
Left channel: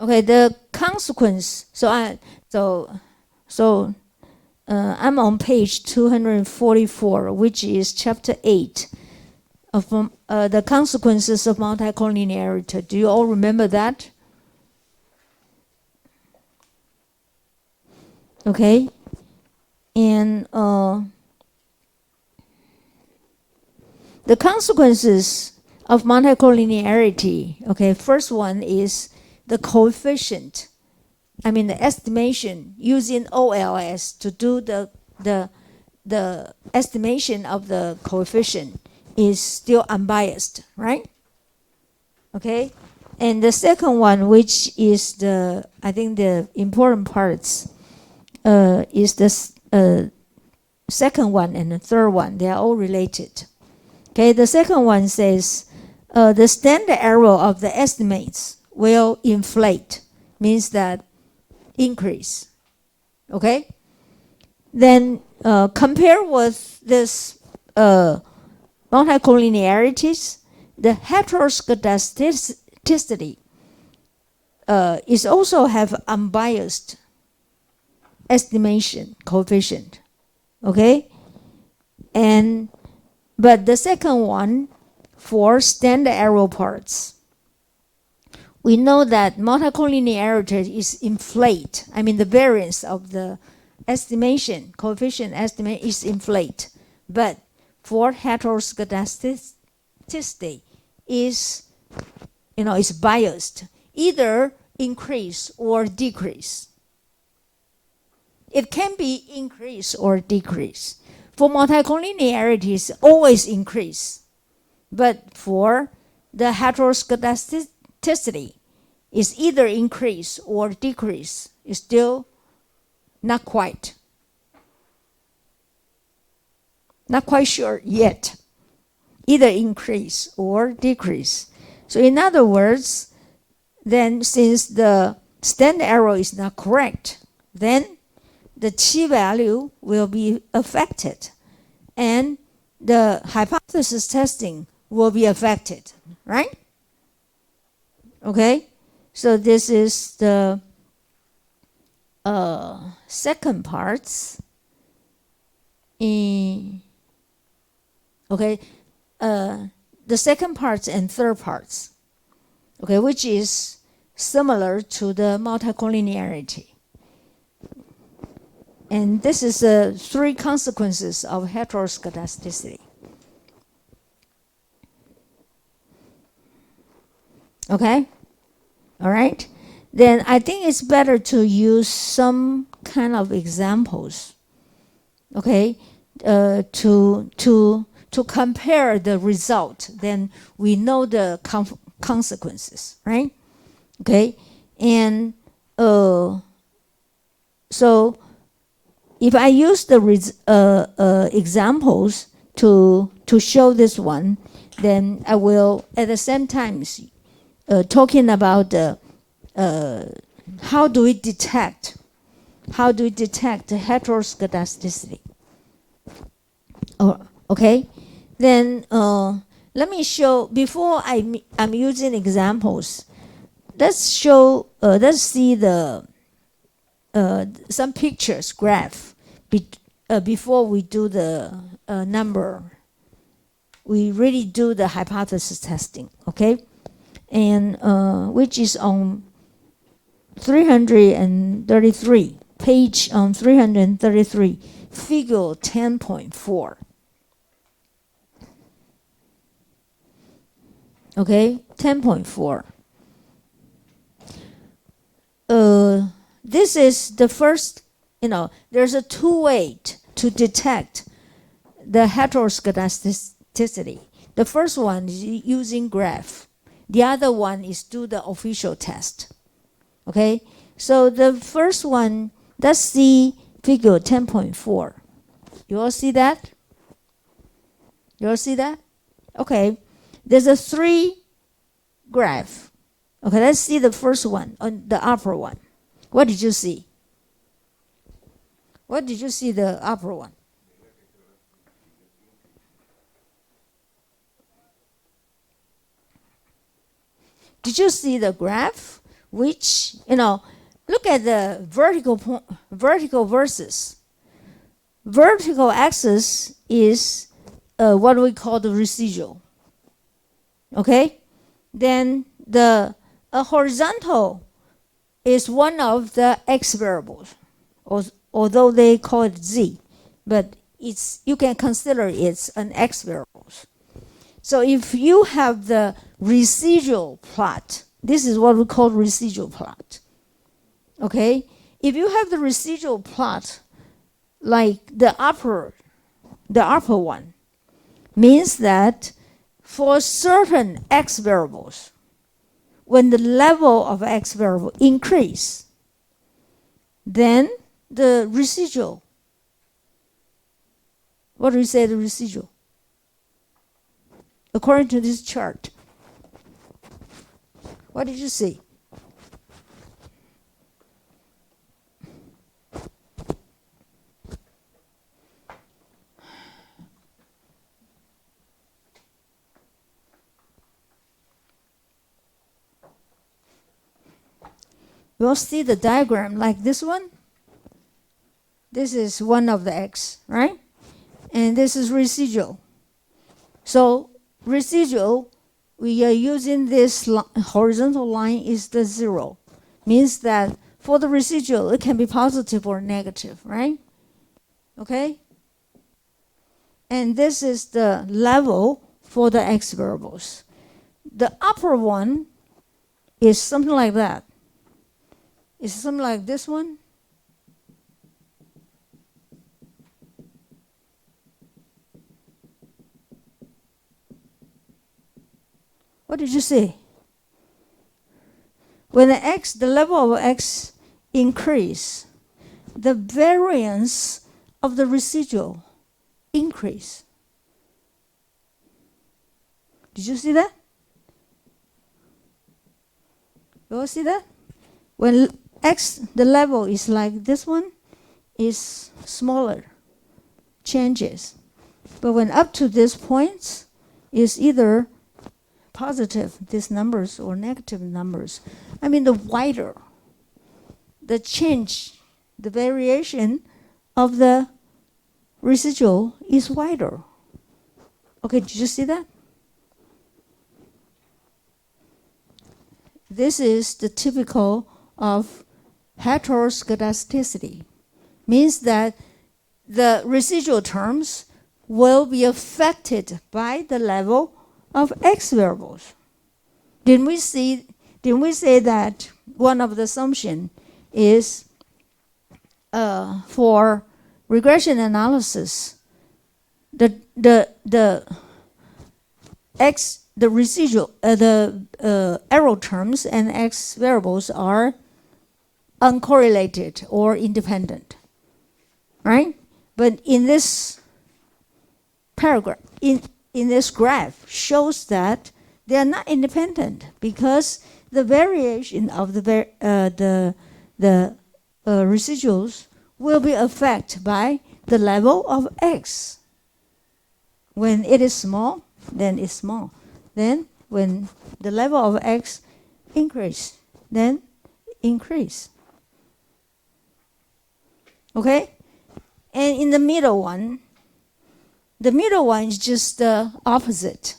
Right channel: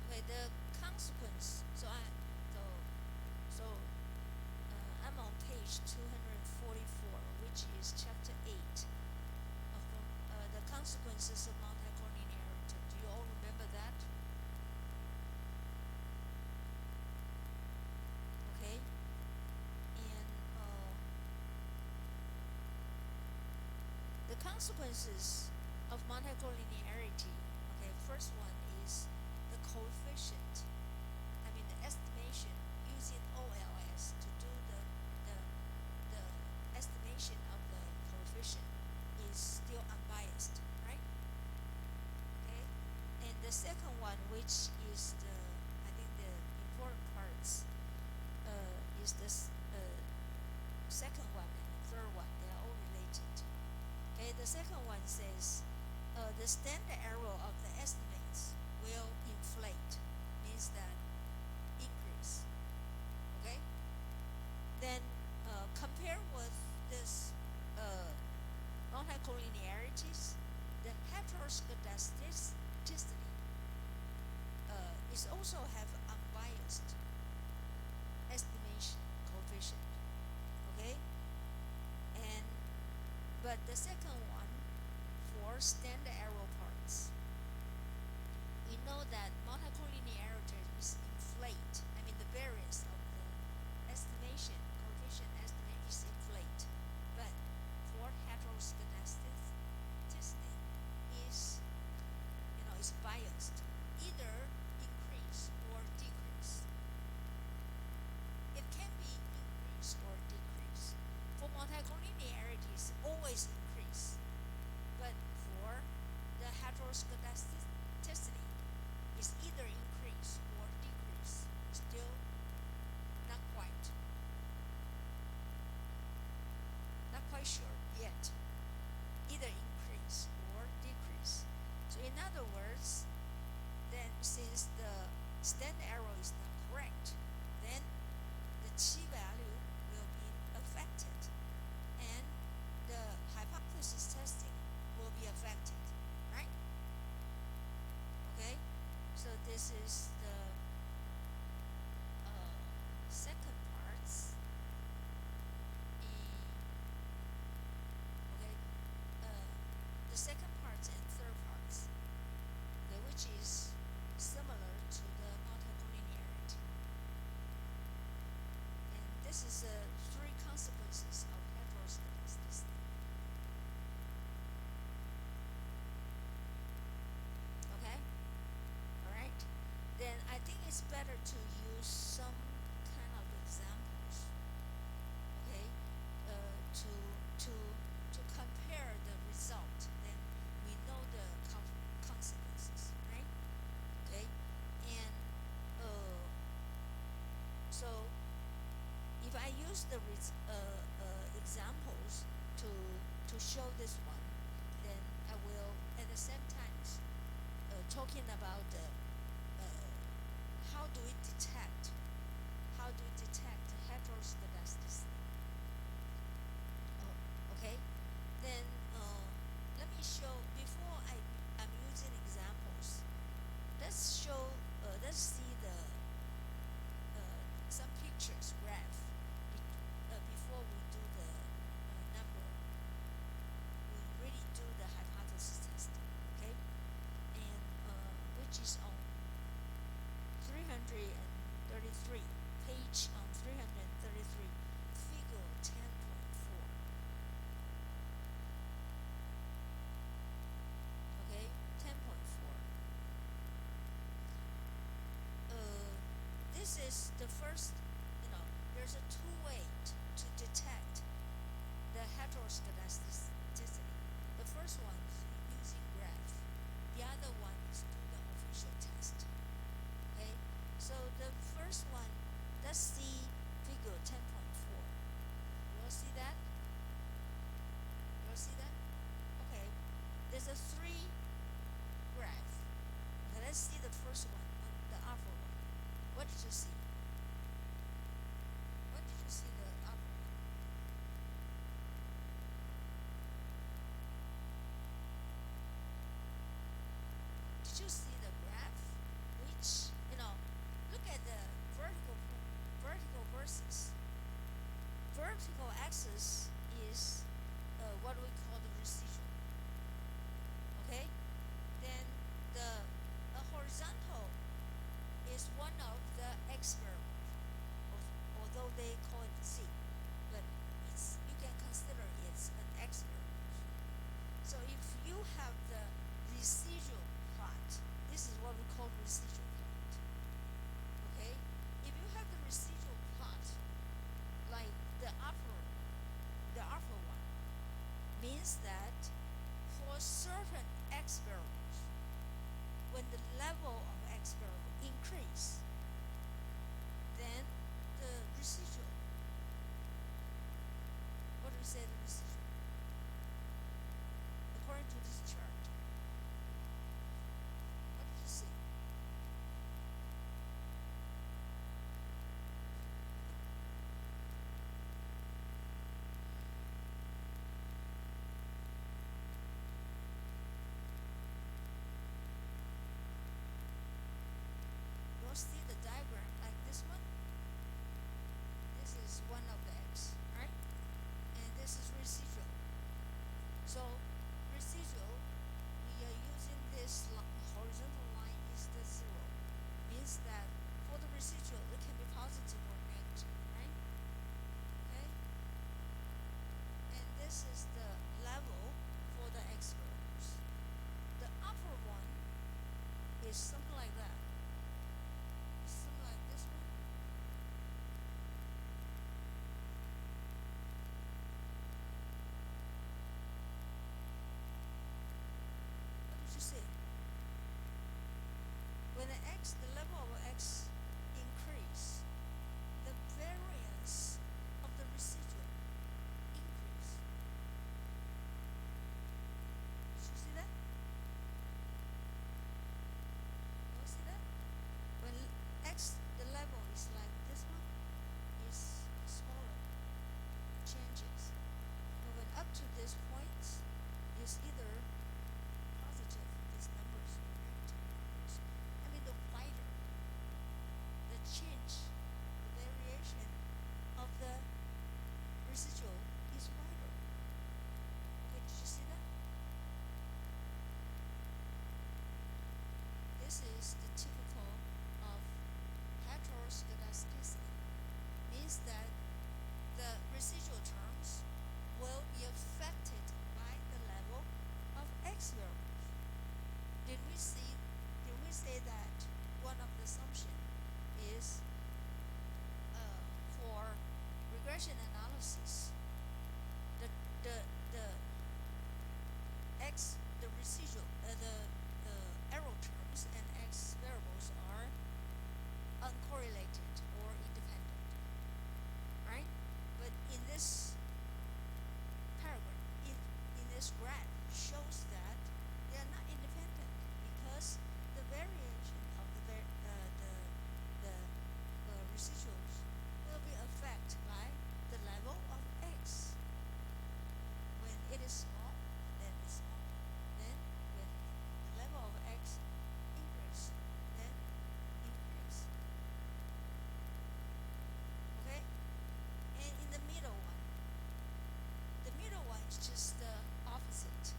Okay, the consequence. I'm on page 244, which is chapter 8 of the consequences of multicollinearity. Do you all remember that? Okay, and the consequences of multicollinearity. Okay, first one is the coefficient. I mean the estimation using OLS to do the estimation of the coefficient is still unbiased, right? Okay, and the second one, which is I think the important parts, is the second one and the third one. They are all related. Okay, the second one says the standard error of the estimates will inflate, means that increase. Okay, then compare with this multicollinearities, the heteroscedasticity is also have unbiased estimation coefficient. Okay, but the second one, for standard error parts, we know that multicollinearity is inflate. I mean the variance of the estimation coefficient estimate is inflate, but for heteroscedasticity is is biased, either increase or decrease. It can be increase or decrease. For multicollinearity, it's always increase, but for the heteroscedasticity, is either increase or decrease. It's still not quite sure yet. Either increase or decrease. So in other words, then since the standard error is not correct, then the chi-value will be affected, and the hypothesis testing will be affected, right? Okay, so this is the second parts. Okay, the second parts and third parts, okay, which is similar to the multicollinearity. And this is the three consequences of heteroscedasticity. Okay? All right? Then I think it's better to use some kind of examples, okay, to compare the result. Then we know the consequences, right? Okay? And so if I use the examples to show this one, then I will at the same time talking about how do we detect the heteroscedasticity. Okay, then let me show, before I'm using examples. Let's see the some pictures, graph, before we do the number. We really do the hypothesis testing, okay? And which is on 333, page 333, figure 10.4. Okay, 10.4. This is the first, there's a two-way to detect the heteroscedasticity. The first one is using graph. The other one is do the official test. Okay, so the first one, let's see figure 10.4. You all see that? You all see that? Okay, there's a 3 graph. Okay, let's see the first one, on the upper one. What did you see? What did you see the upper one? Did you see the graph? Which, look at the vertical versus. Vertical axis is what we call the residual. Okay? Then the horizontal is one of the x variables, although they call it z, but you can consider it's an x variable. So if you have the residual plot, this is what we call residual plot. Okay? If you have the residual plot, like the upper one, means that for certain x variables, when the level of x variable increase, then the residual, what do we say the residual? According to this chart, what did you see? You'll see the diagram like this one. This is one of the x, right? And this is residual. So residual, we are using this horizontal line is the 0. Means that for the residual, it can be positive or negative, right? Okay? And this is the level for the x variables. The upper one is something like that. It's something like this one. What did you say? When the level of x increase, the variance of the residual increase. Did you see that? You all see that? When the level is like this one, is smaller, changes. But when up to this point, is either positive, these numbers, or negative numbers. I mean, the wider the change, the variation of the residual is wider. Okay, did you see that? This is the typical of heteroscedasticity. Means that the residual terms will be affected by the level of x variables. Didn't we say that one of the assumptions is for regression analysis, the residual, the error terms and x variables are uncorrelated or independent, right? But in this paragraph, in this graph, shows that they are not independent because the variation of the residuals will be affected by the level of x. When it is small, then it's small. Then when the level of x increase, then increase. Okay? And in the middle one is just the opposite.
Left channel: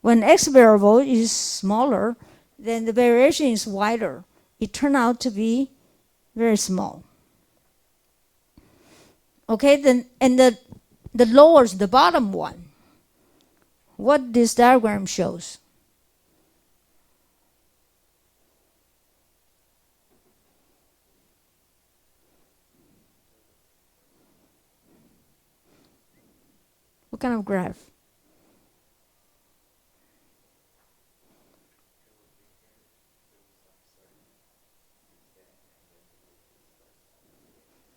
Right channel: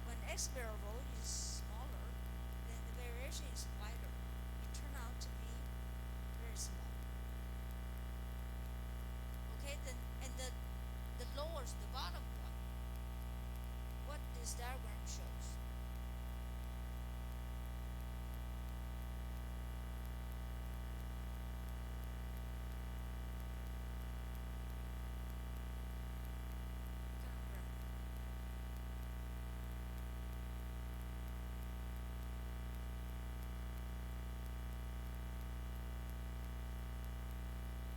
When x variable is smaller, then the variation is wider. it turned out to be very small. Okay, then and the lowest, the bottom one, what this diagram shows. What kind of graph?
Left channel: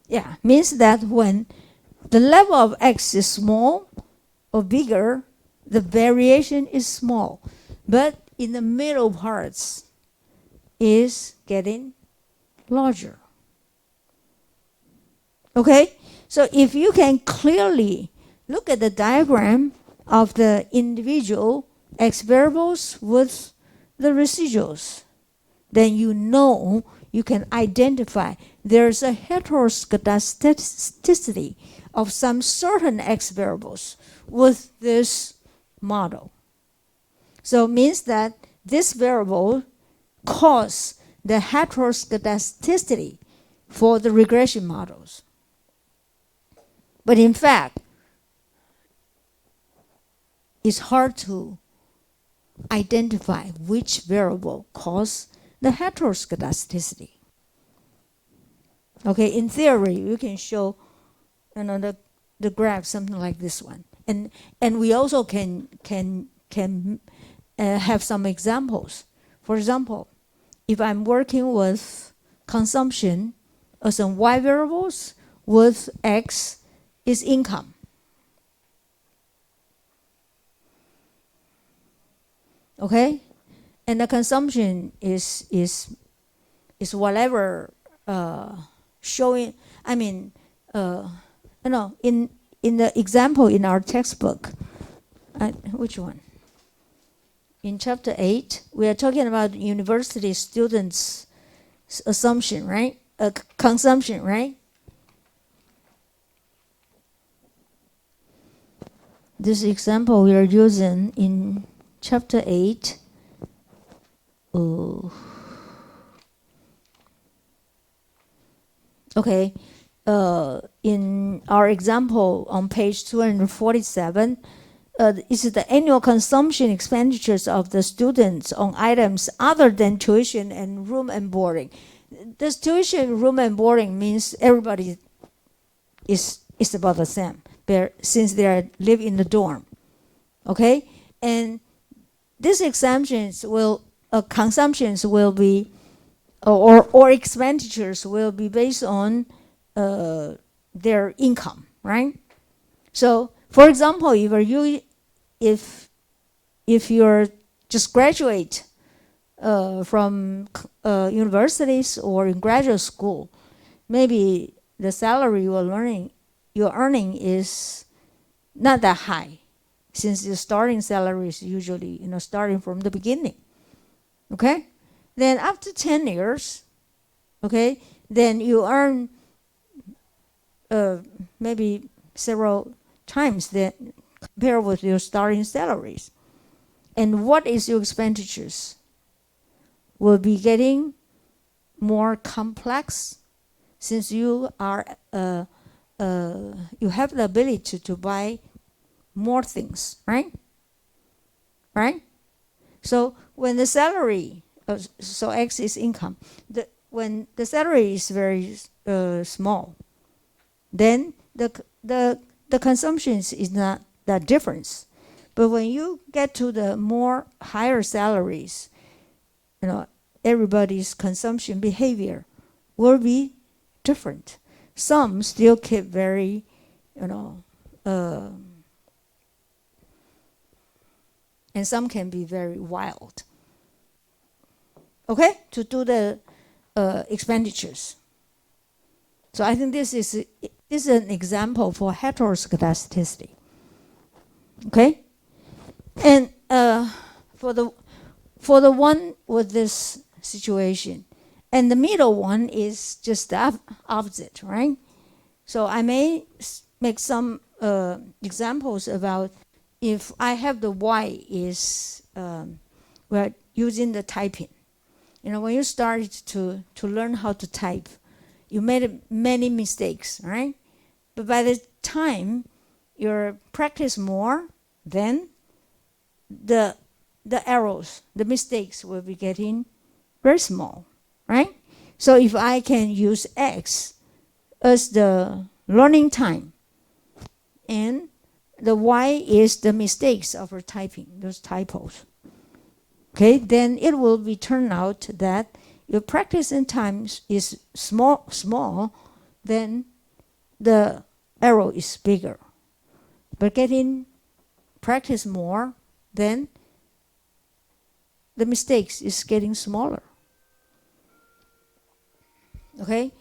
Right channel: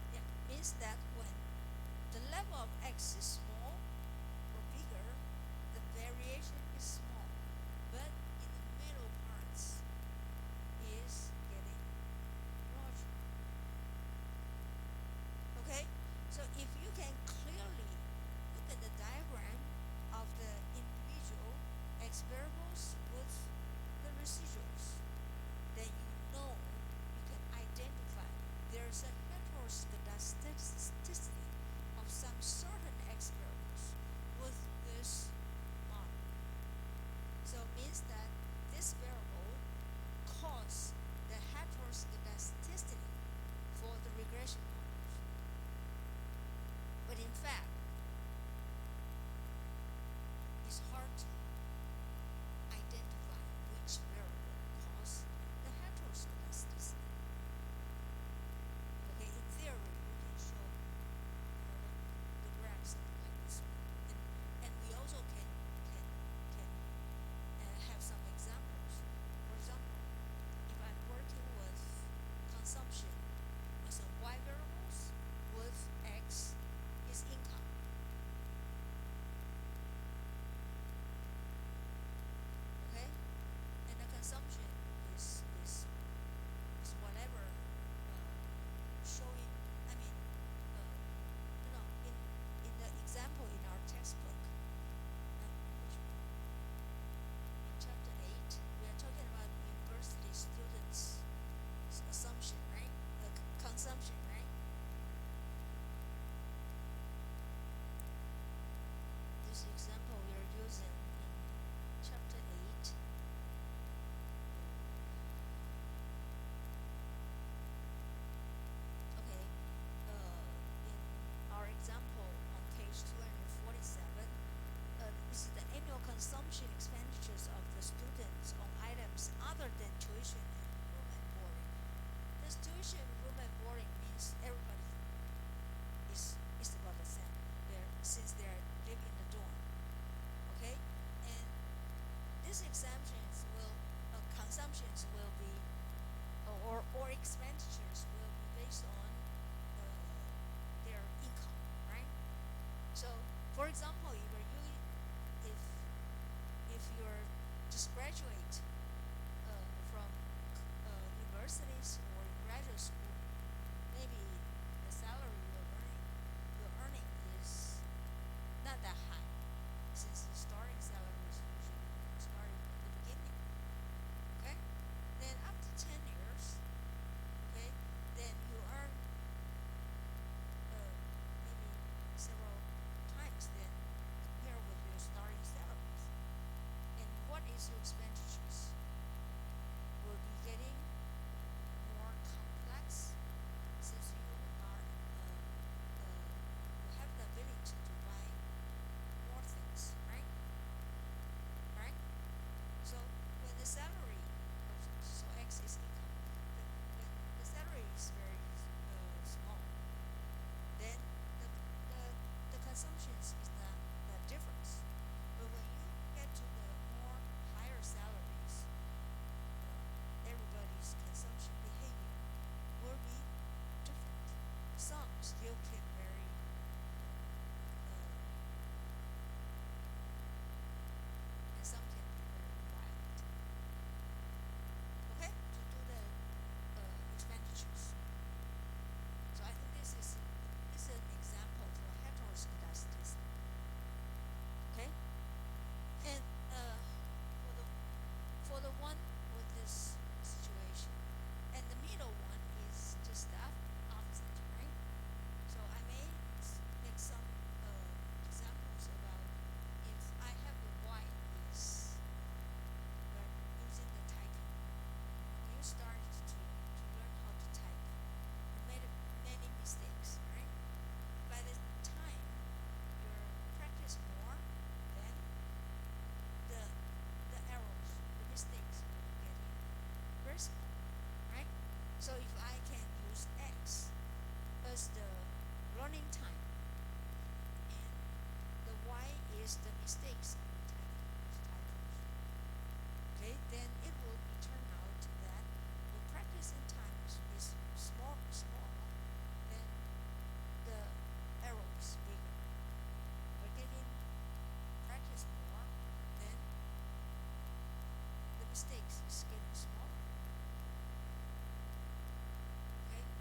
Yeah, means that when the level of x is small or bigger, the variation is small. But in the middle parts is getting larger. Okay? So if you can clearly look at the diagram of the individual x variables with the residuals, then you know you can identify there's a heteroscedasticity of some certain x variables with this model. So it means that this variable causes the heteroscedasticity for the regression models. But in fact, it's hard to identify which variable causes the heteroscedasticity. Okay, in theory, you can show, the graph something like this one, and we also can have some examples. For example, if I'm working with consumption as some y variables with x is income. Okay, and the consumption is whatever showing. I mean, in the example in our textbook, which one? In chapter 8, we are talking about university students' assumption, right? Consumption, right? This example we are using in chapter 8. Okay, in our example on page 247, is the annual consumption expenditures of the students on items other than tuition and room and boarding. This tuition, room and boarding means everybody is about the same, since they live in the dorm. Okay, and these exemptions will consumptions will be or expenditures will be based on their income, right? So, for example, if you're just graduate from universities or in graduate school, maybe the salary you're earning is not that high, since the starting salary is usually starting from the beginning. Okay, then after 10 years, okay, then you earn maybe several times that compared with your starting salaries. And what is your expenditures? Will be getting more complex, since you are you have the ability to buy more things, right? Right? So when the salary, so X is income, when the salary is very small, then the consumption is not that difference. But when you get to the more higher salaries, everybody's consumption behavior will be different. Some still keep very, and some can be very wild. Okay, to do the expenditures. So I think this is an example for heteroscedasticity. Okay, and for the one with this situation, and the middle one is just the opposite, right? So I may make some examples about if I have the y is we're using the typing, You know, when you started to learn how to type, you made many mistakes, right? But by the time you practice more, then the errors, the mistakes will be getting very small, right? So if I can use X as the learning time, and the Y is the mistakes of our typing, those typos, okay, then it will be turned out that your practice in times is small, then the error is bigger. But getting practice more, then the mistakes is getting smaller. Okay?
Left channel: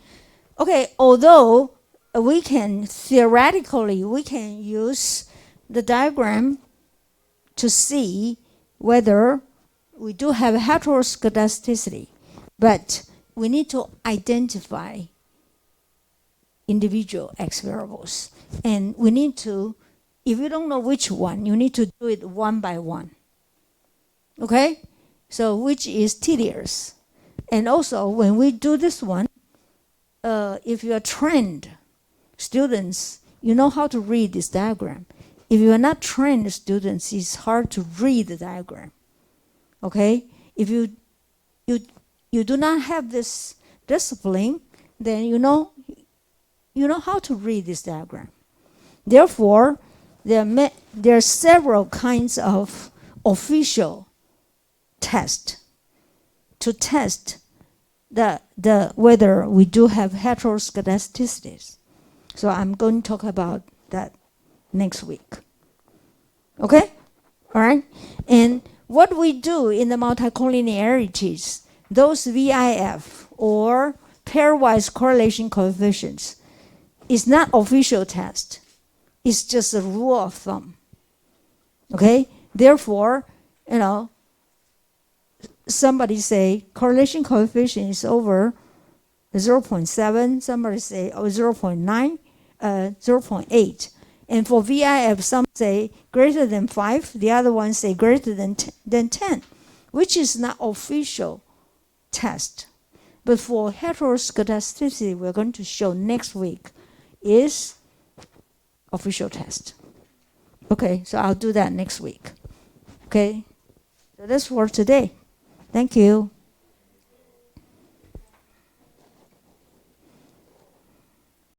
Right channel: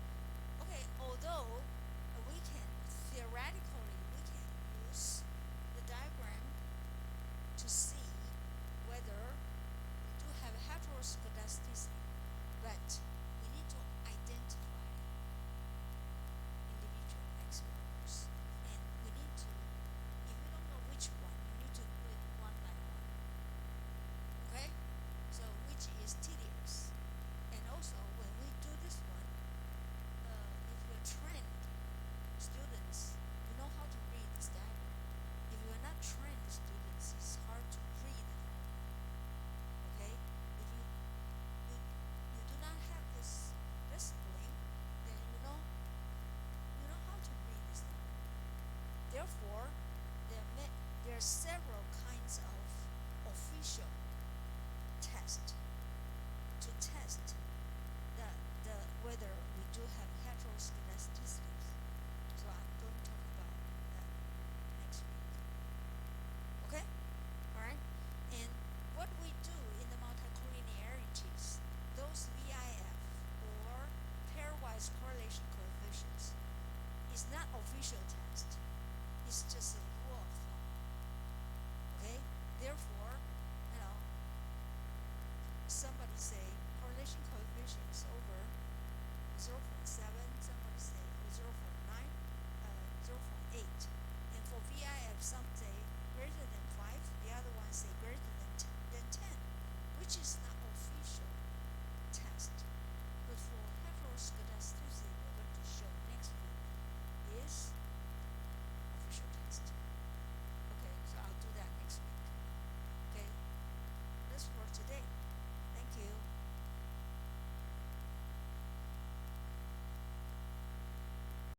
Okay, although we can theoretically use the diagram to see whether we do have heteroscedasticity, but we need to identify individual X variables. And we need to, if you don't know which one, you need to do it one by one. Okay? So which is tedious. And also, when we do this one, if you are trained students, you know how to read this diagram. If you are not trained students, it's hard to read the diagram. Okay? If you do not have this discipline, then you know how to read this diagram. Therefore, there are several kinds of official tests to test the whether we do have heteroscedasticities. So I'm going to talk about that next week. Okay? All right? And what we do in the multicollinearities, those VIF or pairwise correlation coefficients, is not official test. It's just a rule of thumb. Okay? Therefore, you know, somebody say correlation coefficient is over 0.7, somebody say 0.9, 0.8. And for VIF, some say greater than 5, the other ones say greater than 10, which is not official test. But for heteroscedasticity, we're going to show next week, is official test. Okay, so I'll do that next week. Okay, so that's for today. Thank you.